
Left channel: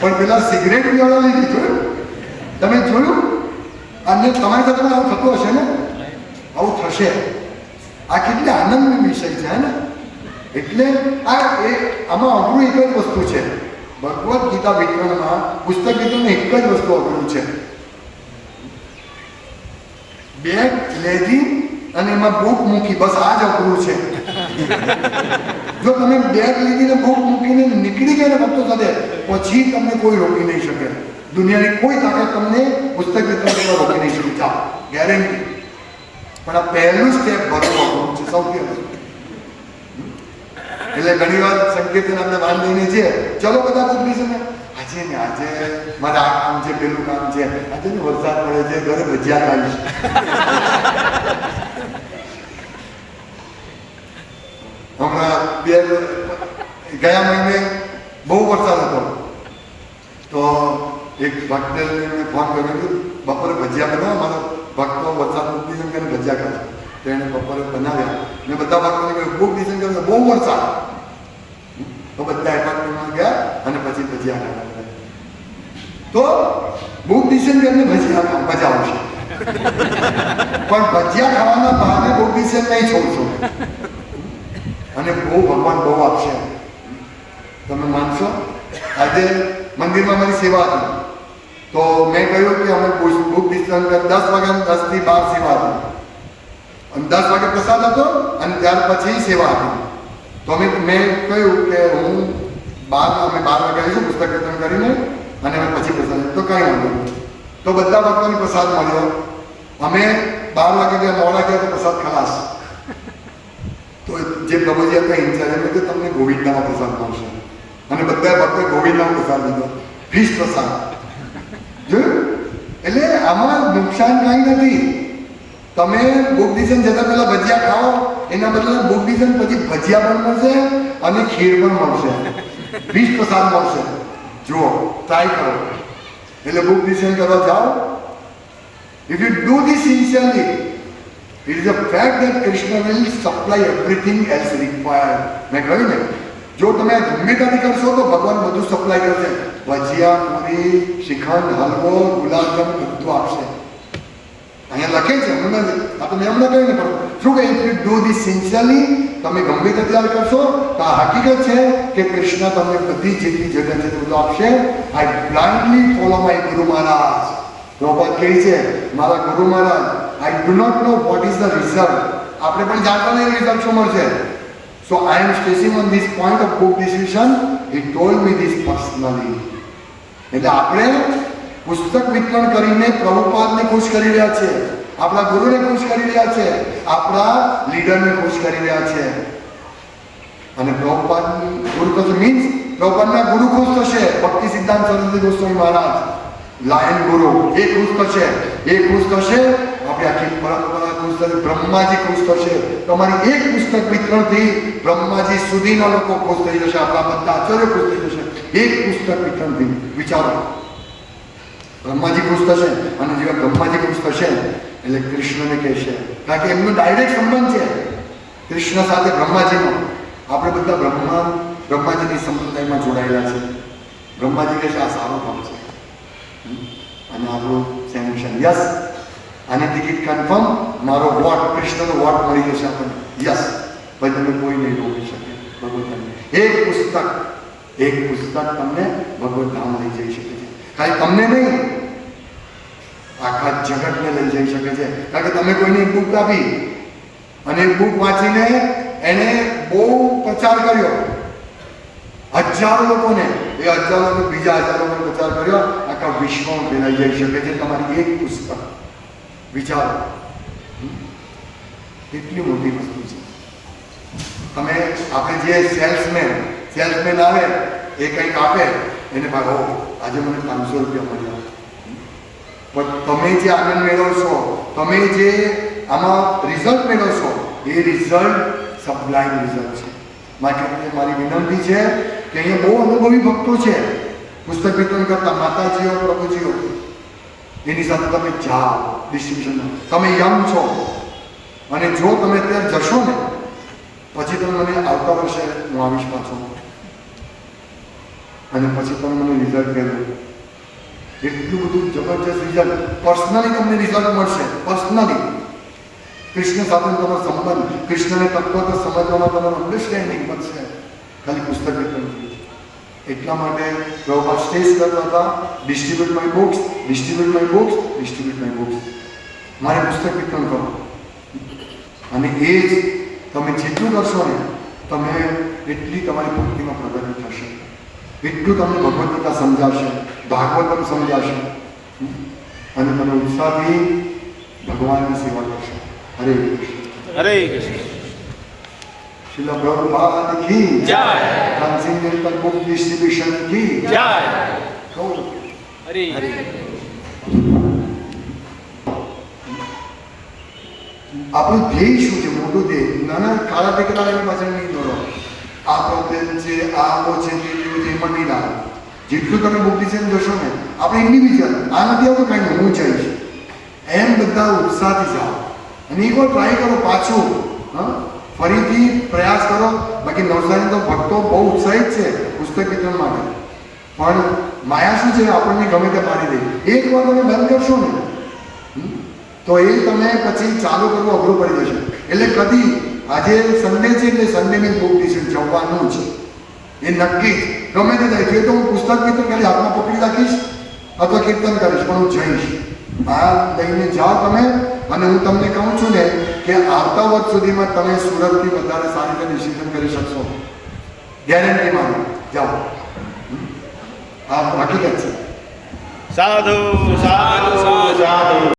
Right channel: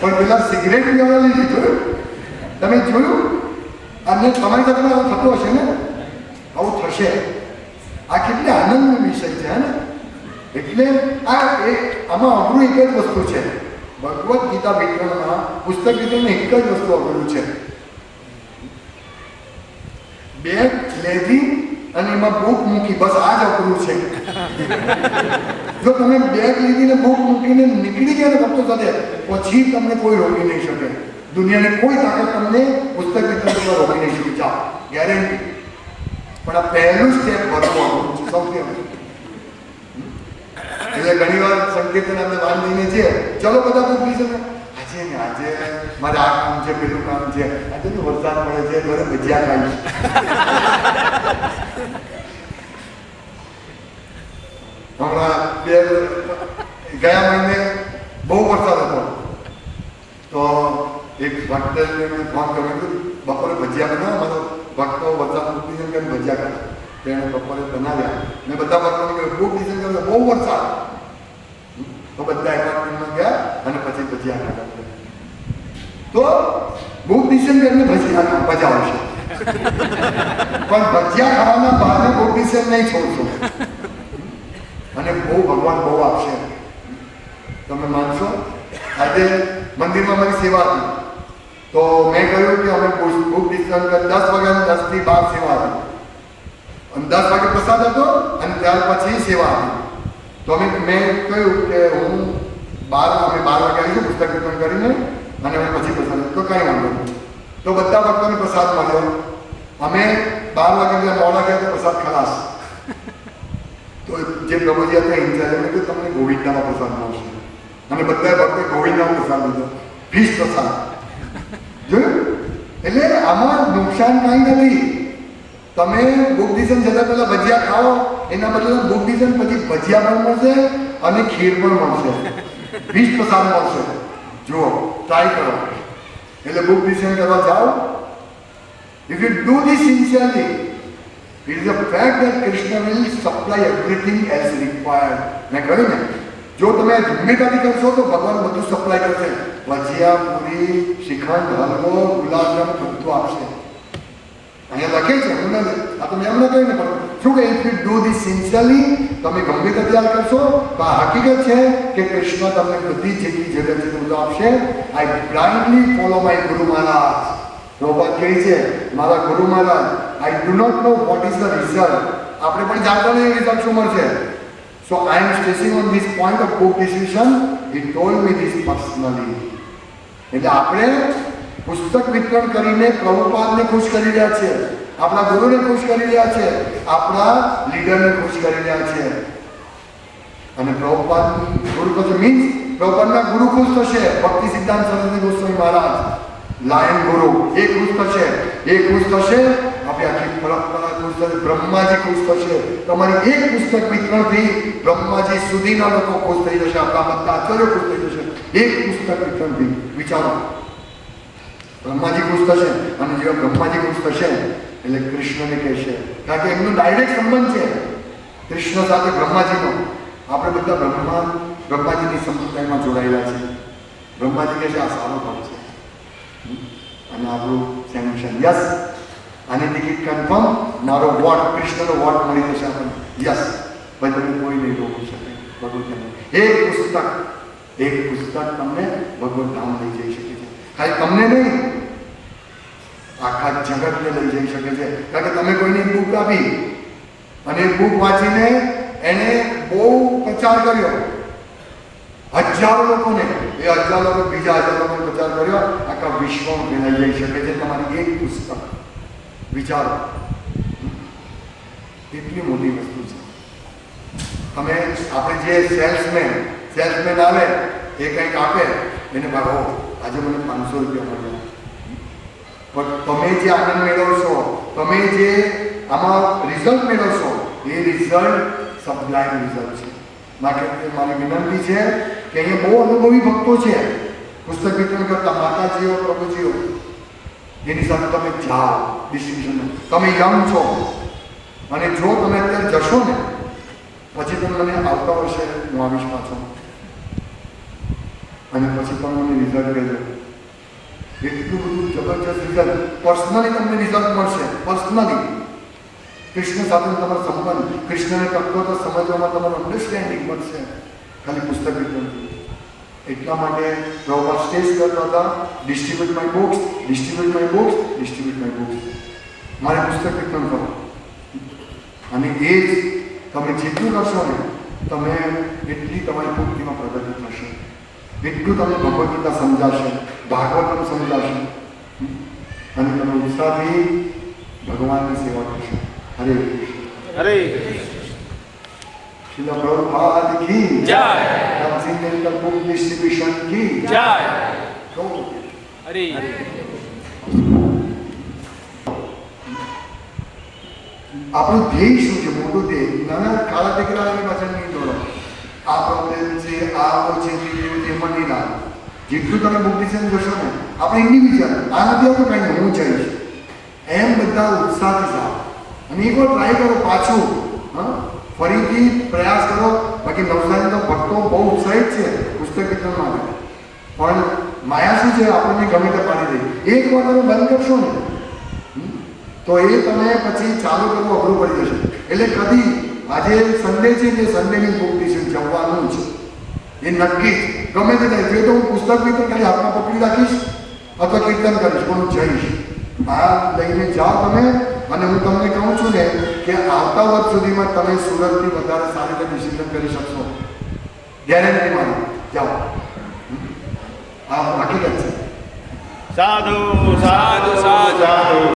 પણ પેલા સિગરેટ પીવાના લીધી જોયું, તમે જોયું? અને તમારી સાથે આવું થતું હશે ને, આવું થશે. આ કેટલી આનંદની વિષય છે ને. એટલે આમાં અઘરું એક જ વસ્તુ છે, ભગવદ ગીતા વિતરણમાં પુસ્તક વિતરણમાં એક જ વસ્તુ અઘરું છે. બેગ લેધી અને એમાં બુક મૂકી, બસ આ જ અઘરું છે. જો તમે બેગ લીધીને બુક મૂકીને નીકળી ગયા ને ભક્તો સાથે, પછી તમને કોઈ રોકી નહીં શકે. દુનિયાની કોઈ તાકાત તમને પુસ્તક વિતરણ રોકી નહીં શકે, ચાલો ગેરંટી. પણ આ પહેલું સ્ટેપ ભરવું અઘરું છે, સૌથી અઘરું. એટલે ઘણી વાર સંકેતન આપણે વાન લઈને છે, ચલો બધા બુદ્ધિ છે ને આજે ને આજે મારે આ કામ છે, પેલું કામ છે, આજે ને વરસાદ પડે છે, ઘરે ભજીયા ખાઈશ. હમણાં ગયા મહિને બહુ વરસાદ હતો, તો એક ભક્તને ફોન કર્યો, બપોરે ભજીયા બનાવો, મારો ભક્તો વરસાદ બુદ્ધિ કરીને ભજીયા ખાતા. તેને બપોરે બનાવ્યા ને બધા ભક્તોને કહ્યું બુક ડિઝાઇન કરો, બહુ વરસાદ. તો બધા એપાર્ટમેન્ટમાં ગયા અને પછી ભજીયા ખાતા. તો બુક ડિઝાઇન કરીને ભજીયા મજા આવશે, પણ ભજીયા ખાવાના બહાને બુક ડિઝાઇન નહીં છોડશો. અને બહુ ભગવાન બહુ આપશે. તમે માનશો, આજે મંદિરમાં મારી સેવા હતી, તો મેં કહ્યું કે અમે બુક ડિઝાઇન 10 વાગ્યા 10 થી 12 સેવા હતી. અને 10 વાગે પ્રસાદ હતો અને ત્યાર પછી સેવા આપી. તો મેં કહ્યું કે હું 12 વાગે આવીશું પુસ્તક વિતરણ કરીને અને અમે પછી પ્રસાદ. તો કાંઈ વાંધો નહીં. તો બધા ભક્તોને પ્રસાદ મળ્યો. અમે 12 વાગે ગયા, મોડા ગયા તો પ્રસાદ ખલાસ. તો જે પ્રભુજી હતા ઇન્ચાર્જ એમને કે તમને ગોવિંદામાં પ્રસાદ મળશે. અને બધા ભક્તોએ ગોવિંદામાં પ્રસાદ લીધો, ફીસ પ્રસાદ. જોયું? એટલે આમાં નુકસાન કાંઈ નથી. તમે બુક ડિઝાઇન જતા પહેલા ભજીયા ખાઓ, એના બદલે બુક ડિઝાઇન પછી ભજીયા પણ મળશે અને ખીર પણ મળશે, 20 પ્રસાદ મળશે. જુઓ, ટ્રાય કરો. એટલે બુક ડિઝાઇન કરવા જાઓ. If you do this sincerely, it is a fact that Krishna will supply everything else required. મેં કહ્યું ને, જો તમે ગમ્યતાથી કરશો તો ભગવાન બધું સપ્લાય કરશે. ભજીયા, પૂરી, શ્રીખંડ, હલવો, ગુલાબજામ બધું આપશે. અહીંયા લખે છે, આ તો મેં હમણાં કહ્યું ને, પણ શું કહે, if you do this sincerely, તમે ગમે તે તૈયાર કરશો તો આ હકીકત છે કે કૃષ્ણ તમને બધી જેટલી જરૂર છે બધું આપશે. આઈ બ્લાઇન્ડલી ફોલો માય ગુરુ મહારાજ. પ્રભુપાદ કહે છે, મારા ગુરુ મહારાજ, I do not know what is the result. આપણે પણ જાણતા નહીં રિઝલ્ટ શું મળશે. So I am stressing on this point of book distribution. He told me this personally. એટલે આપણે પુસ્તક વિતરણ કરીને પ્રભુપાદને ખુશ કરી રહ્યા છે, આપણા ગુરુને ખુશ કરી રહ્યા છે, આપણા લીડરને ખુશ કરી રહ્યા છે. અને પ્રભુપાદ ગુરુ થશે મીન્સ પ્રભુપાદના ગુરુ ખુશ થશે. ભક્તિ સિદ્ધાંત સરસ્વતી ગોસ્વામી મહારાજ લાયન ગુરુ એ ખુશ થશે, એ ખુશ થશે, આપણી આખી પરંપરા ખુશ થશે, બ્રહ્માજી ખુશ થશે. તમારી એક પુસ્તક વિતરણથી બ્રહ્માજી સુધીના લોકો ખુશ થઈ જશે, આપણા બધા આચાર્યો ખુશ થઈ જશે. એક પુસ્તક વિતરણથી વિચારો, બ્રહ્માજી ખુશ થશે. અને જેવા બ્રહ્માજી ખુશ થશે એટલે કૃષ્ણને કહેશે, કારણ કે એમનો ડાયરેક્ટ સંબંધ છે કૃષ્ણ સાથે બ્રહ્માજીનો. આપણે બધા બ્રહ્માજીની સંપ્રદાયમાં જોડાયેલા છે. બ્રહ્માજી કહે છે આ સારો ભાવ છે અને આપણું સેન્શન યસ, આની ટિકિટ કન્ફર્મ, મારો વોટ કૃષ્ણનો વોટ મળી જશે આપણને. યસ ભાઈ, તમે કોઈ નહીં રોકી શકે. ભગવત એક પુસ્તક તમને ભગવત ધામ લઈ જઈ શકે છે. ખાલી તમને નહીં, આખા જગતને લઈ જઈ શકે છે. કારણ કે તમે કોઈને બુક આપી અને બુક વાંચીને એને બહુ પ્રચાર કર્યો, હજારો લોકોને, એ હજારો લોકો બીજા હજાર લોકોને પ્રચાર કર્યો, આખા વિશ્વમાં ફેલાઈ જઈ શકે છે તમારી એક પુસ્તક. વિચારો, કેટલી મોટી વસ્તુ છે. તમે આપણે જે સેલ્સમેન આવે એ કંઈક આપે, એને ભાઈ આજે મને 500 રૂપિયા મળ્યા, પણ તમે જે આનંદ મેળવશો, તમે જે આમાં રિઝલ્ટ મેળવશો, એ રિઝલ્ટ સબલાઇમ રિઝલ્ટ છે. મારી વિનંતી છે કે અહીંયા બહુ અનુભવી ભક્તો છે પુસ્તક વિતરણ કરતા, માતાજીઓ, પ્રભુજીઓ, એની સાથે તમે જાઓ ડિસ્ટ્રીબ્યુશન. તમે યંગ છો અને જો તમે ત્યાં જશો ને પછી તમે મને આવતા વર્ષે હું આવીશ પાછો અને પછી તમે મને રિઝલ્ટ કહેજો. એટલું બધું જબરજસ્ત રિઝલ્ટ પર્સનલી તમને રિઝલ્ટ મળશે. પર્સનલી કૃષ્ણ સાથે તમારો સંબંધ, કૃષ્ણને તત્વ સમજવામાં તમારું અન્ડરસ્ટેન્ડિંગ મળશે ખાલી પુસ્તક વિતરણ. એટલા માટે પ્રભુપાદ સ્ટેજ કરતા હતા, distribute my books, distribute my books, distribute my books. મારે પુસ્તક વિતરણ કરો. અને એ જ તમે જેટલું કરશો ને તમે એટલી તમારી ભક્તિમાં પ્રગતિ થશે, એટલું તમને ભગવદ ગીતા સમજાશે, ભાગવતમ સમજાશે અને તમે ઉત્સાહથી ભગવાનની સેવા કરશો. હરે કૃષ્ણ. હરે કૃષ્ણ. શ્રીલ પ્રભુપાદ કી જય. ટ્રાન્સેન્ડેન્ટલ બુક ડિસ્ટ્રીબ્યુશન કી જય. હરે આપણું ધ્યેય શું છે? મોટું ધ્યેય. નાના કાળા દીકરાની પાસે નહીં દોડો, આ પ્રોબ્લેમ છે, આ છે, એમાં નહીં લાવો. જેટલું તમે બુદ્ધિશન જશો ને, આપણે ઇન્ડિવિજ્યુઅલ આનાથી આવું કંઈ નહીં, હું જઈશ એમ બધા ઉત્સાહથી જાઓ અને એકવાર ટ્રાય કરો પાછું. ફરીથી પ્રયાસ કરો. બાકી નવસારી તો ભક્તો બહુ ઉત્સાહિત છે પુસ્તક વિતરણ માટે, પણ માયા શું છે, આપણને ગમે તે પાડી દે. એકવાર તમે બંધ કરશો ને તો એ તમે પછી ચાલુ કરવું અઘરું પડી જશે. એટલે કદી આજે સન્ડે છે એટલે સન્ડેની બુક ડિશન જવાનું જ એ નક્કી જ. ગમે તે થાય, જો તો હું પુસ્તક વિતરણ ખાલી હાથમાં પકડી રાખીશ અથવા કીર્તન કરીશ, પણ હું જઈશ. આ લઈને જાઓ તમે. અને હું તમને કહું છું ને કે આવતા વર્ષ સુધીમાં તમે સુરતથી વધારે સારી રીતે ડિસિઝન કરી શકશો. ગેરંટી માનો, જાઓ. આ હકીકત છે. સાધુ સાધુ સાધુ.